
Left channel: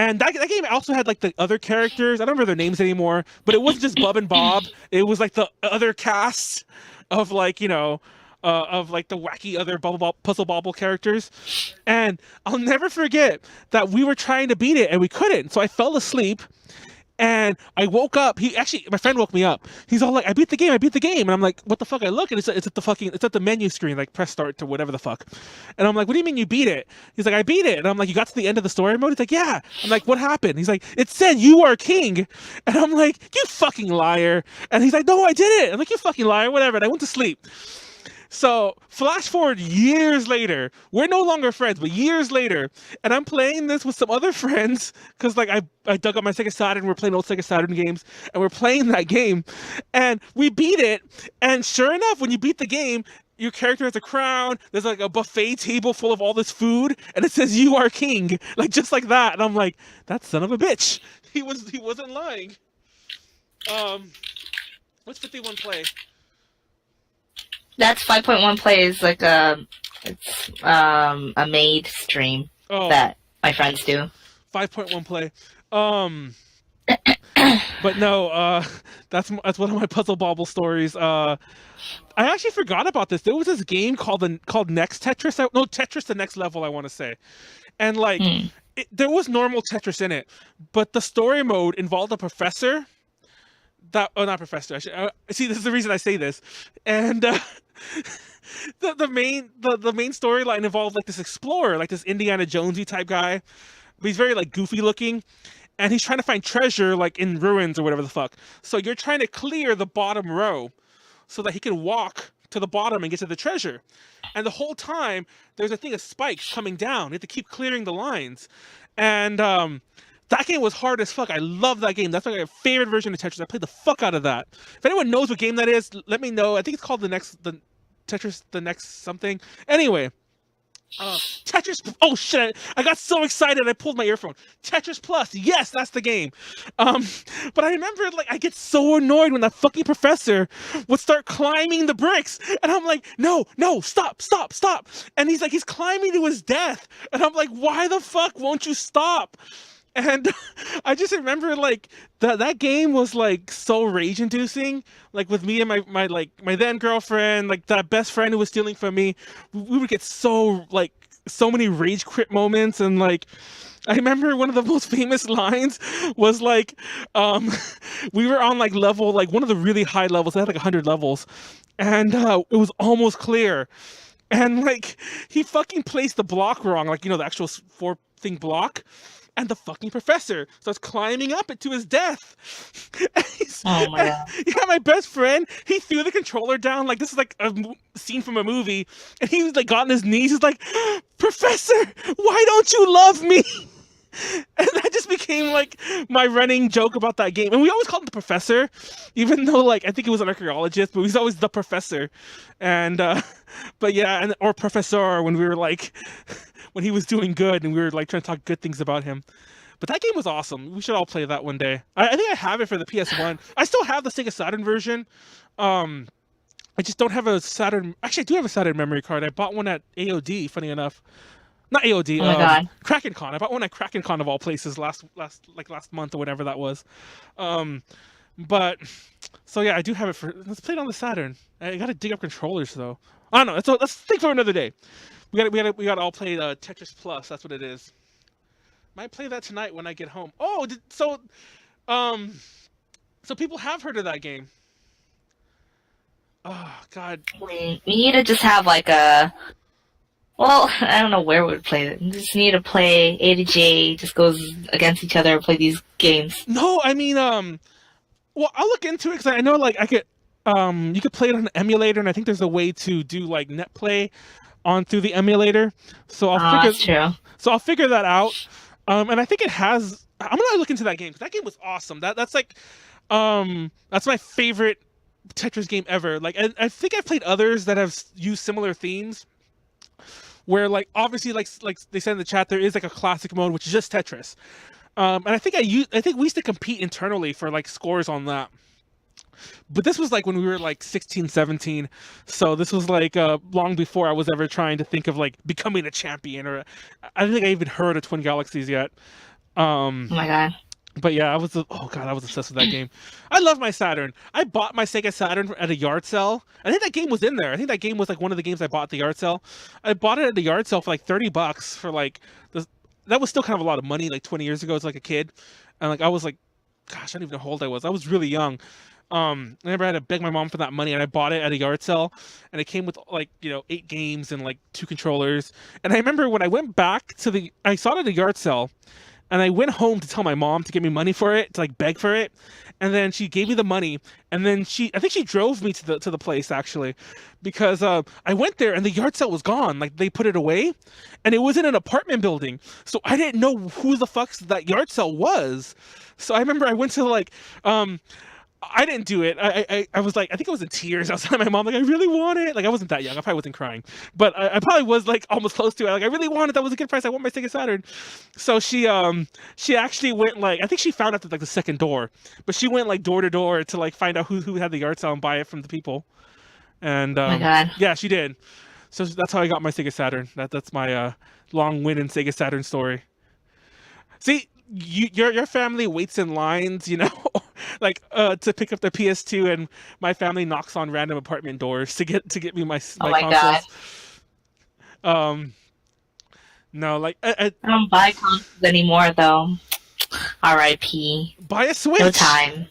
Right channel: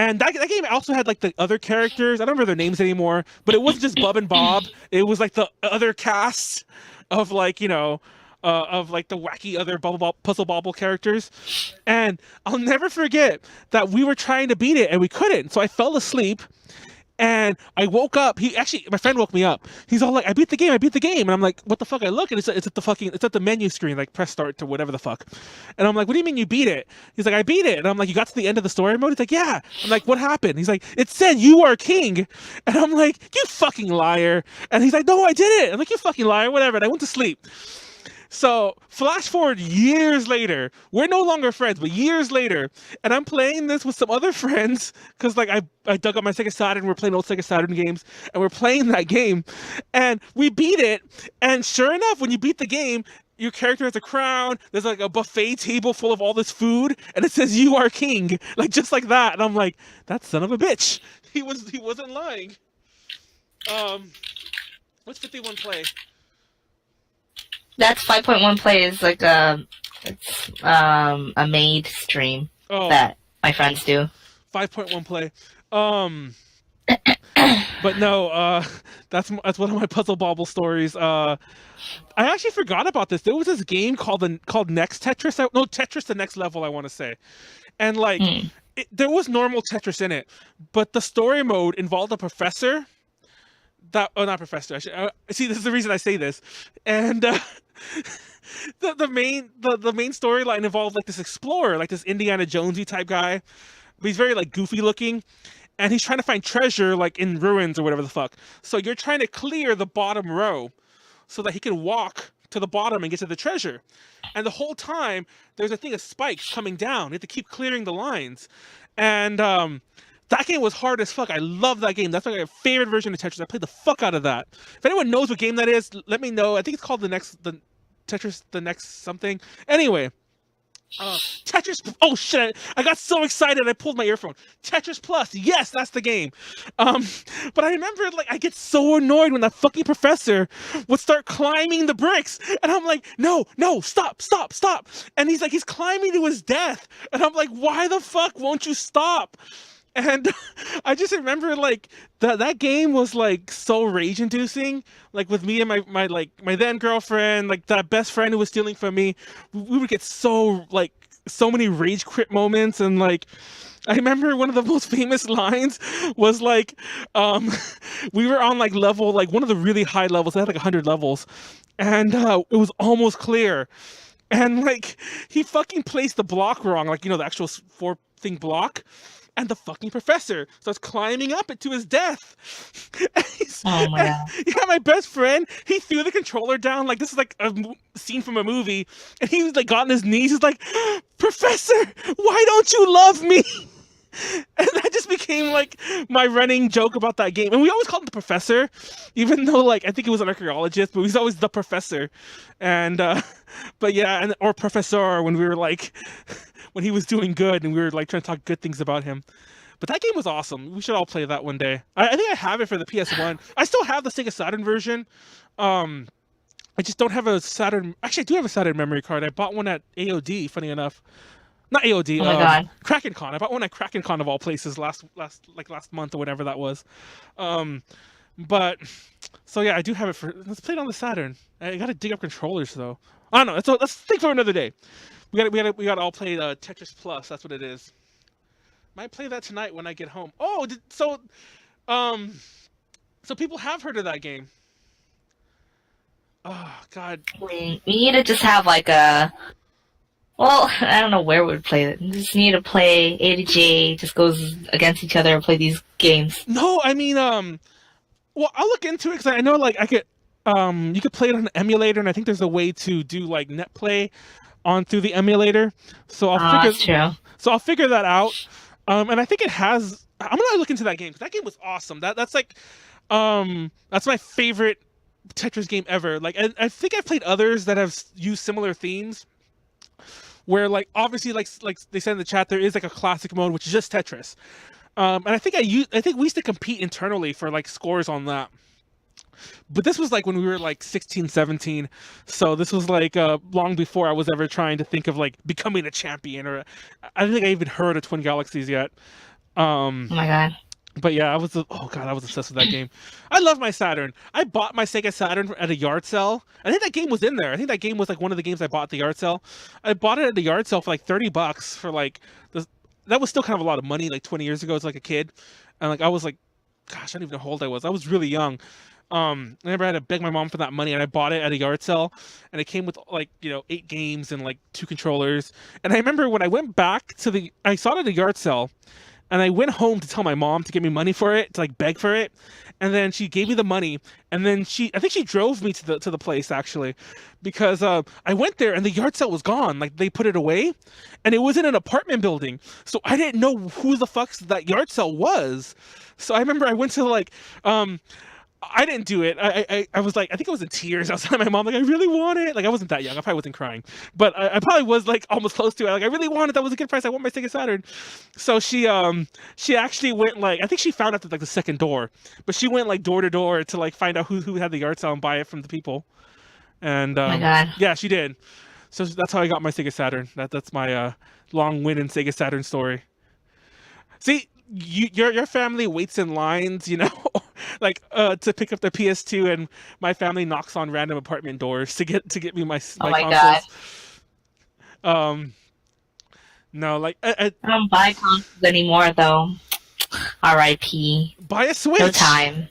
and that game also had like the other characters. I don't remember their names anymore, but it wasn't just Bub and Bob. It was like the other cast of of like the wacky other Puzzle Bobble characters. And I'll never forget that we were trying to beat it and we couldn't. So I fell asleep. And I woke up. My friend woke me up. He's all like, I beat the game. And I'm like, what the fuck? I look and it's at the menu screen, like press start to whatever the fuck. And I'm like, what do you mean you beat it? He's like, I beat it. And I'm like, you got to the end of the story mode? He's like, yeah. I'm like, what happened? He's like, it said you are king. And I'm like, you fucking liar. And he's like, no, I did it. I'm like, you fucking liar, whatever. And I went to sleep. So flash forward years later, we're no longer friends, but years later, and I'm playing this with some other friends because like I dug up my Sega Saturn, we're playing old Sega Saturn games, and we're playing that game, and we beat it. And sure enough, when you beat the game, your character has a crown. There's like a buffet table full of all this food, and it says "You are king," like just like that. And I'm like, that son of a bitch. He wasn't lying. What's 51 play? That's 5.1 plays like a made stream that my friends do. 5.1 play. But no, that's one of my Puzzle Bobble stories. I actually forgot about this. There was this game called Next Tetris. No, Tetris the Next Level, I want to say. And like there was normal Tetris in it, but the story mode involved a professor not professor. See, this is the reason I say this. And the main storyline involved like this explorer, like this Indiana Jonesy type guy. But he's very like goofy looking, and he's trying to find treasure like in ruins or whatever the fuck. So you're trying to clear the bottom row so that he can walk to the bottom and get to the treasure. And the whole time there's a thing of spikes coming down. You have to keep clearing the lines. And that game was hard as fuck. I love that game. That's like my favorite version of Tetris. I played the fuck out of that. If anyone knows what game that is, let me know. I think it's called the Tetris the Next something. Anyway, Tetris. Oh shit! I got so excited I pulled my earphone. Tetris Plus. Yes, that's the game. Um, but I remember like I get so annoyed when that fucking professor would start climbing the bricks, and I'm like, no, stop, stop, stop. And he's climbing to his death, and I'm like, why the fuck won't you stop? And I just remember like that game was like so rage inducing. Like with me and my then girlfriend, like that best friend who was stealing from me, we would get so many rage quit moments. And like I remember one of the most famous lines was like we were on like level, like one of the really high levels. It had like 100 levels, and it was almost clear. And like he fucking placed the block wrong, like the actual four thing block. And the fucking professor starts climbing up it to his death. Oh my god. Yeah, my best friend, he threw the controller down. Like, this is like a scene from a movie. And he was like, got on his knees. He's like, Professor, why don't you love me? And that just became like my running joke about that game. And we always called him the professor, even though like I think he was an archaeologist, but he's always the professor. And but yeah, or professor when we were like when he was doing good and we were like trying to talk good things about him. But that game was awesome. We should all play that one day. I think I have it for the PS1. I still have the Sega Saturn version. I just don't have a Saturn. Actually, I do have a Saturn memory card. I bought one at AOD, funny enough. Not AOD, Oh my god. Kraken Con. I bought one at Kraken Con of all places last month or whatever that was. But so yeah, I do have it for. Let's play it on the Saturn. I gotta dig up controllers though. I don't know. Let's think for another day. We gotta all play Tetris Plus. That's what it is. Might play that tonight when I get home. Oh, so people have heard of that game. Oh God. We need to just have like a. Well, I don't know where we would play it. We just need to play A to J. Just goes against each other and play these games. No, I mean, well, I'll look into it because I know like I could, you could play it on an emulator, and I think there's a way to do like net play on through the emulator. So That's true. So I'll figure that out. And I think it has. I'm gonna look into that game because that game was awesome. That's like, that's my favorite Tetris game ever. Like, I think I've played others that have used similar themes. Where like obviously like they said in the chat, there is like a classic mode which is just Tetris, and I think we used to compete internally for like scores on that. But this was like when we were like 16, 17, so this was like long before I was ever trying to think of like becoming a champion, or I don't think I even heard of Twin Galaxies yet. Oh my god. But yeah, I was obsessed with that game. I love my Saturn. I bought my Sega Saturn at a yard sale. I think that game was in there. I think that game was like one of the games I bought at the yard sale. I bought it at the yard sale for like $30 for like that was still kind of a lot of money like 20 years ago as like a kid. And like I was like, gosh, I don't even know how old I was. I was really young. I remember I had to beg my mom for that money, and I bought it at a yard sale, and it came with like 8 games and like 2 controllers. And I remember when I went back I saw it at a yard sale. And I went home to tell my mom to give me money for it, to like beg for it. And then she gave me the money. And then I think she drove me to the place actually, because I went there and the yard sale was gone. Like they put it away, and it was in an apartment building. So I didn't know who the fuck that yard sale was. So I remember I went to like, I didn't do it. I was like, I think I was in tears. I was telling my mom, like, I really want it. Like, I wasn't that young. I probably wasn't crying. But I probably was, like, almost close to it. Like, I really want it. That was a good price. I want my Sega Saturn. So she actually went, like, I think she found out at, like, the second door. But she went, like, door to door to, like, find out who had the yard sale and buy it from the people. And, Oh my god. yeah, she did. So that's how I got my Sega Saturn. That's my long-winded Sega Saturn story. See, your family waits in lines, like to pick up their PS2, and my family knocks on random apartment doors to get me my Oh my consoles. No, like I don't buy consoles anymore though. R.I.P. buy a Switch. No time.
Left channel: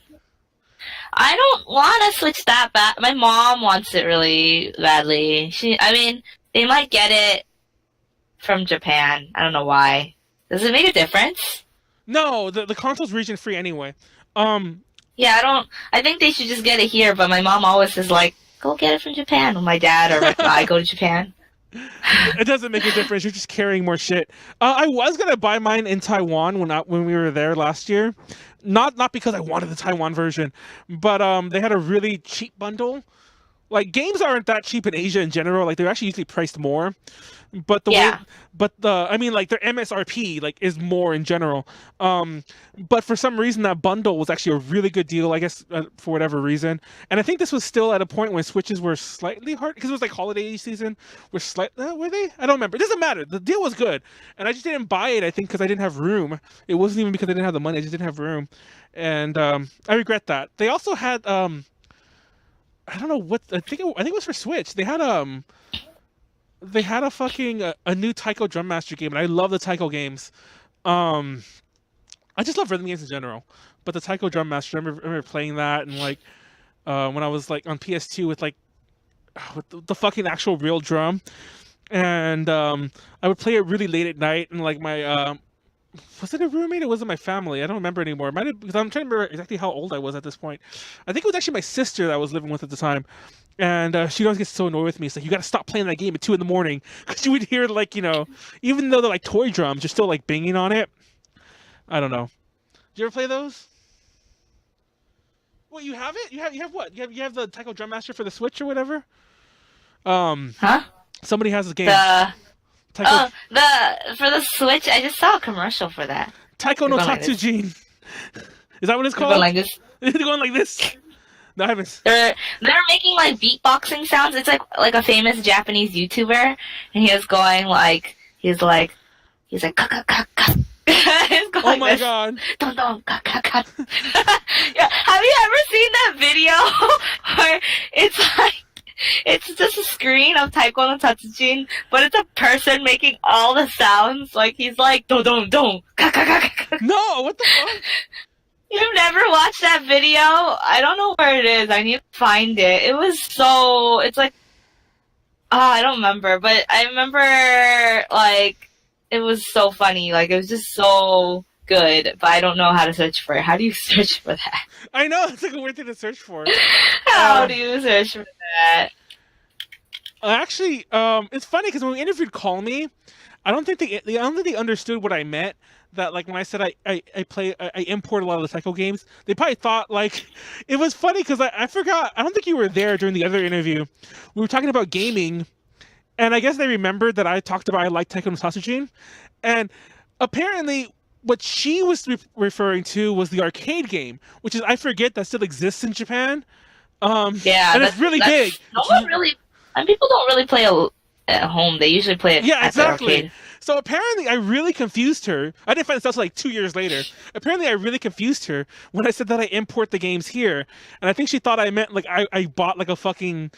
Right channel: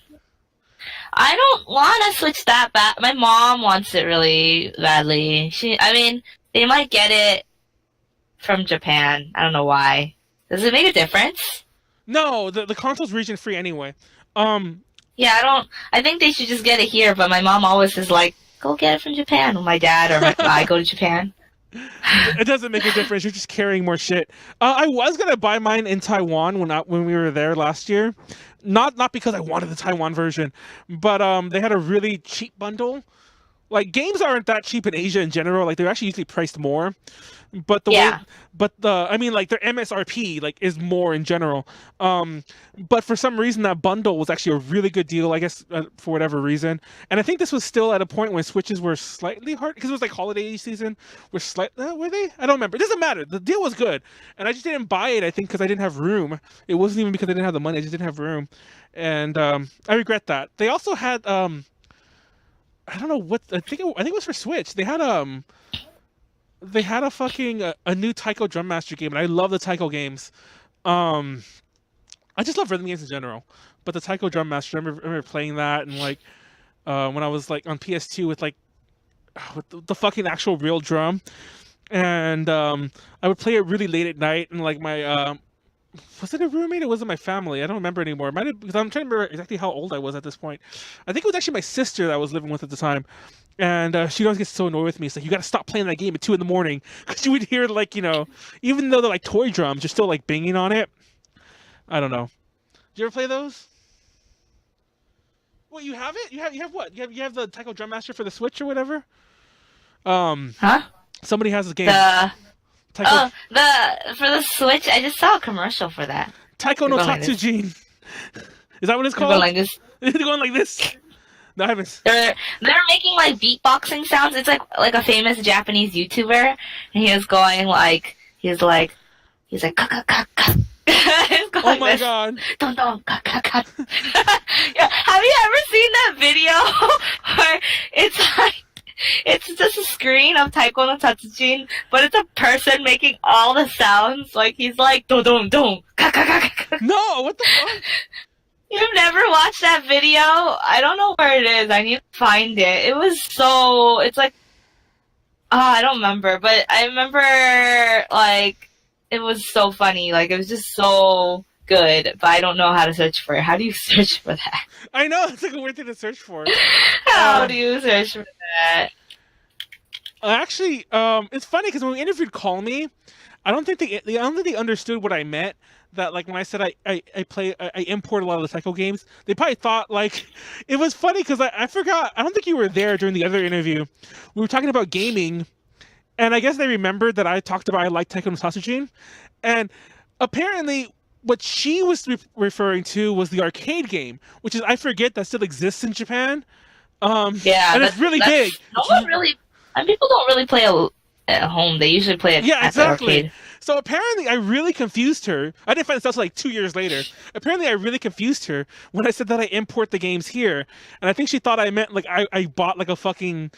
I don't want to switch that bad. My mom wants it really badly. They might get it from Japan. I don't know why. Does it make a difference? No, the console's region free anyway. Yeah, I think they should just get it here, but my mom always is like, go get it from Japan. Or my dad or I go to Japan. It doesn't make a difference. You're just carrying more shit. I was gonna buy mine in Taiwan when we were there last year, not because I wanted the Taiwan version, but they had a really cheap bundle like games aren't that cheap in Asia in general. Like they're actually usually priced more. But the way, Yeah. but the, I mean, like their MSRP like is more in general. But for some reason that bundle was actually a really good deal, I guess, for whatever reason. And I think this was still at a point when Switches were slightly hard because it was like holiday season. Were they? I don't remember. It doesn't matter. The deal was good, and I just didn't buy it. I think because I didn't have room. It wasn't even because I didn't have the money. I just didn't have room, and I regret that. They also had I don't know what I think it was for Switch. They had a fucking a new Taiko Drum Master game, and I love the Taiko games. Um, I just love rhythm games in general, but the Taiko Drum Master, I remember playing that, and like when I was like on PS2 with like with the fucking actual real drum, and I would play it really late at night, and like my was it a roommate? It wasn't my family. I don't remember anymore. It might have, because I'm trying to remember exactly how old I was at this point. I think it was actually my sister that I was living with at the time. And she always gets so annoyed with me. It's like, you got to stop playing that game at 2 in the morning. Because you would hear, like, even though they're like toy drums, you're still like banging on it. I don't know. Did you ever play those? What, you have it? You have what? You have the Taiko Drum Master for the Switch or whatever? Huh? Somebody has a game. The Taiko, for the Switch, I just saw a commercial for that. Taiko no They're going like this. Tatsujin. Is that what it's They're called? going like this. They're going like this. No, I haven't. They're making like beatboxing sounds. It's like a famous Japanese YouTuber, and he was going like he's like ka ka ka ka. He's going Oh my this. god. Dun, dun, ka, ka, ka. Yeah, have you ever seen that video where it's just a screen of Taiko no Tatsujin, but it's a person making all the sounds, like he's like don don don ka ka ka ka. No, what the fuck? You've never watched that video? I don't know where it is. I need to find it. It was so... It's like... Oh, I don't remember. But I remember, like, it was so funny. Like, it was just so good. But I don't know how to search for it. How do you search for that? I know, it's like a weird thing to search for. How do you search for that? Actually, it's funny because when we interviewed Call Me, I don't think they understood what I meant. That like when I said I import a lot of the Taiko games, they probably thought like it was funny because I forgot. I don't think you were there during the other interview. We were talking about gaming, and I guess they remembered that I talked about I like Taiko no Tatsujin, and apparently what she was referring to was the arcade game, which is I forget that still exists in Japan. Yeah, and it's really big. No one really... And people don't really play at home. They usually play it Yeah, at the exactly. arcade. So apparently I really confused her. I didn't find this out until like 2 years later. Apparently I really confused her when I said that I import the games here. And I think she thought I meant like I bought like a fucking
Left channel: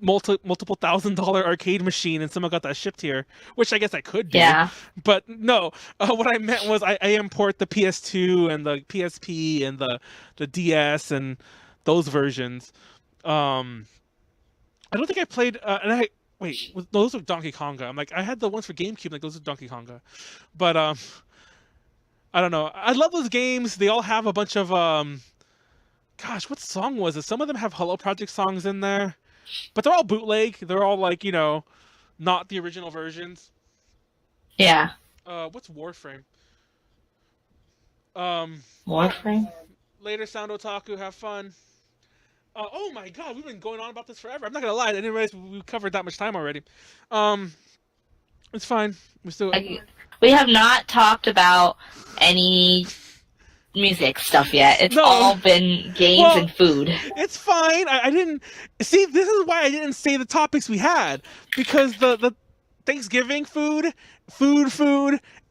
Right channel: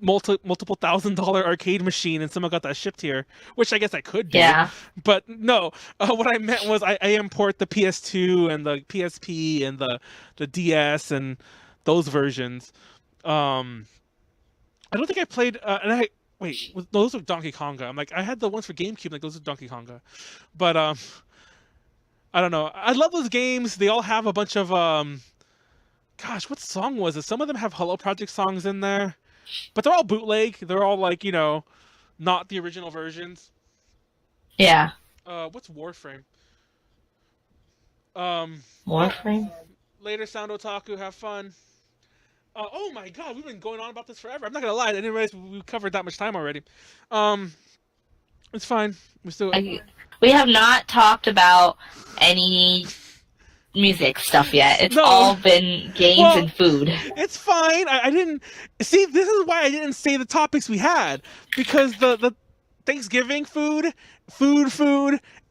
multiple $1,000 arcade machine and someone got that shipped here, which I guess I could do. Yeah. But no, what I meant was I import the PS2 and the PSP and the DS and those versions. I don't think I played, wait, those are Donkey Konga. I'm like, I had the ones for GameCube, like those are Donkey Konga. But I don't know. I love those games. They all have a bunch of gosh, what song was it? Some of them have Hello Project songs in there, but they're all bootleg. They're all like not the original versions. Yeah. What's Warframe? Warframe? Later, Sound Otaku. Have fun. Oh my god, we've been going on about this forever. I'm not gonna lie, I didn't realize we covered that much time already. It's fine. We have not talked about any music stuff yet. It's No. all been games and food. It's fine. I didn't see. This is why I didn't say the topics we had, because the Thanksgiving food,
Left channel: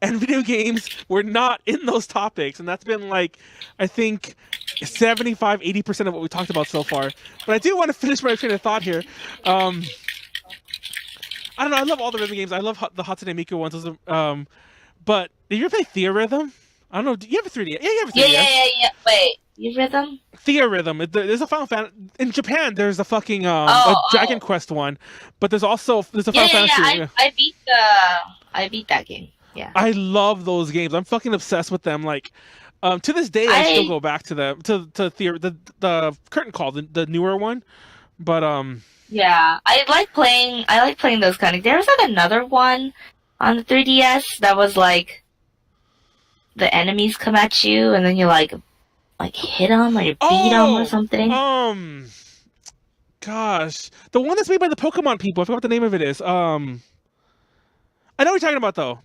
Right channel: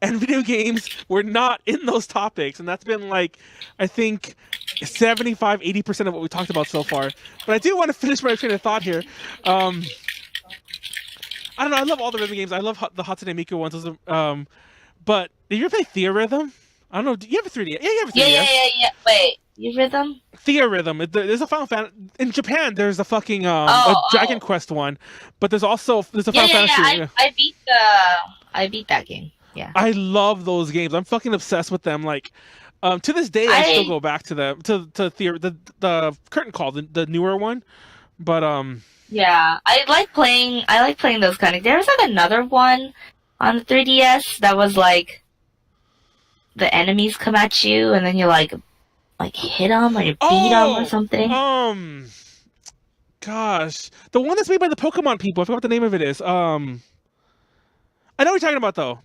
and video games were not in those topics, and that's been like, I think, 75-80% of what we talked about so far. But I do want to finish my train of thought here. I don't know. I love all the rhythm games. I love the Hatsune Miku ones. But did you ever play Theorhythm? I don't know. Do you have a 3D? Yeah, you have a 3DS. Yeah. Wait, you rhythm? Theorhythm. There's a Final Fantasy in Japan. There's a fucking a Dragon Quest one, but there's a Final Fantasy. Yeah. I beat that game. Yeah. I love those games. I'm fucking obsessed with them. Like, to this day, I still go back to them. To the Curtain Call, the newer one. But Yeah, I like playing those kind of. There was like another one on the 3DS that was like the enemies come at you and then you like hit them or you beat them or something. Gosh, the one that's made by the Pokemon people. I forgot what the name of it is. I know what you're talking about though.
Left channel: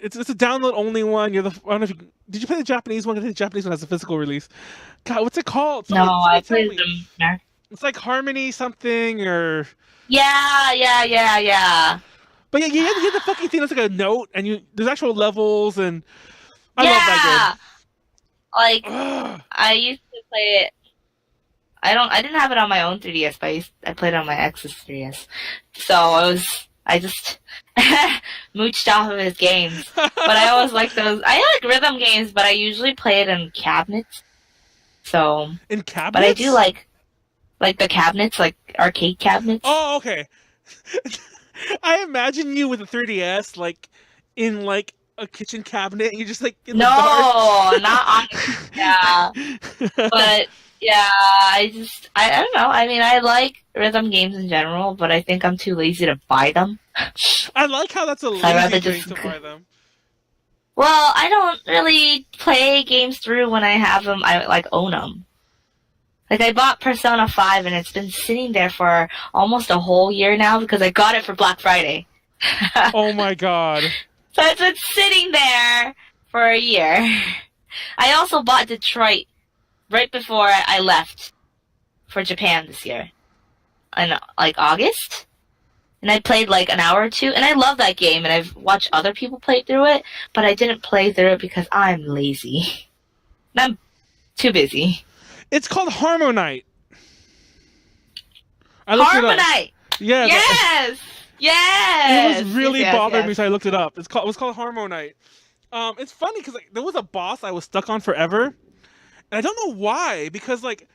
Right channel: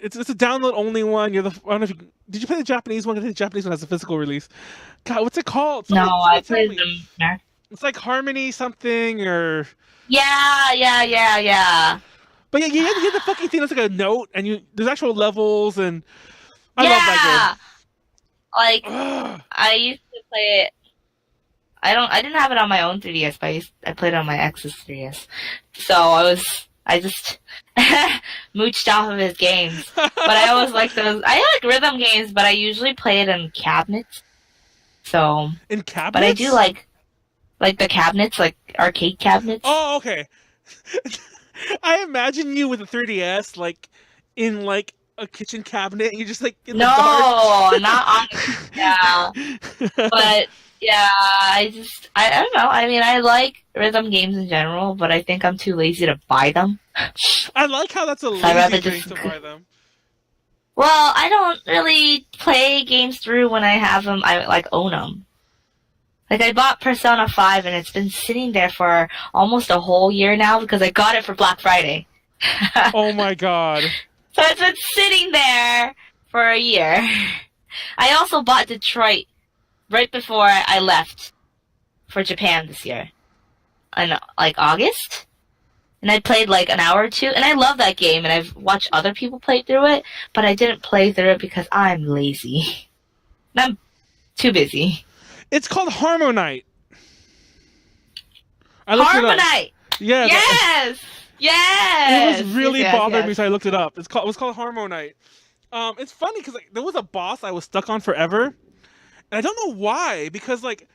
It's a download only one. I don't know if did you play the Japanese one? I think the Japanese one has a physical release. God, what's it called? No, I tell played me. them. It's like Harmony something or. Yeah. But yeah, you have the fucking thing that's like a note, and there's actual levels, and I love that Like, game. Ugh. I used to play it. I didn't have it on my own 3DS, but I played it on my ex's 3DS. So I just mooched off of his games. But I always like those. I like rhythm games, but I usually play it in cabinets. So. In cabinets? But I do like the cabinets, like arcade cabinets. Oh, okay. I imagine you with a 3DS, like in like a kitchen cabinet. And you're just like in the dark. No, not on. Yeah, but yeah, I don't know. I mean, I like rhythm games in general, but I think I'm too lazy to buy them. I like how that's a lazy thing to buy them. Well, I don't really play games through when I have them. I like own them. Like, I bought Persona 5, and it's been sitting there for almost a whole year now because I got it for Black Friday. Oh my god. So it's been sitting there for a year. I also bought Detroit right before I left for Japan this year. In, like, August? And I played, like, an hour or two, and I love that game, and I've watched other people play through it, but I didn't play through it because I'm lazy. And I'm too busy. It's called Harmonite. I looked it up. Harmonite! Yeah. Yes! It was really bothering me, yes. so I looked it up. It was called Harmonite. It's funny because like, there was a boss I was stuck on forever, and I don't know why. Because like,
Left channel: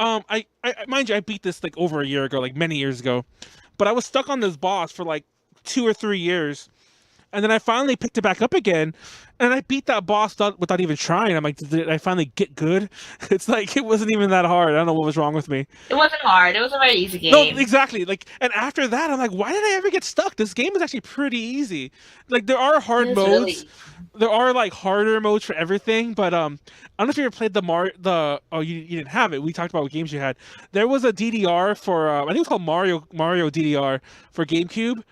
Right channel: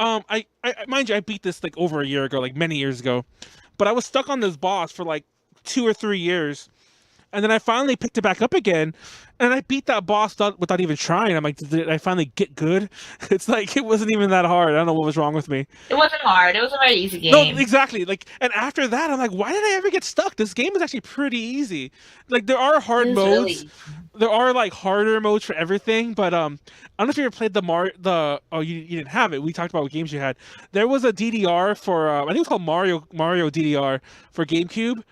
I mind you, I beat this like over a year ago, like many years ago, but I was stuck on this boss for like 2 or 3 years, and then I finally picked it back up again, and I beat that boss without even trying. I'm like, did I finally get good? It's like it wasn't even that hard. I don't know what was wrong with me. It wasn't hard. It was a very easy game. No, exactly. Like, and after that, I'm like, why did I ever get stuck? This game is actually pretty easy. Like, there are hard modes. There are like harder modes for everything, but I don't know if you ever played you didn't have it. We talked about what games you had. There was a DDR for I think it was called Mario DDR for GameCube.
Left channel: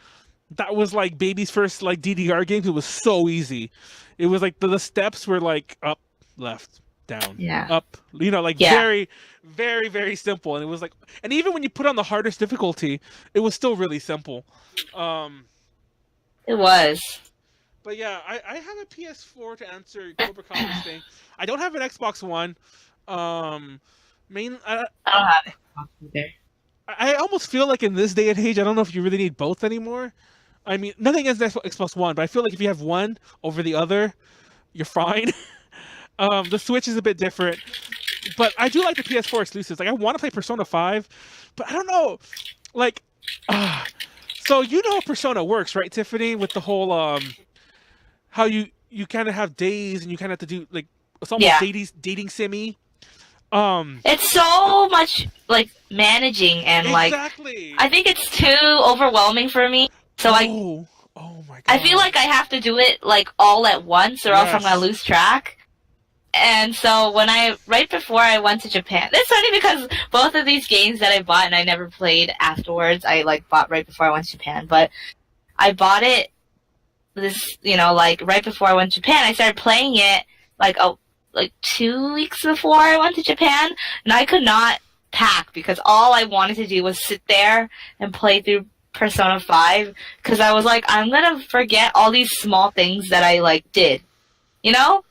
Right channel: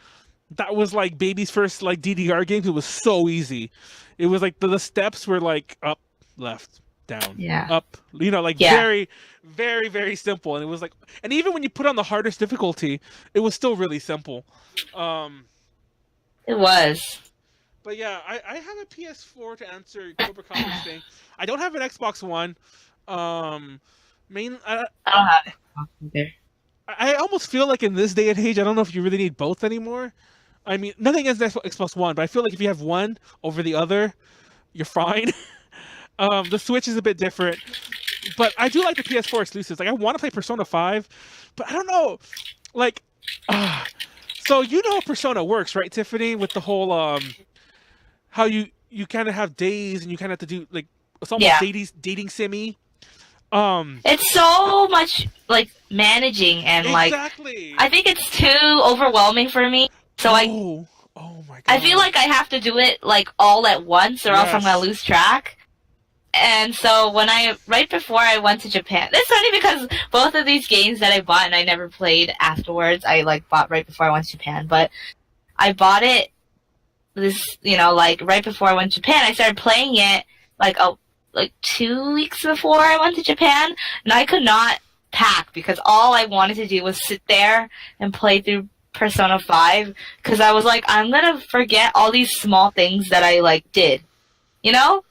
That was like baby's first like DDR game. It was so easy. It was like the steps were like up, left, down, up. You know, like very, very, very simple. And it was like, and even when you put on the hardest difficulty, it was still really simple. It was. But yeah, I have a PS4 to answer Cobra Commerce thing. I don't have an Xbox One. I don't have Xbox either. I almost feel like in this day and age, I don't know if you really need both anymore. I mean, nothing against Xbox One, but I feel like if you have one over the other, you're fine. The Switch is a bit different, but I do like the PS4 exclusives. Like, I want to play Persona 5, but I don't know. Like, so you know how Persona works, right, Tiffany? With the whole how you kind of have days and you kind of have to do like it's almost dating simmy. It's so much like managing and exactly. I think it's too overwhelming for me. So oh my god. I feel like I have to do it like all at once, or else I'm gonna lose track. And so right before I went to Japan, it's funny because both of these games that I bought and I never played afterwards, I like bought right before I went to Japan. But I bought it like right before I went to Japan. I started playing it like 2 weeks before I went to Japan, and I could not pack because all I wanted to do was sit there and play through Persona 5 because I was like, I'm gonna forget all these small things that I like did, you know?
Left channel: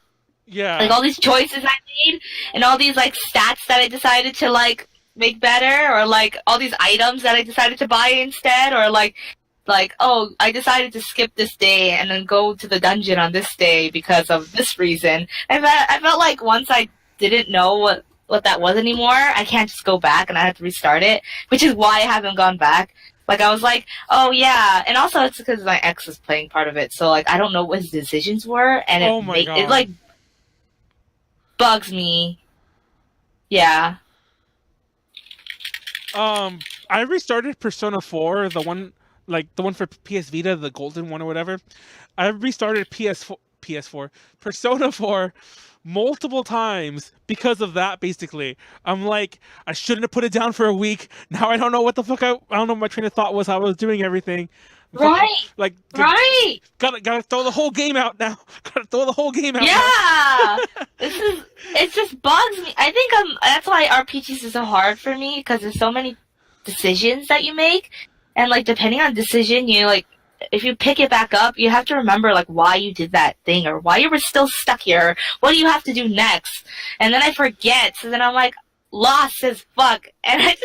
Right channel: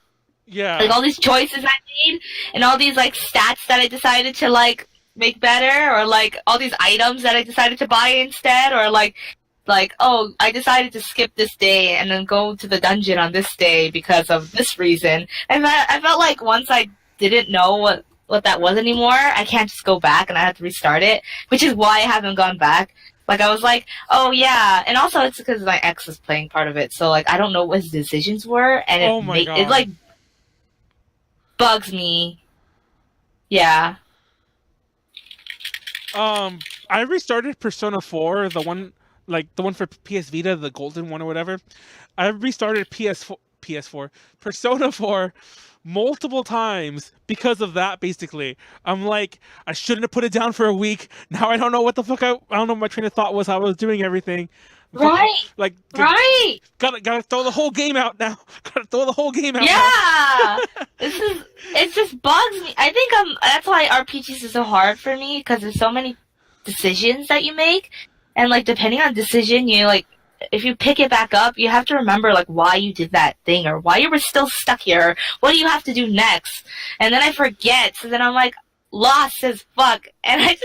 Yeah. Like all these choices I made and all these like stats that I decided to like make better, or like all these items that I decided to buy instead, or like oh, I decided to skip this day and then go to the dungeon on this day because of this reason. And I felt like once I didn't know what that was anymore, I can't just go back and I have to restart it, which is why I haven't gone back. Like, I was like, oh yeah, and also it's because my ex was playing part of it, so like I don't know what his decisions were, and it like bugs me. Yeah. I restarted Persona 4, the one for PS Vita, the golden one or whatever. I restarted PS4, Persona 4 multiple times because of that. Basically, I'm like, I shouldn't have put it down for a week. Now I don't know what the fuck. I don't know what my train of thought was. How I was doing everything. Fucking, Right. like, Right. gotta throw the whole game out now. Gotta throw the whole game out now. Yeah. It just bugs me. I think that's why RPGs is so hard for me, because there's so many decisions that you make, and like depending on decision, you like, if you pick it back up, you have to remember like why you did that thing, or why you were still stuck here. What do you have to do next? And then I forget, so then I'm like lost as fuck, and I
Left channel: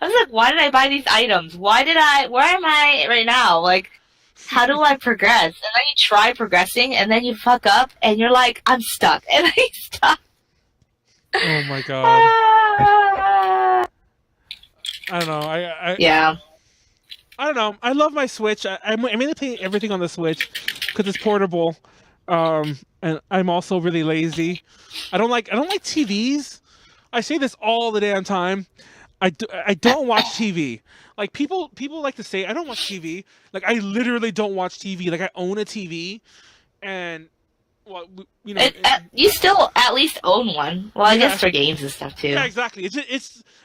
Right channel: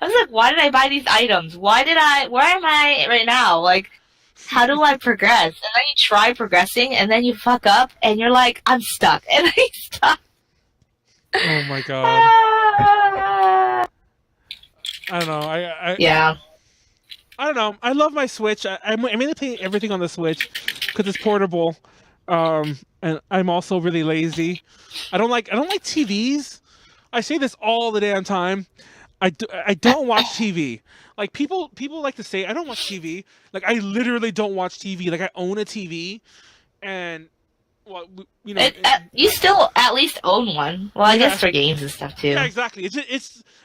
was like, why did I buy these items? Where am I right now? Like, how do I progress? And then you try progressing, and then you fuck up, and you're like, I'm stuck, and then you stop. Oh my god. I don't know. Yeah. I don't know. I love my Switch. I mainly play everything on the Switch because it's portable, and I'm also really lazy. I don't like TVs. I say this all the damn time. I don't watch TV. Like people like to say I don't watch TV. Like I literally don't watch TV. Like I own a TV, and well, you know, you still at least own one. Well, I guess for games and stuff too. Yeah, exactly.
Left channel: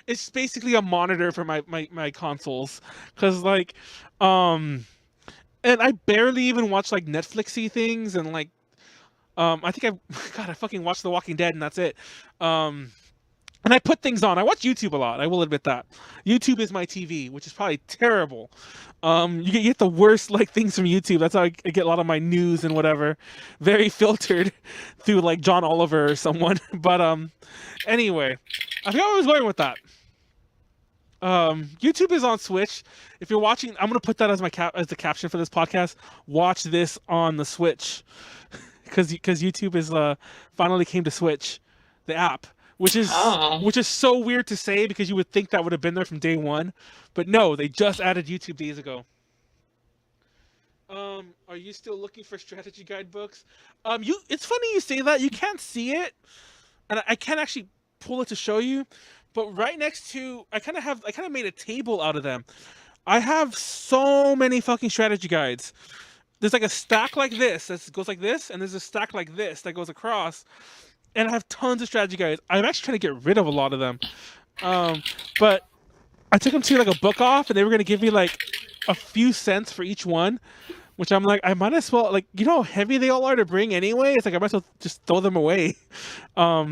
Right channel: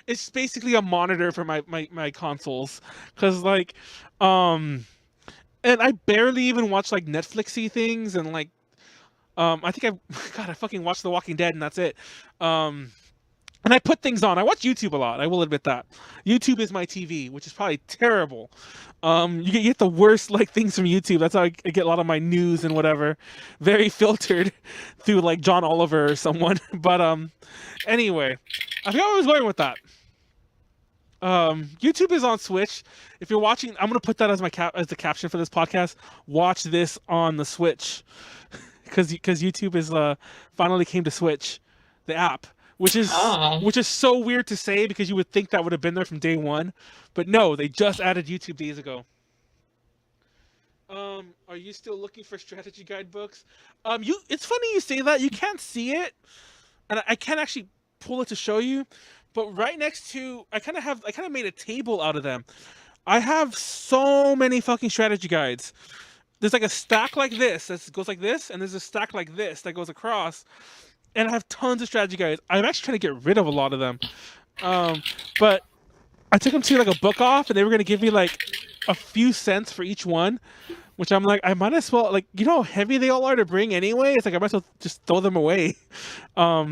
It's basically a monitor for my consoles, because like, and I barely even watch like Netflixy things, and like, I think I fucking watch The Walking Dead, and that's it. And I put things on. I watch YouTube a lot. I will admit that. YouTube is my TV, which is probably terrible. You get the worst like things from YouTube. That's how I get a lot of my news and whatever. Very filtered through like John Oliver or someone. But anyway, I forgot where I was going with that. YouTube is on Switch. If you're watching, I'm gonna put that as as the caption for this podcast. Watch this on the Switch, because YouTube is finally came to Switch, the app. Which is so weird to say, because you would think that would have been there from day one, but no, they just added YouTube days ago. Are you still looking for strategy guidebooks? It's funny you say that. You can't see it, and I can't actually pull it to show you, but right next to, I kind of made a table out of them. I have so many fucking strategy guides. There's like a stack like this that goes like this, and there's a stack like this that goes across. And I have tons of strategy guides. I'm actually trying to get rid of a lot of them. But I took them to like a book off, and they were going to give me like a few cents for each one, which I'm like, I might as well, like, you know how heavy they all are to bring anyway? It's like, I might as well just throw them away. Yeah,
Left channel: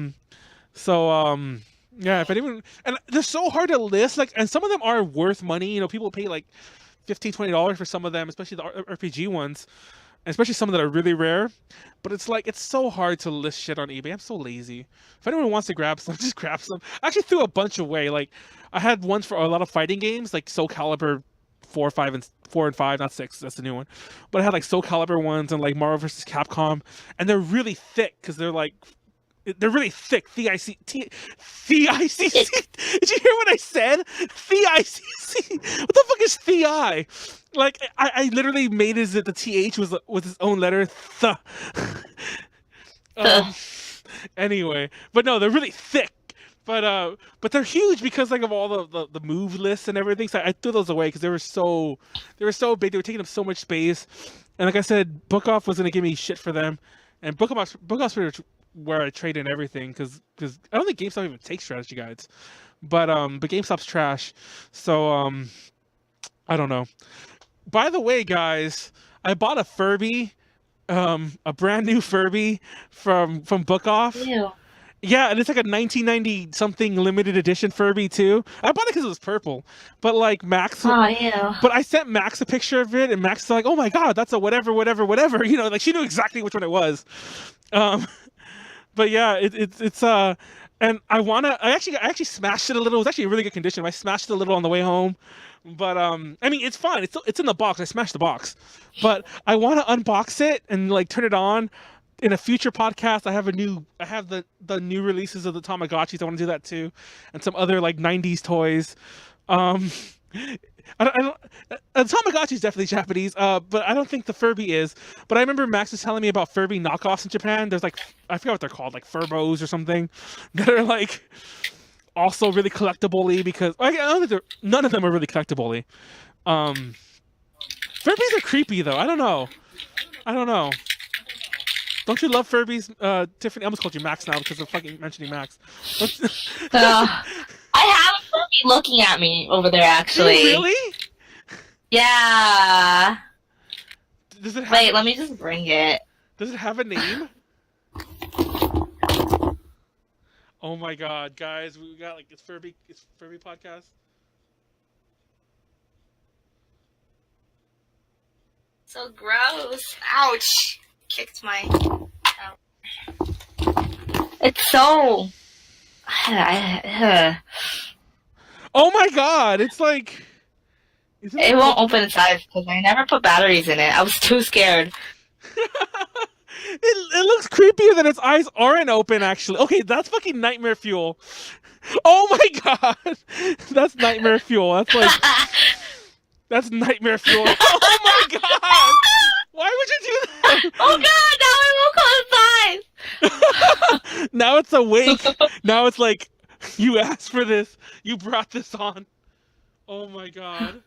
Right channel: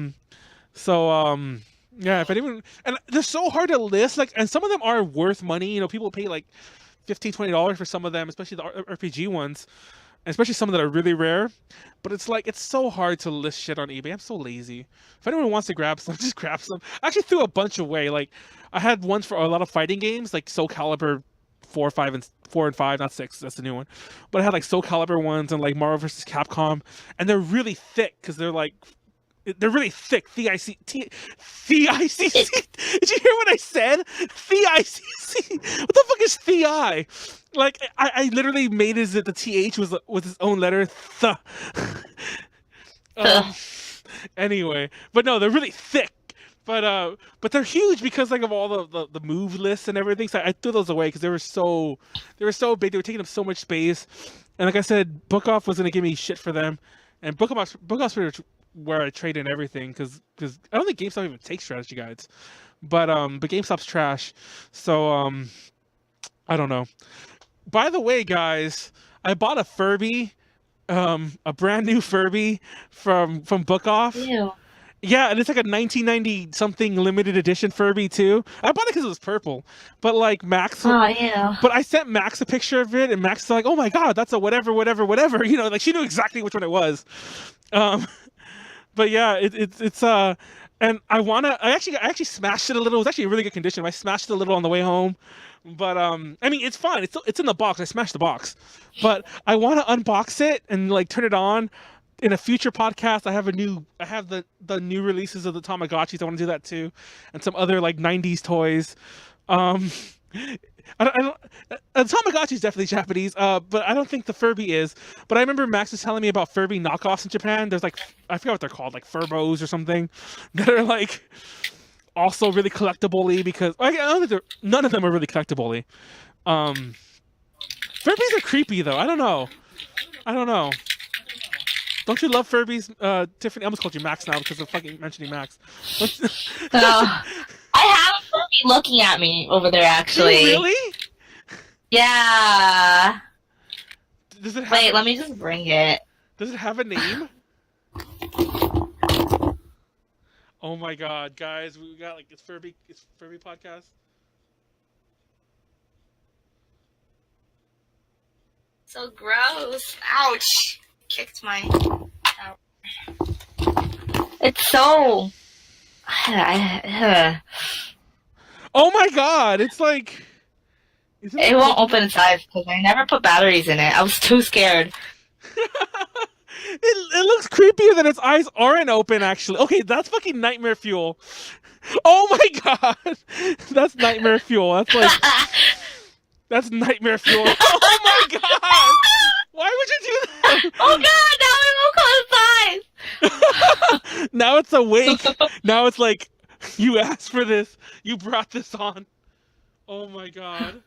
if anyone, and they're so hard to list, like, and some of them are worth money. You know, people pay like $15, $20 for some of them, especially the RPG ones. And especially some that are really rare, but it's like, it's so hard to list shit on eBay. I'm so lazy. If anyone wants to grab some, just grab some. I actually threw a bunch away. Like, I had ones for a lot of fighting games, like Soul Calibur 4 and 5, not 6. That's the new one. But I had like Soul Calibur ones and like Marvel vs. Capcom, and they're really thick because they're really thick. TICC. Did you hear what I said? TICC. What the fuck is TI? Like, I literally made it that the TH was its own letter. Anyway, but no, they're really thick. But they're huge because like of all the move lists and everything. So I threw those away because they were so big. They were taking up so much space. And like I said, Book Off was gonna give me shit for them. And Book Off's where I trade in everything, because I don't think GameStop even takes strategy guides, but GameStop's trash, so I don't know. By the way, guys, I bought a Furby, a brand new Furby from Book Off. Ew. Yeah, and it's like a 1990 something limited edition Furby too. I bought it because it was purple, but like Max. Oh, yeah. But I sent Max a picture of it, and Max was like, "Oh my god, that's a whatever." You know, like she knew exactly which one it was. But yeah, it's and I actually smashed it a little. It was actually in really good condition. I smashed it a little on the way home, but I mean, it's fine. It's in the box. I smashed the box, but I want to unbox it and like turn it on in a future podcast. I have the new releases of the Tamagotchis. I want to do that too, and some other like 90s toys. I don't Tamagotchi is definitely Japanese, but I don't think the Furby is. But I remember Max was telling me about Furby knockoffs in Japan. There's like, I forgot what they're called, like Furbos or something, that are like also really collectible-y, because I don't think none of them are really collectible-y. Furbies are creepy though. I don't know. Don't you love Furbies, Tiffany? I almost called you Max now because of fucking mentioning Max. I have a Furby looking at me over there, actually. Really? Yeah. Does it have Wait, let me just bring it. Does it have a name? Oh my god, guys, we got like it's Furby podcast. So gross. Ouch. Kicked my... It's so... Oh my god, it's like... It won't open inside because I never put batteries in it. I was too scared. It looks creepier than its eyes aren't open, actually. Okay, that's fucking nightmare fuel. Oh my god! That's nightmare fuel. That's like... That's nightmare fuel. Oh my god! Why would you do that? Oh god, now it won't come inside! Now it's awake. Now it's like, you asked for this. You brought this on. Oh my god.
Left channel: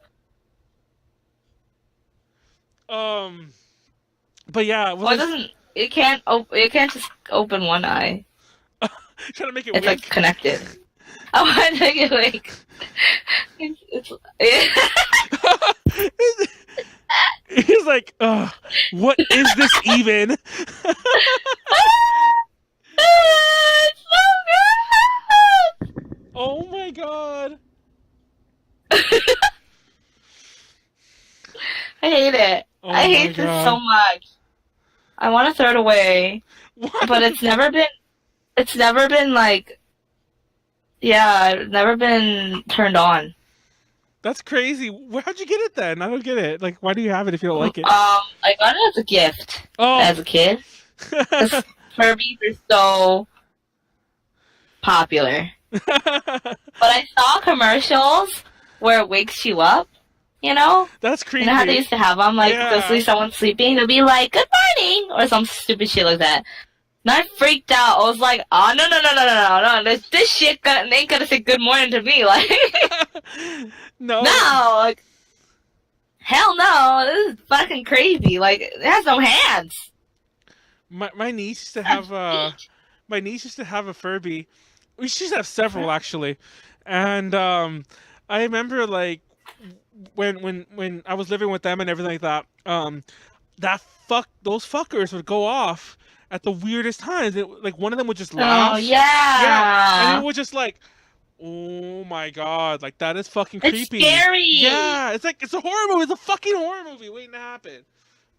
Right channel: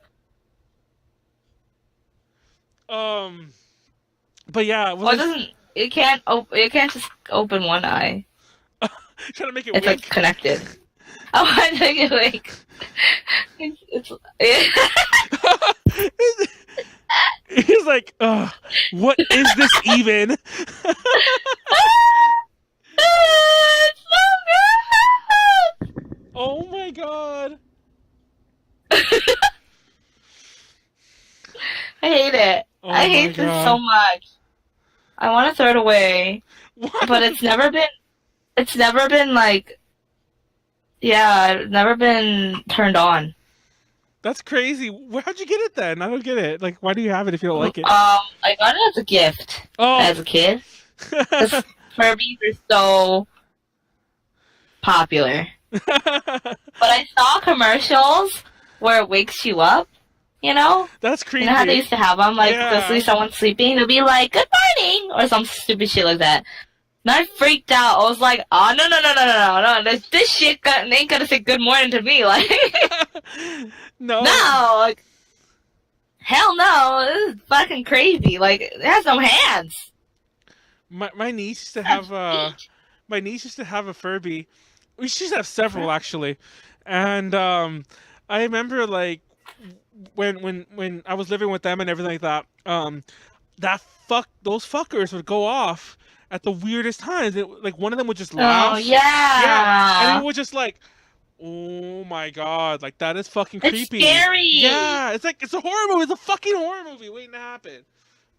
But yeah, Well, it can't just open one eye. Trying to make it It's wink. like connected. I want to make it wink. He's like, what is this even? It's so good! Oh my god. I hate it. Oh I my hate this God. so much. I want to throw it away, What? but it's never been like, yeah, it's never been turned on. That's crazy. How'd you get it then? I don't get it. Like, why do you have it if you don't like it? I got it as a gift Oh. as a kid. Furbies are so popular. But I saw commercials where it wakes you up, you know? That's creepy. You know how they used to have them? Like, Yeah. they'll see someone sleeping, they'll be like, good morning! Or some stupid shit like that. And I freaked out. I was like, oh, no. This shit ain't gonna say good morning to me. Like, No. no. Like, hell no. This is fucking crazy. Like, it has no hands. My niece used to have my niece used to have a Furby. We used to have several actually, and I remember like when I was living with them and everything like that. Those fuckers would go off at the weirdest times. Like one of them would just laugh. Oh, yeah. Yeah, and it was just like, oh my god, like that is fucking It's creepy. scary. Yeah, it's like it's a horror movie. It's a fucking horror movie waiting to happen.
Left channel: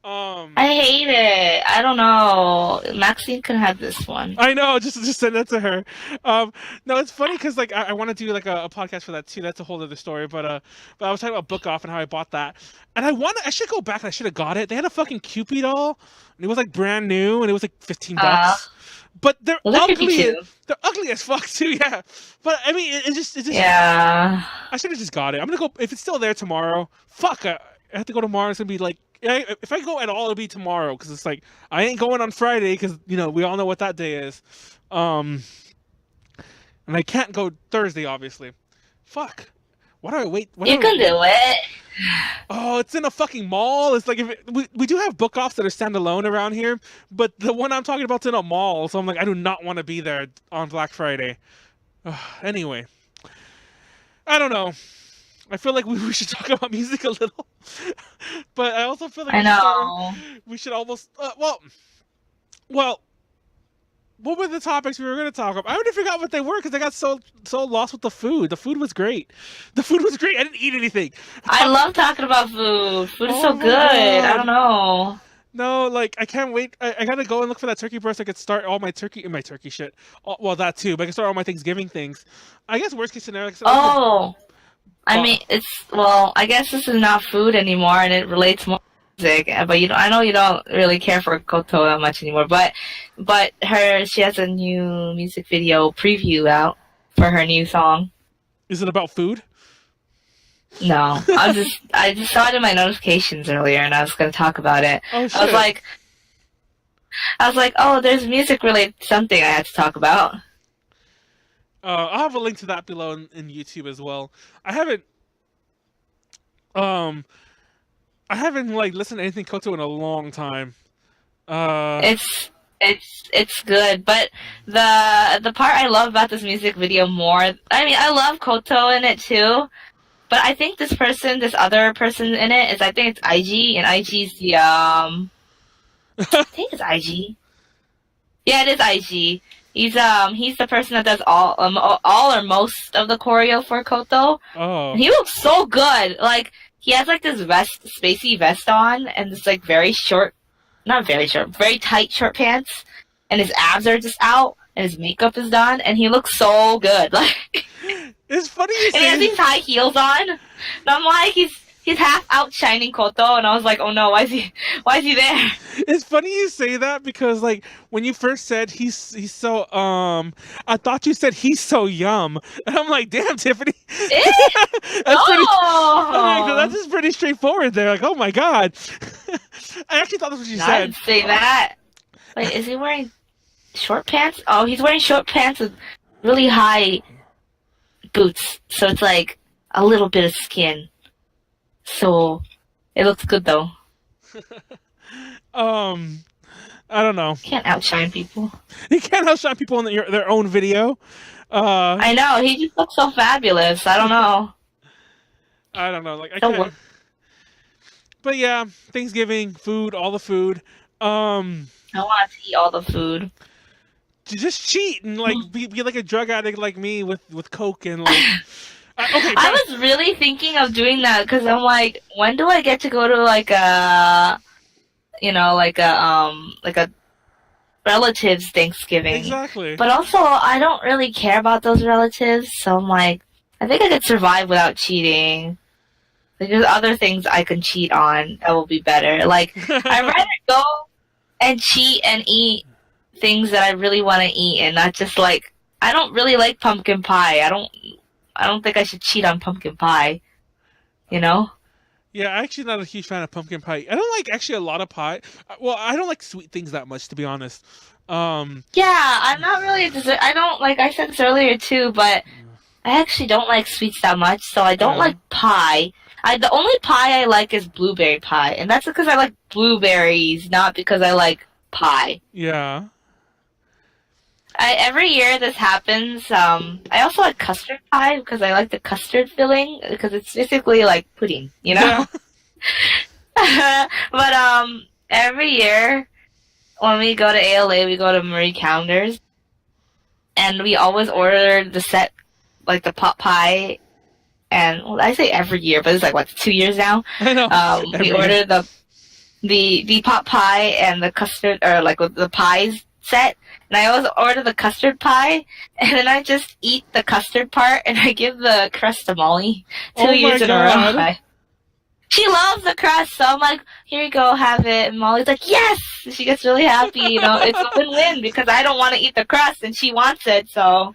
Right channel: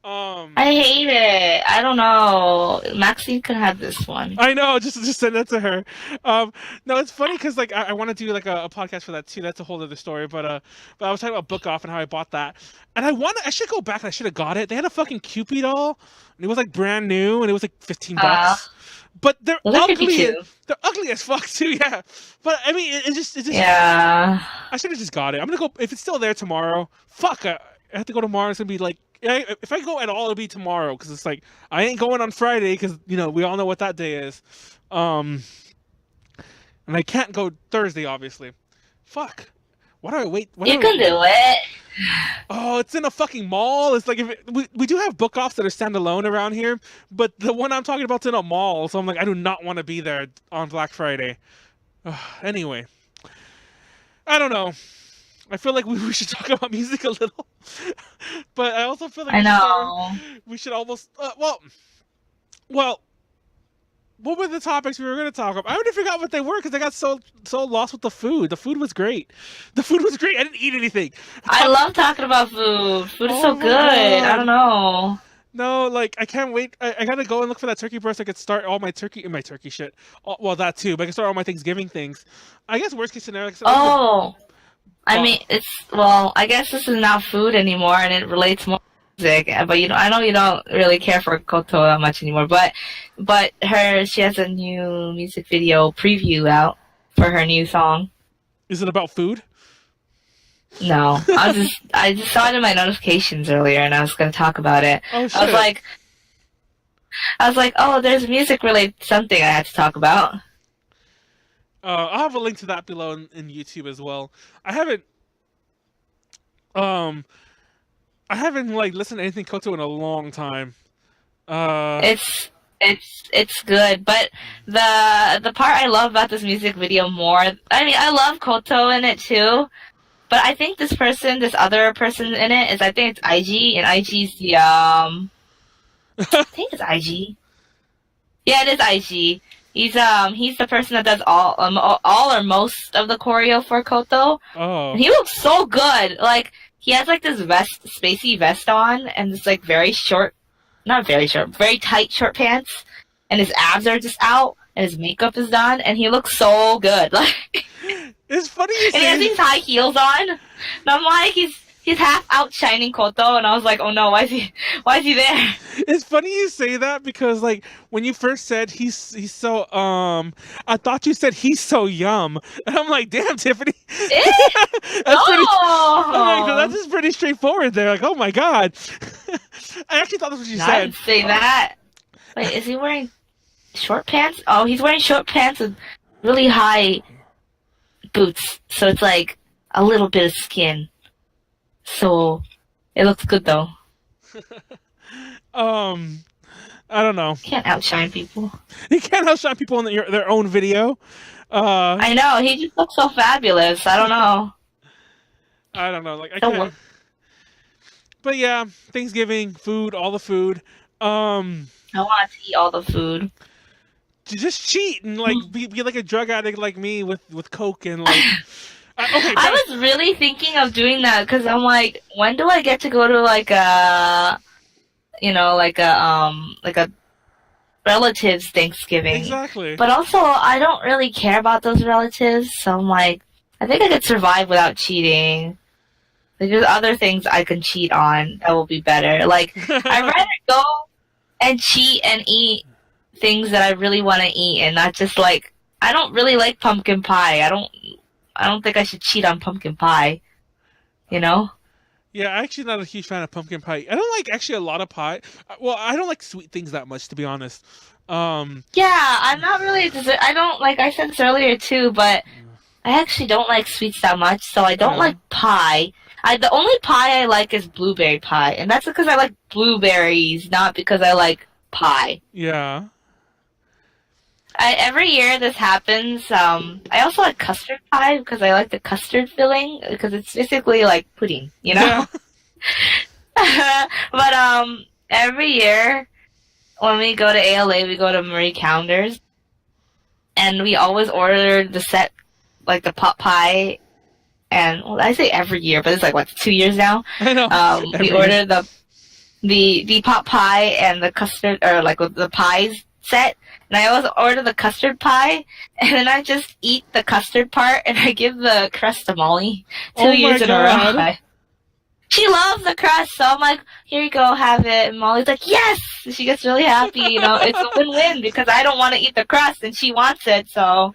I hate it. I don't know. Maxine could have this one. I know, just send that to her. No, it's funny because like I want to do like a podcast for that too. That's a whole other story. But I was talking about Book Off and how I bought that, and I should go back and I should have got it. They had a fucking Cupid doll, and it was like brand new, and it was like $15. But they're Well, they're ugly. creepy, too. They're ugly as fuck too. Yeah. But I mean, it just Yeah. I should have just got it. I'm gonna go if it's still there tomorrow. Fuck, I have to go tomorrow. It's gonna be like. If I go at all, it'll be tomorrow because it's like I ain't going on Friday because we all know what that day is, and I can't go Thursday obviously. Fuck, why do I wait? You can do it. Oh, it's in a fucking mall. It's like we do have book offs that are standalone around here, but the one I'm talking about's in a mall, so I'm like I do not want to be there on Black Friday. Anyway, I don't know. I feel like we should talk about music a little, but I also feel like we should almost well. What were the topics we were going to talk about? I already forgot what they were because I got so lost with the food. The food was great. I didn't eat anything. I love talking about food. Food is Oh so my good. God. I don't know. No, like I can't wait. I gotta go and look for that turkey breast. I could start all my turkey shit. Well, that too, but I can start all my Thanksgiving things. I guess worst case scenario. Oh. I mean, I guess this is not food anymore, and it relates more to music. But I know you don't really care for KOTO that much anymore. But she has a new music video preview out for her new song. Is it about food? No, I just saw it in my notifications earlier, and I was going to talk about it. Oh shit! I was like, oh, there's music related to something I had to talk about. I'll have a link to that below in YouTube as well. I haven't like listened to anything KOTO in a long time. It's It's good, but the part I love about this music video more, I mean, I love Koto in it too, but I think this other person in it is, I think it's IG, and IG's the I think it's IG. Yeah, it is IG. He's the person that does all or most of the choreo for Koto. Oh. And he looks so good. Like, he has like this spacey vest on, and this like very short, not very short, very tight short pants, and his abs are just out, and his makeup is done, and he looks so good. Like, It's funny you and he has say. these high heels on, and I'm like, he's half outshining Koto, and I was like, oh no, why is he there? It's funny you say that because like when you first said he's so I thought you said he's so yum, and I'm like, damn, Tiffany. That's pretty. I'm like, that's just pretty straightforward. There, like, oh my god. I actually thought that's what you I said. didn't say that. Wait, is he wearing short pants? Oh, he's wearing short pants with really high boots, so it's like a little bit of skin. So it looks good though. I don't know. Can't outshine people. You can't outshine people in their own video. I know, he just looks so fabulous. I don't know. I don't know. Like I So can't. But yeah, Thanksgiving food, all the food. I want to eat all the food. To just cheat and like be like a drug addict like me with coke and like. Okay. I was really thinking of doing that because I'm like, when do I get to go to like a relatives Thanksgiving? Exactly. But also, I don't really care about those relatives, so I'm like, I think I could survive without cheating. Like, there's other things I can cheat on that will be better. Like, I'd rather go and cheat and eat things that I really want to eat, and not just like, I don't really like pumpkin pie. I don't think I should cheat on pumpkin pie. You know? Yeah, I'm actually not a huge fan of pumpkin pie. I don't like actually a lot of pie. Well, I don't like sweet things that much, to be honest. Yeah, I'm not really. I don't like. I said this earlier too, but I actually don't like sweets that much, so I don't like pie. The only pie I like is blueberry pie, and that's because I like blueberries, not because I like pie. Yeah. Every year this happens. I also like custard pie because I like the custard filling because it's basically like pudding, you know. Yeah. But every year when we go to ALA, we go to Marie Callender's, and we always order the set, like the pot pie. And well, I say every year, but it's like what, 2 years now. I know. We order the pot pie and the custard, or like the pies set. And I always order the custard pie, and then I just eat the custard part, and I give the crust to Molly 2 years in a row. She loves the crust, so I'm like, here you go, have it. And Molly's like, yes! And she gets really happy, you know. It's a win-win, because I don't want to eat the crust, and she wants it, so.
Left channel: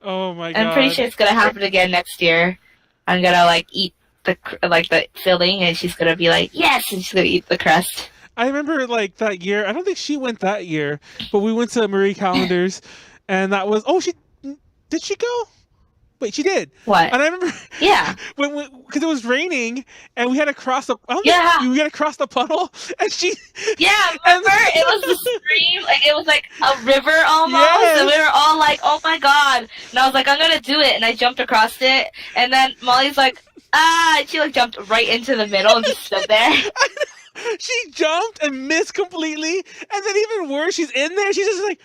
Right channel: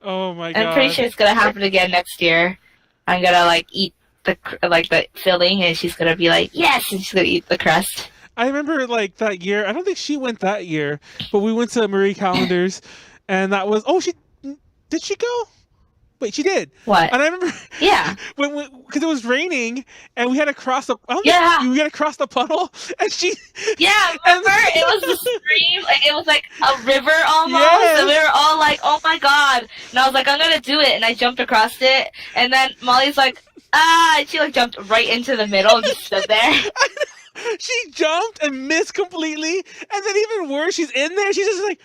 Oh my god. I'm pretty sure it's gonna happen again next year. I'm gonna, like, eat the filling, and she's gonna be like, yes! And she's gonna eat the crust. I remember like that year. I don't think she went that year, but we went to Marie Callender's, and that was. Oh, did she go? Wait, she did. What? And I remember. Yeah. Because it was raining, and we had to cross the. Yeah. We had to cross the puddle, and she. Yeah, remember? It was the stream. Like, it was like a river almost, Yes. and we were all like, "Oh my god!" And I was like, "I'm gonna do it," and I jumped across it, and then Molly's like, "Ah!" And she like jumped right into the middle and just stood there. She jumped and missed completely, and then even worse, she's in there. She's just like,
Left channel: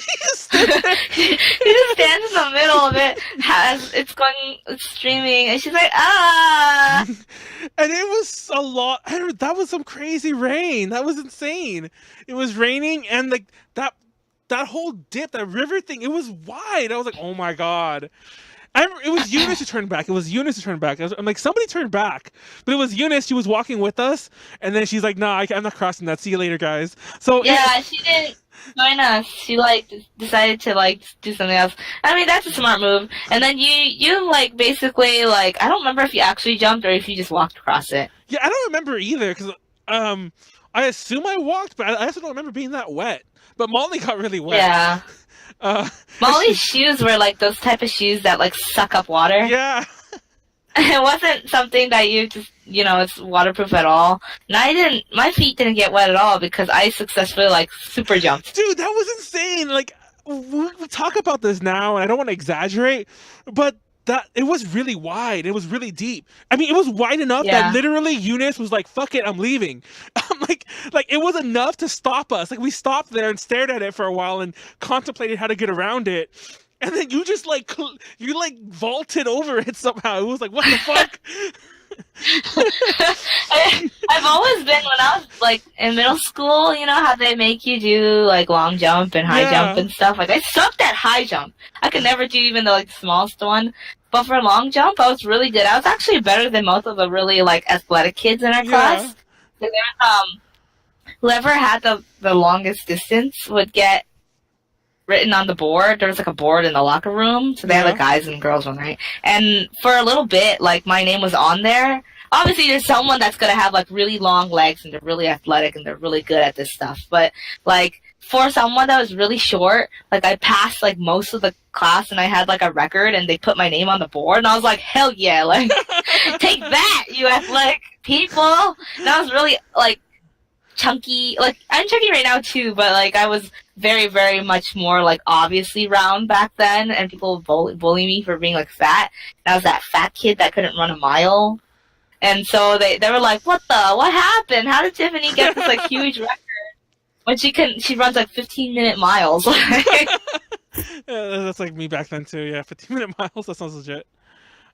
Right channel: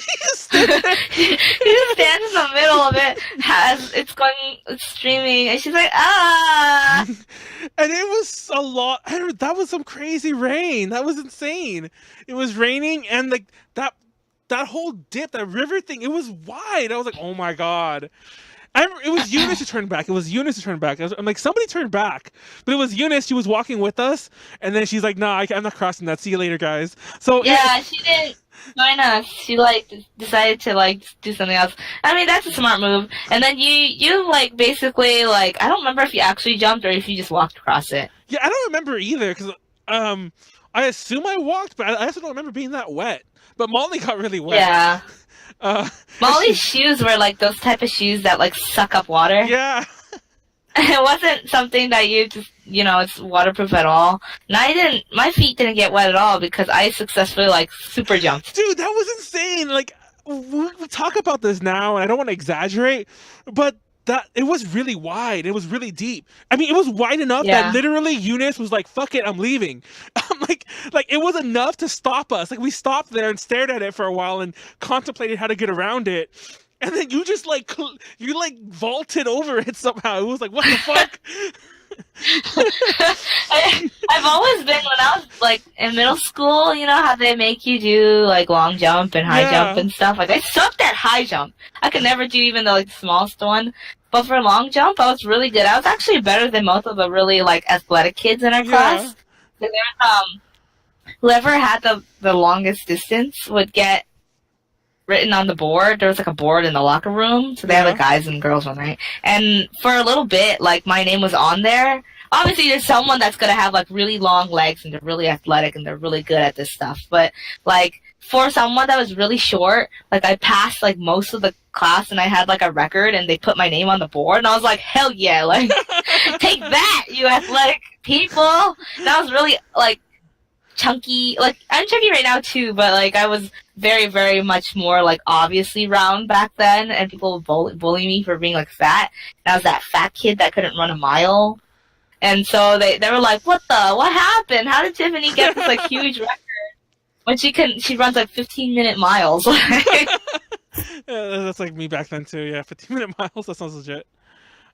she just stood there. She just stands in the middle of it as it's streaming, and she's like, ah. And it was a lot. That was some crazy rain. That was insane. It was raining, and like that whole dip, that river thing, it was wide. I was like, oh my god. It was Eunice who turned back. I'm like, somebody turned back. But it was Eunice. She was walking with us. And then she's like, nah, I'm not crossing that. See you later, guys. So yeah, she didn't join us. She, like, decided to, like, do something else. I mean, that's a smart move. And then you like, basically, like, I don't remember if you actually jumped or if you just walked across it. Yeah, I don't remember either. Because I assume I walked, but I also don't remember being that wet. But Molly got really wet. Yeah. Molly's shoes were like those type of shoes that like suck up water. Yeah. It wasn't something that you it's waterproof at all. And my feet didn't get wet at all because I successfully like super jumped. Dude, that was insane. Like, we talk about this now, and I don't want to exaggerate, but that it was really wide. It was really deep. I mean, it was wide enough that literally Eunice was like, "Fuck it, I'm leaving." I'm like it was enough to stop us. Like we stopped there and stared at it for a while and contemplated how to get around it. And then you just like vaulted over it somehow. It was like, what the fuck? I've always been, when I was like in middle school, you know how they make you do like long jump and high jump and stuff. Like I sucked at high jump. I could never do even the like smallest one. But for long jump, I was really good. I was actually better than most of the really like athletic kids in our class. So whoever had the longest distance would get written on the board. There was like a board in the locker room, so they had like guys and girls one, right? And for a little bit, like my name was on there. Obviously, there's someone that's gonna have like really long legs and they're really athletic and they're really good at this stuff. But like for someone that was really short, like I passed like most of the class and I had like a record and they put my name on the board and I was like, hell yeah, like take that, you athletic people. And I was really like chunky. Like I'm chunky right now too, but like I was very, very much more like obviously round back then, and people would bully me for being like fat. And I was that fat kid that couldn't run a mile, and so they were like, what happened? How did Tiffany get this like huge record when she runs like 15-minute miles? That's like me back then too. Yeah, 15-minute miles. That sounds legit.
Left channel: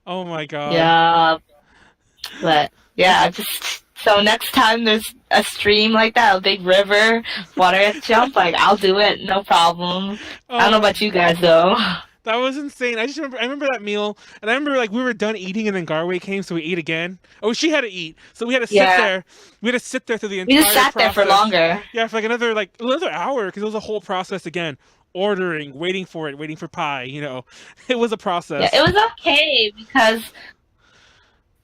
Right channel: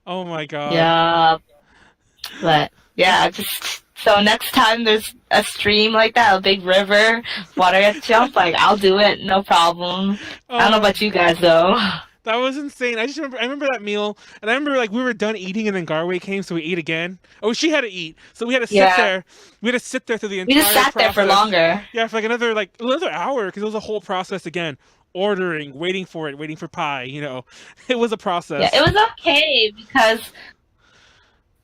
Oh my god. Yeah, but yeah, so next time there's a stream like that, a big river, water jump, like I'll do it, no problem. I don't know about you guys though. That was insane. I remember that meal, and I remember like we were done eating, and then Garway came, so we ate again. Oh, she had to eat, so we had to sit there. We had to sit there through the entire process. We just sat there for longer. Yeah, for like another hour, because it was a whole process again. Ordering, waiting for pie. You know, it was a process. Yeah, it was okay because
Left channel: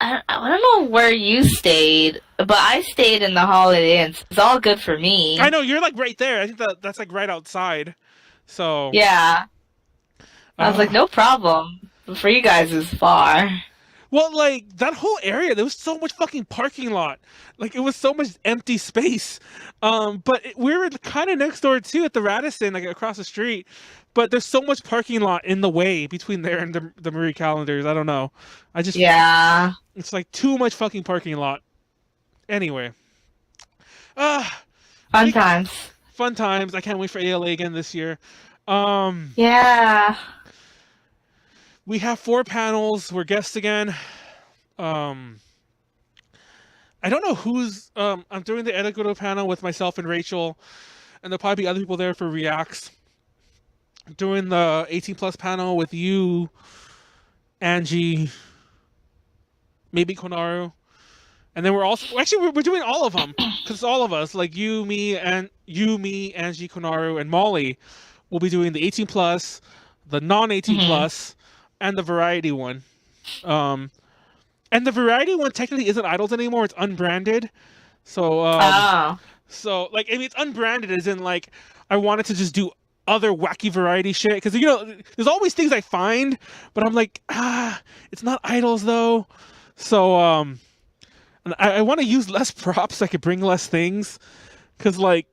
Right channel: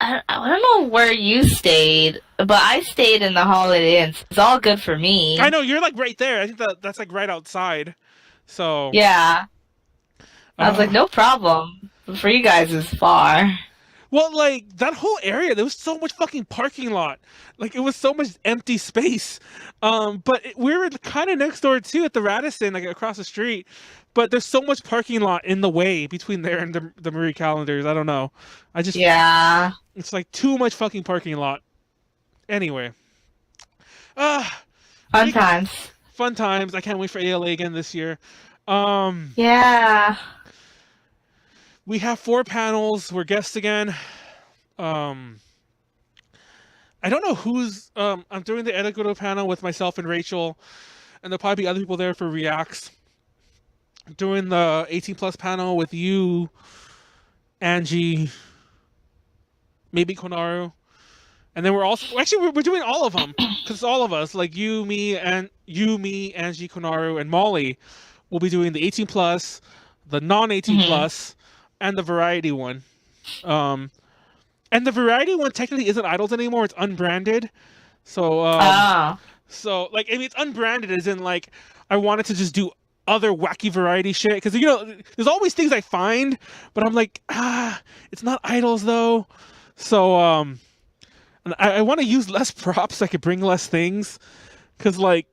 I don't know where you stayed, but I stayed in the Holiday Inn. So it's all good for me. I know, you're like right there. I think that's like right outside. So yeah, I was like, no problem. For you guys, it's far. Well, like that whole area, there was so much fucking parking lot. Like it was so much empty space. But we were kind of next door too at the Radisson, like across the street. But there's so much parking lot in the way between there and the Marie Callender's. I don't know. It's like too much fucking parking lot. Anyway. Fun times. Fun times. I can't wait for ALA again this year. Yeah. We have 4 panels. We're guests again. I don't know who's... I'm doing the Edagoto panel with myself and Rachel. And there'll probably be other people there for Reacts. Doing the 18+ panel with you, Angie, maybe Konaru. And then we're doing all of them. Because it's all of us. Like me, Angie, Konaru, and Molly will be doing the 18+, the non-18+, and the variety one. And the variety one technically isn't Idols anymore. It's unbranded. So, so like, I mean, it's unbranded as in like, I wanted to just do other wacky variety shit. Because, you know, there's always things I find, but I'm like, it's not Idols though. So, I want to use less props so I could bring less things. Because, like,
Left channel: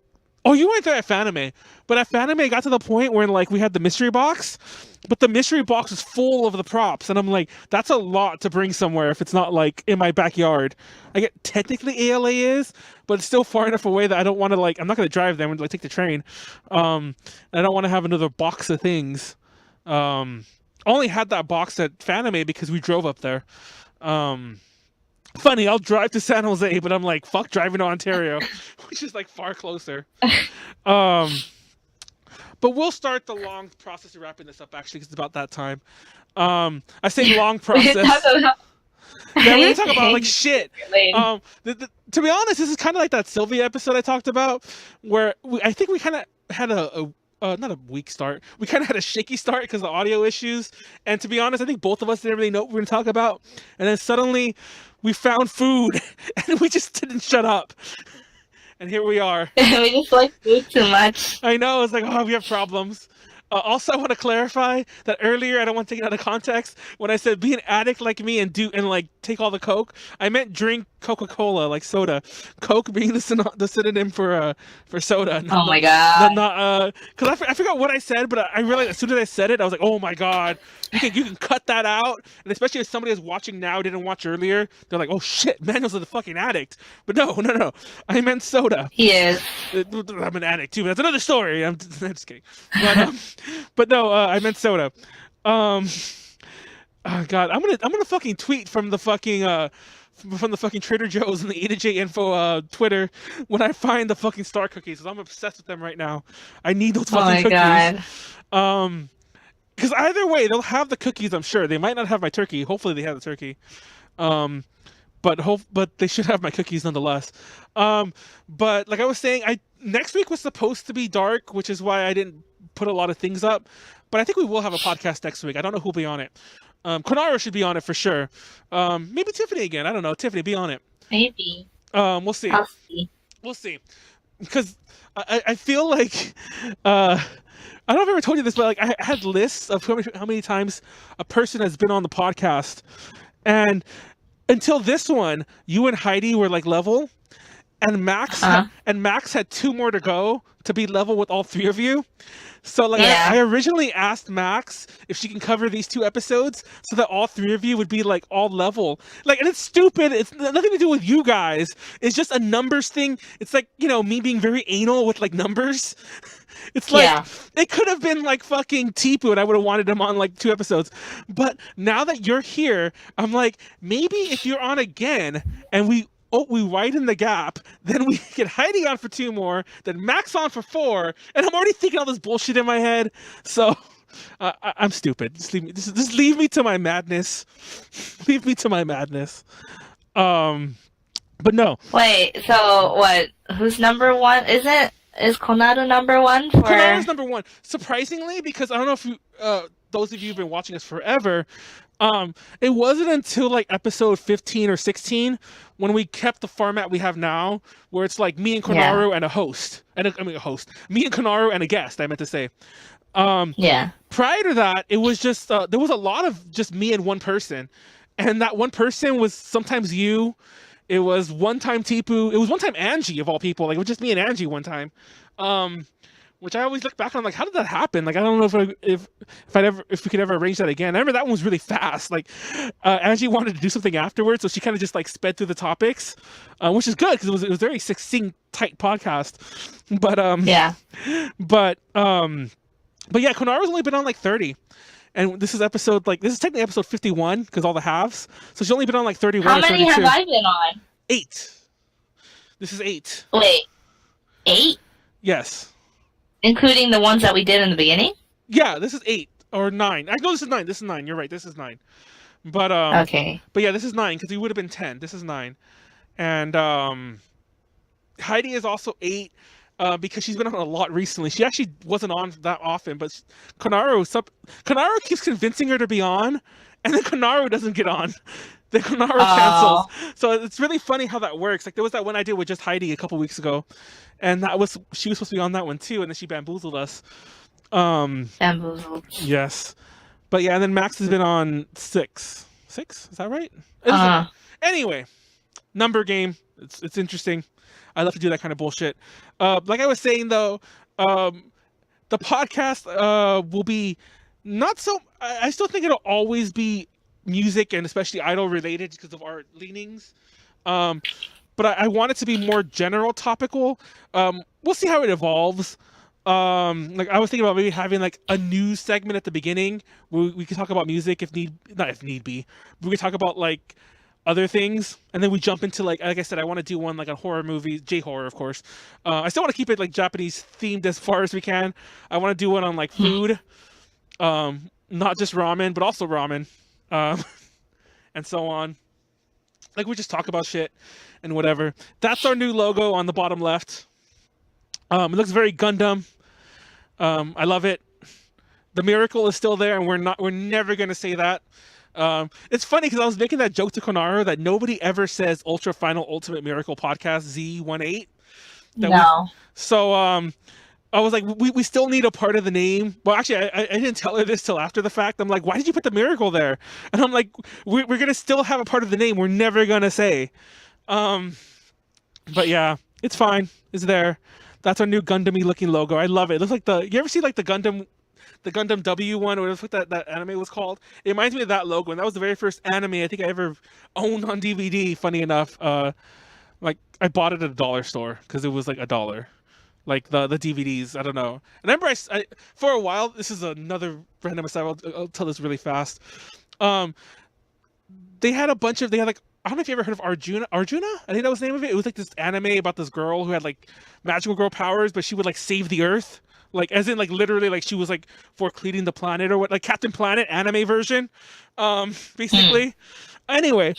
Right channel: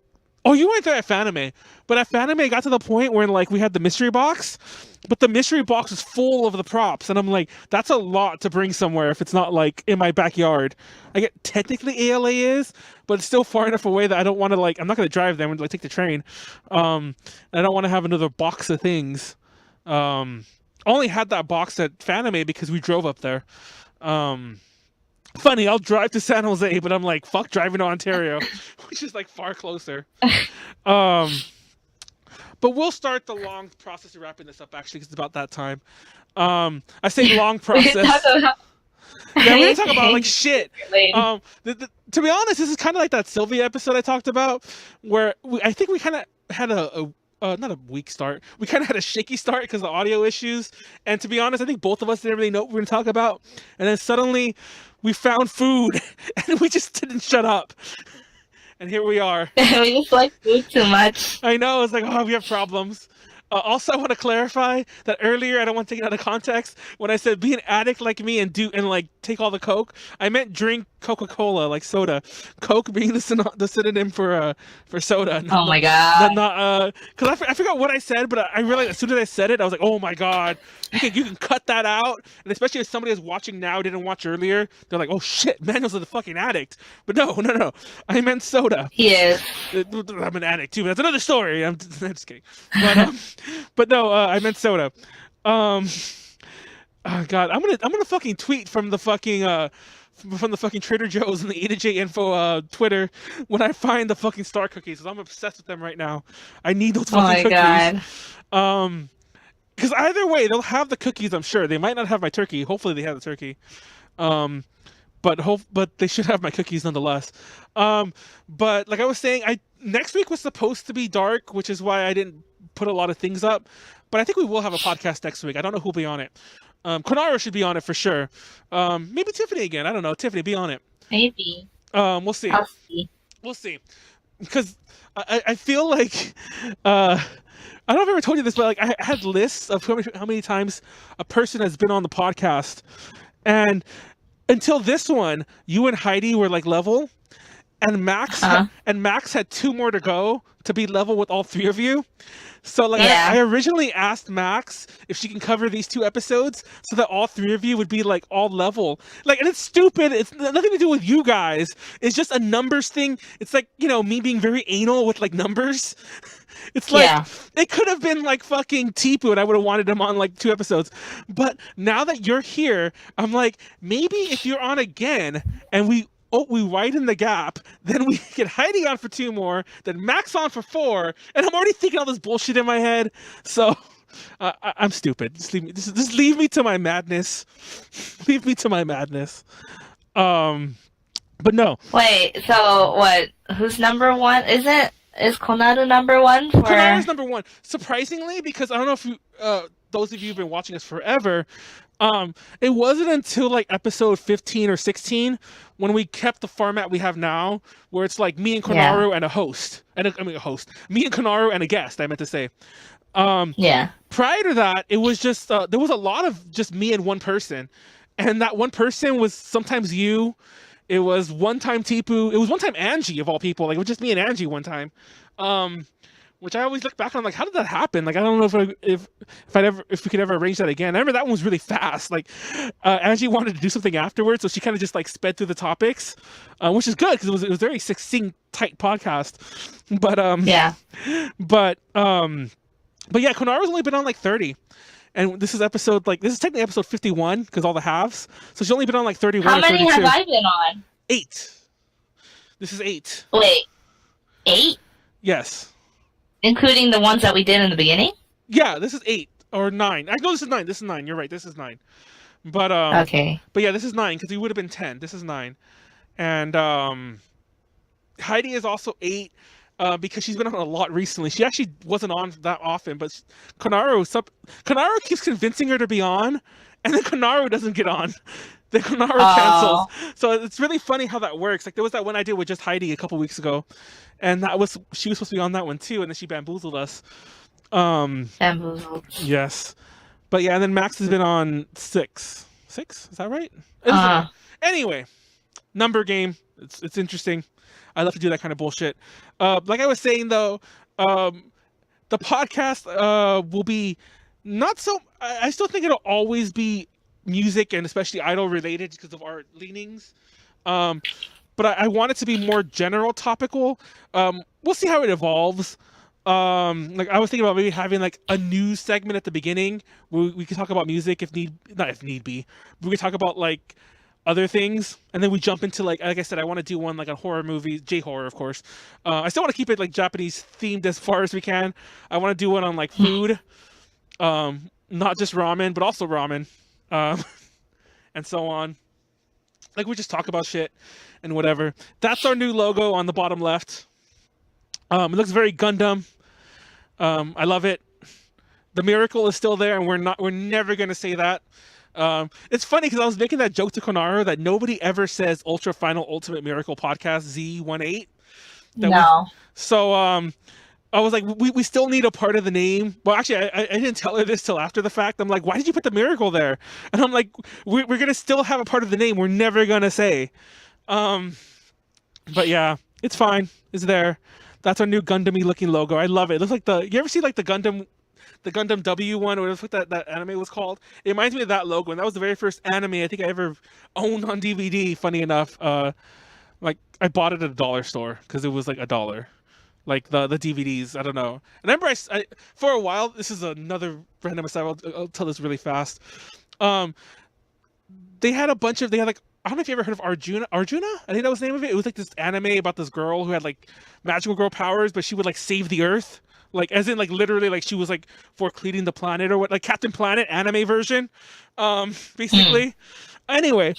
oh, you weren't there at Fanime. But at Fanime, it got to the point where, like, we had the mystery box. But the mystery box was full of the props. And I'm like, that's a lot to bring somewhere if it's not, like, in my backyard. I get technically ALA is, but it's still far enough away that I don't want to, like, I'm not going to drive there. I'm going to, like, take the train. I don't want to have another box of things. Only had that box at Fanime because we drove up there. Funny, I'll drive to San Jose, but I'm like, fuck driving to Ontario, which is like far closer. But we'll start the long process of wrapping this up, actually, because it's about that time. I say long process. Yeah, we're going to talk about, like, shit. To be honest, this is kind of like that Sylvia episode I talked about, where I think we kind of had not a weak start. We kind of had a shaky start because of the audio issues. And to be honest, I think both of us didn't really know what we were going to talk about. And then suddenly we found food and we just didn't shut up. And here we are. We just like food too much. I know. It's like, oh, we have problems. Also, I want to clarify that earlier, I don't want to take it out of context. When I said be an addict like me and like take all the Coke, I meant drink Coca-Cola, like soda. Coke being the synonym for soda. Oh my god. Because I forgot what I said, but I realized as soon as I said it, I was like, oh my god, you can cut that out. And especially if somebody is watching now didn't watch earlier, they're like, oh shit, Manuel's a fucking addict. But no, I meant soda. He is. I'm an addict too, but that's another story. I'm just kidding. But no, I meant soda. Oh God, I'm gonna fucking tweet from the fucking Trader Joe's and the A to J Info Twitter when I find the fucking star cookies, because I'm obsessed with them right now. I need those fucking cookies. God. Because either way, they'll have the cookies. I'm sure they might not have my turkey. Hopefully, they have the turkey. But they should have my cookies nonetheless. But like I was saying, next week was supposed to be dark, which is why I didn't put a lot of things up. But I think we will have a podcast next week. I don't know who'll be on it. Konaro should be on it for sure. Maybe Tiffany again. I don't know. Tiffany, be on it. Maybe. We'll see. I'll see. We'll see. Because I feel like I don't know if I ever told you this, but like I had lists of how many times a person has been on the podcast, and until this one, you and Heidi were like level, and Max had 2 more to go to be level with all 3 of you. So like I originally asked Max if she can cover these 2 episodes so that all 3 of you would be like all level. Like, and it's stupid. It's nothing to do with you guys. It's just a numbers thing. It's like, you know, me being very anal with like numbers. It's like it could have been like fucking Tipu and I would have wanted him on like 2 episodes. But now that you're here, I'm like, maybe if you're on again and we widen the gap, then we get Heidi on for 2 more, then Max on for 4, and I'm already thinking all this bullshit in my head. So I'm stupid. Just leave me to my madness. Leave me to my madness. But no. Wait, so what? Who's number 1? Is Konado number 1? Konado's number 1. Surprisingly, because I don't know if you, those of you who've been watching us forever, it wasn't until like episode 15 or 16 when we kept the format we have now, where it's like me and Konaro and a host, me and Konaro and a guest. I meant to say. Prior to that, it was just there was a lot of just me and one person, and that one person was sometimes you. It was one time Tipu. It was one time Angie of all people. Like it was just me and Angie one time. Which I always look back on, like, how did that happen? Like, I don't know if we could ever arrange that again. I remember that one was really fast. Like, Angie wanted to do something afterwards, so she kind of just like sped through the topics, which is good because it was very succinct, tight podcast. But yeah, Konaro's only been on like 30, and this is technically episode 51 because all the halves. So she's only been on like 31 or 32. How many have I been on? 8. This is 8. Wait, 8? Yes. Including the ones that we did in the beginning? Yeah, this is 8 or 9. I know this is 9. This is 9. You're right. This is 9. But okay. But yeah, this is 9 because we would have been 10. This is 9, and Heidi is also 8 because she's been on a lot recently. She actually wasn't on that often, but Konaro keeps convincing her to be on, and then Konaro doesn't get on. Then Konaro cancels. So it's really funny how that works. Like there was that one I did with just Heidi a couple weeks ago, and she was supposed to be on that one too, and then she bamboozled us. Bamboozled. Yes, but yeah, and then Max has been on 6. 6? Is that right? Anyway, number game. It's interesting. I love to do that kind of bullshit. Like I was saying though, the podcast will be not so. I still think it'll always be music and especially idol related because of our leanings. But I want it to be more general topical. We'll see how it evolves. Like I was thinking about maybe having like a news segment at the beginning where we could talk about music if need be. We could talk about like other things, and then we jump into like I said, I want to do one like a horror movie, J-horror of course. I still want to keep it like Japanese themed as far as we can. I want to do one on like food, not just ramen, but also ramen, and so on. Like we just talk about shit and whatever. That's our new logo on the bottom left. It looks very Gundam. I love it. The miracle is still there, and we're never gonna say that. It's funny because I was making that joke to Konaro that nobody ever says Ultra Final Ultimate Miracle Podcast Z18. No. So I was like, we still need a part of the name. Well, actually, I didn't tell her this till after the fact. I'm like, why did you put the miracle there? And I'm like, we're gonna still have a part of the name. We're never gonna say. Um, but yeah, it's fine. It's there. That's our new Gundam-y looking logo. I love it. It looks like you ever see like the Gundam W one, or what that anime was called? It reminds me of that logo, and that was the very first anime I think I ever owned on DVD. Funny enough, like I bought it at a dollar store because it was like $1. Like the DVDs, I don't know. I remember I for a while. This is another random aside. I'll tell this really fast. Um, they had like, I don't know if you ever heard of Arjuna. Arjuna, I think that was the name of it. It was like this anime about this girl who had like magical girl powers, but she would like save the Earth. Like as in like literally like she was like for cleaning the planet or what, like Captain Planet anime version. Basically. Anyway,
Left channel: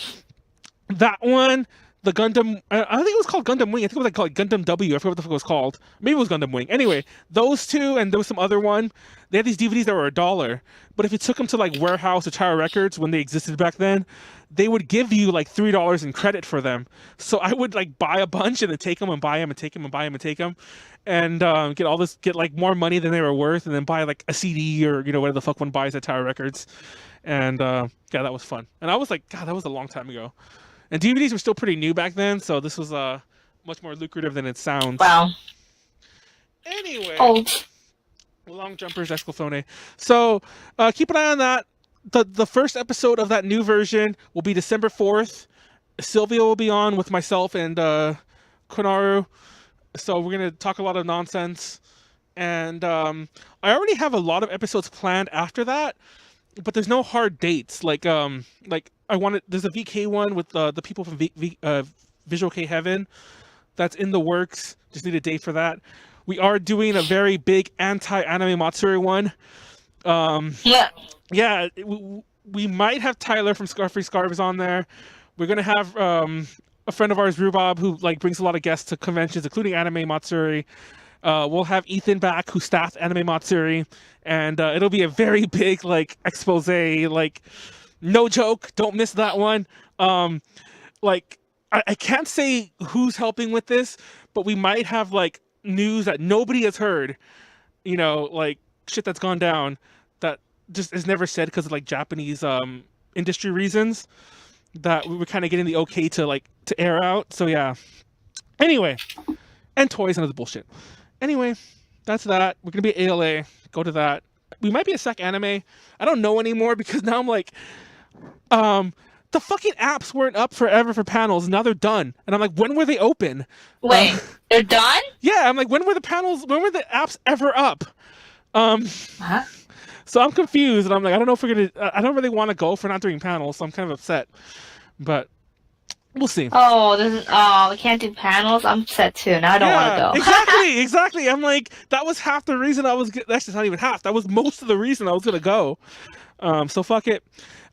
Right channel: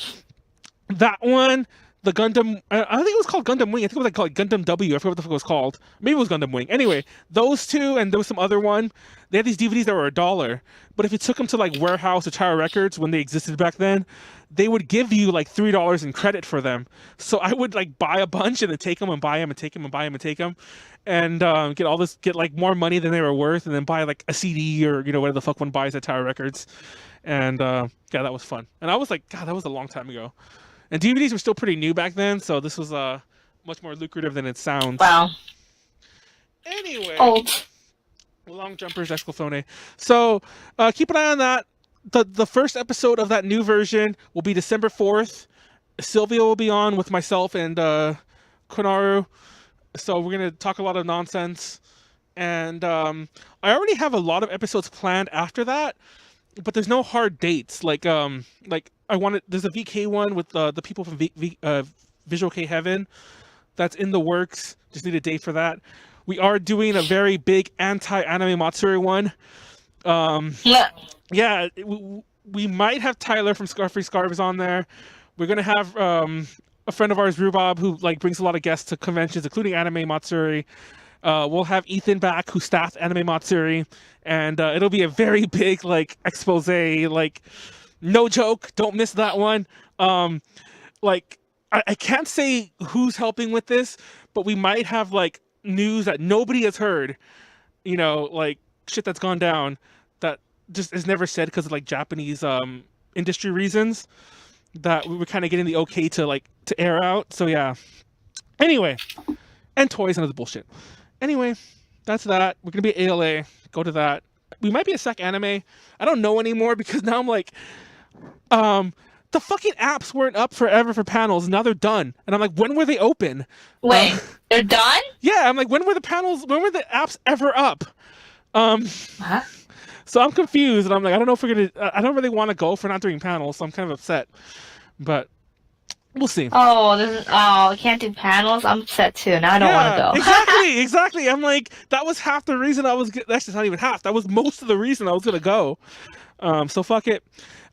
that one, the Gundam, I don't think it was called Gundam Wing. I think it was like called Gundam W. I forgot what the fuck it was called. Maybe it was Gundam Wing. Anyway, those two, and there was some other one. They had these DVDs that were $1. But if you took them to like Warehouse or Tower Records when they existed back then, they would give you like $3 in credit for them. So I would like buy a bunch and then take them and buy them and take them and buy them and take them, and get like more money than they were worth, and then buy like a CD or whatever the fuck one buys at Tower Records. And yeah, that was fun. And I was like, God, that was a long time ago. And DVDs were still pretty new back then, so this was much more lucrative than it sounds. Wow. Anyway, Old. long jumpers, exclamation. So keep an eye on that. The first episode of that new version will be December 4th. Sylvia will be on with myself and Konaru. So we're gonna talk a lot of nonsense. And I already have a lot of episodes planned after that, but there's no hard dates. Like there's a VK one with the people from Visual K Heaven that's in the works. Just need a date for that. We are doing a very big anti-anime Matsuri one. Yeah, we might have Tyler from Scarfree Scarves on there. We're gonna have a friend of ours, Rhubarb, who like brings a lot of guests to conventions, including Anime Matsuri. We'll have Ethan back, who staffed Anime Matsuri, and it'll be a very big like expose. Like, no joke, don't miss that one. Like I can't say who's helping with this, but we might have like news that nobody has heard. Like shit that's gone down that just is never said because of like Japanese industry reasons, that we were kind of getting the okay to air out. So yeah. Anyway, and toys and other bullshit. Anyway, that's that. We're gonna be at ALA. Go to that. We might be at Sec Anime. I don't know anymore because now I'm like, the fucking apps weren't up forever for panels. Now they're done, and I'm like, when were they open? Wait, they're done? Yeah, I'm like, when were the apps ever up? Huh? So I'm confused, and I'm like, I don't know if we're gonna. I don't really want to go for not doing panels, so I'm kind of upset. But we'll see. Oh, we can't do panels. I'm upset too. Now I don't want to go. Exactly. I'm like, that was half the reason I was. Actually, not even half. That was most of the reason I was gonna go. So fuck it.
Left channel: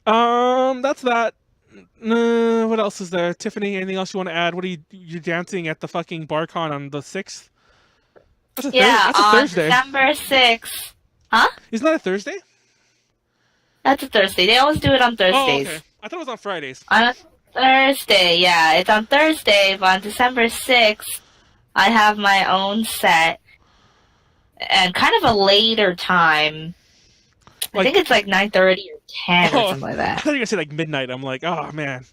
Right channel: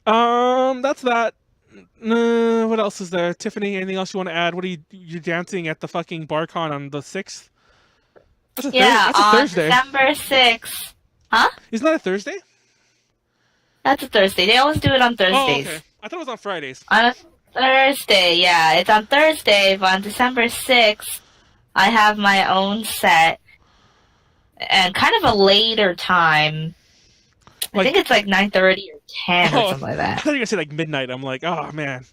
That's that. What else is there? Tiffany, anything else you want to add? What are you dancing at the fucking BarCon on the 6th? That's a Thursday. December 6th. Huh? Isn't that a Thursday? That's a Thursday. They always do it on Thursdays. Oh, okay. I thought it was on Fridays. On a Thursday, yeah. It's on Thursday, but on December 6th, I have my own set. And kind of a later time. I think it's like 9:30 or 10 or something like that. I thought you were going to say like midnight. I'm like, oh, man.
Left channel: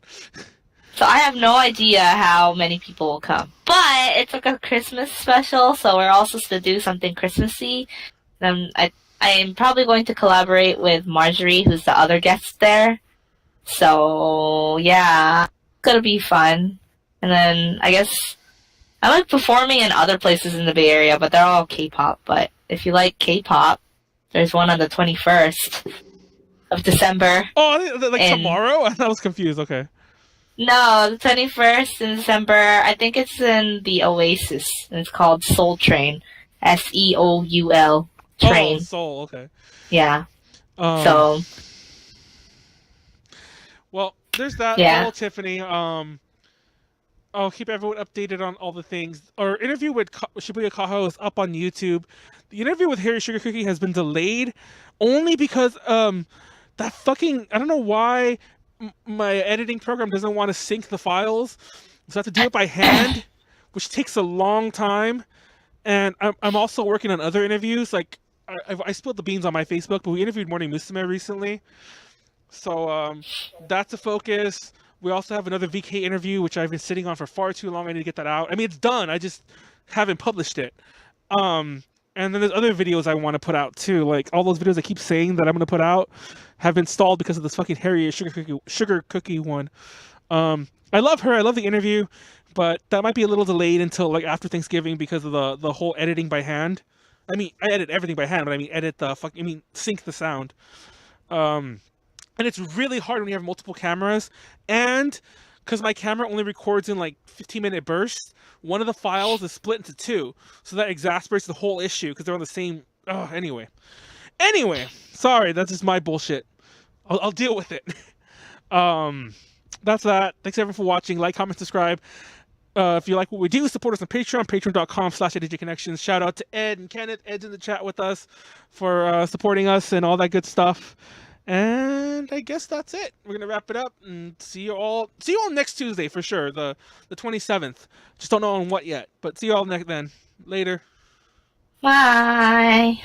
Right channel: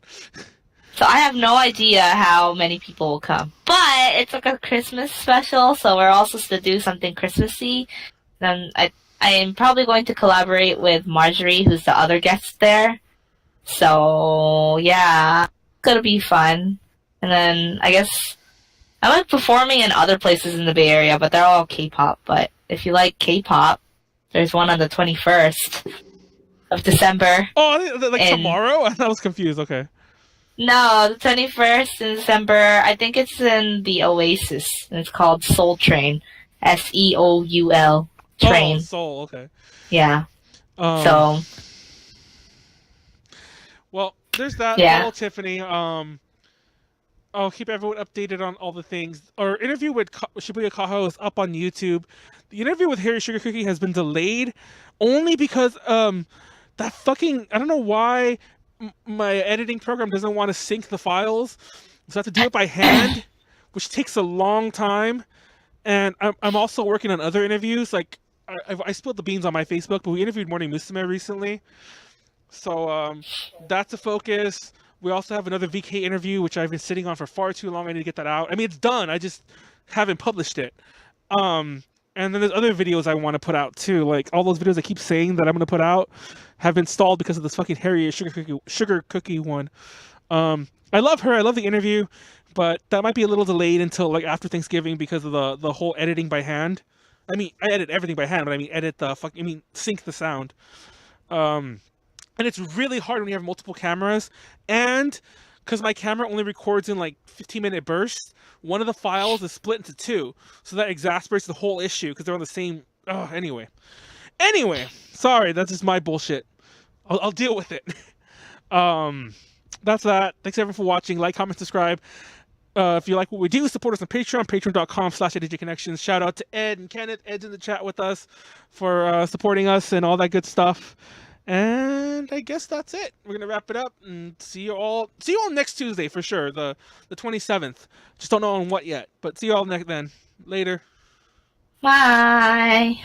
So I have no idea how many people will come. But it's like a Christmas special, so we're all supposed to do something Christmassy. I am probably going to collaborate with Marjorie, who's the other guest there. So, yeah, it's going to be fun. And then I guess I like performing in other places in the Bay Area, but they're all K-pop. But if you like K-pop, there's one on the 21st of December. Oh, like tomorrow? I was confused. Okay. No, the 21st in December. I think it's in the Oasis. And it's called Soul Train. SEOUL. Train. Oh, Soul. Okay. Yeah. Well, there's that. Yeah. Hello, Tiffany. I'll keep everyone updated on all the things. Our interview with Shibuya Kaho is up on YouTube. The interview with Harry Sugar Cookie has been delayed only because that fucking, I don't know why my editing program doesn't want to sync the files, so I have to do it by hand, which takes a long time. And I'm also working on other interviews. Like I spilled the beans on my Facebook, but we interviewed Morning Musume recently, so that's a focus. We also have another VK interview, which I've been sitting on for far too long. I need to get that out. I mean, it's done. I just haven't published it. Um, and then there's other videos I want to put out too. Like all those videos I keep saying that I'm gonna put out have been stalled because of this fucking Harriet sugar cookie one. I love her. I love the interview, but that might be a little delayed until like after Thanksgiving because of the whole editing by hand. I mean, I edit everything by hand, but I mean edit the fuck. I mean sync the sound. Um, and it's really hard when you have multiple cameras, and because my camera only records in like 15-minute bursts, one of the files is split into two, so that exasperates the whole issue because they're on the same. Oh, anyway, sorry, that's just my bullshit. I'll deal with it. That's that. Thanks everyone for watching. Like, comment, subscribe. If you like what we do, support us on Patreon, patreon.com/ADJConnections. Shout out to Ed and Kenneth. Ed's in the chat with us for supporting us and all that good stuff. And I guess that's it. We're gonna wrap it up and see you all next Tuesday for sure, the 27th. Just don't know on what yet, but see you all then. Later. Bye.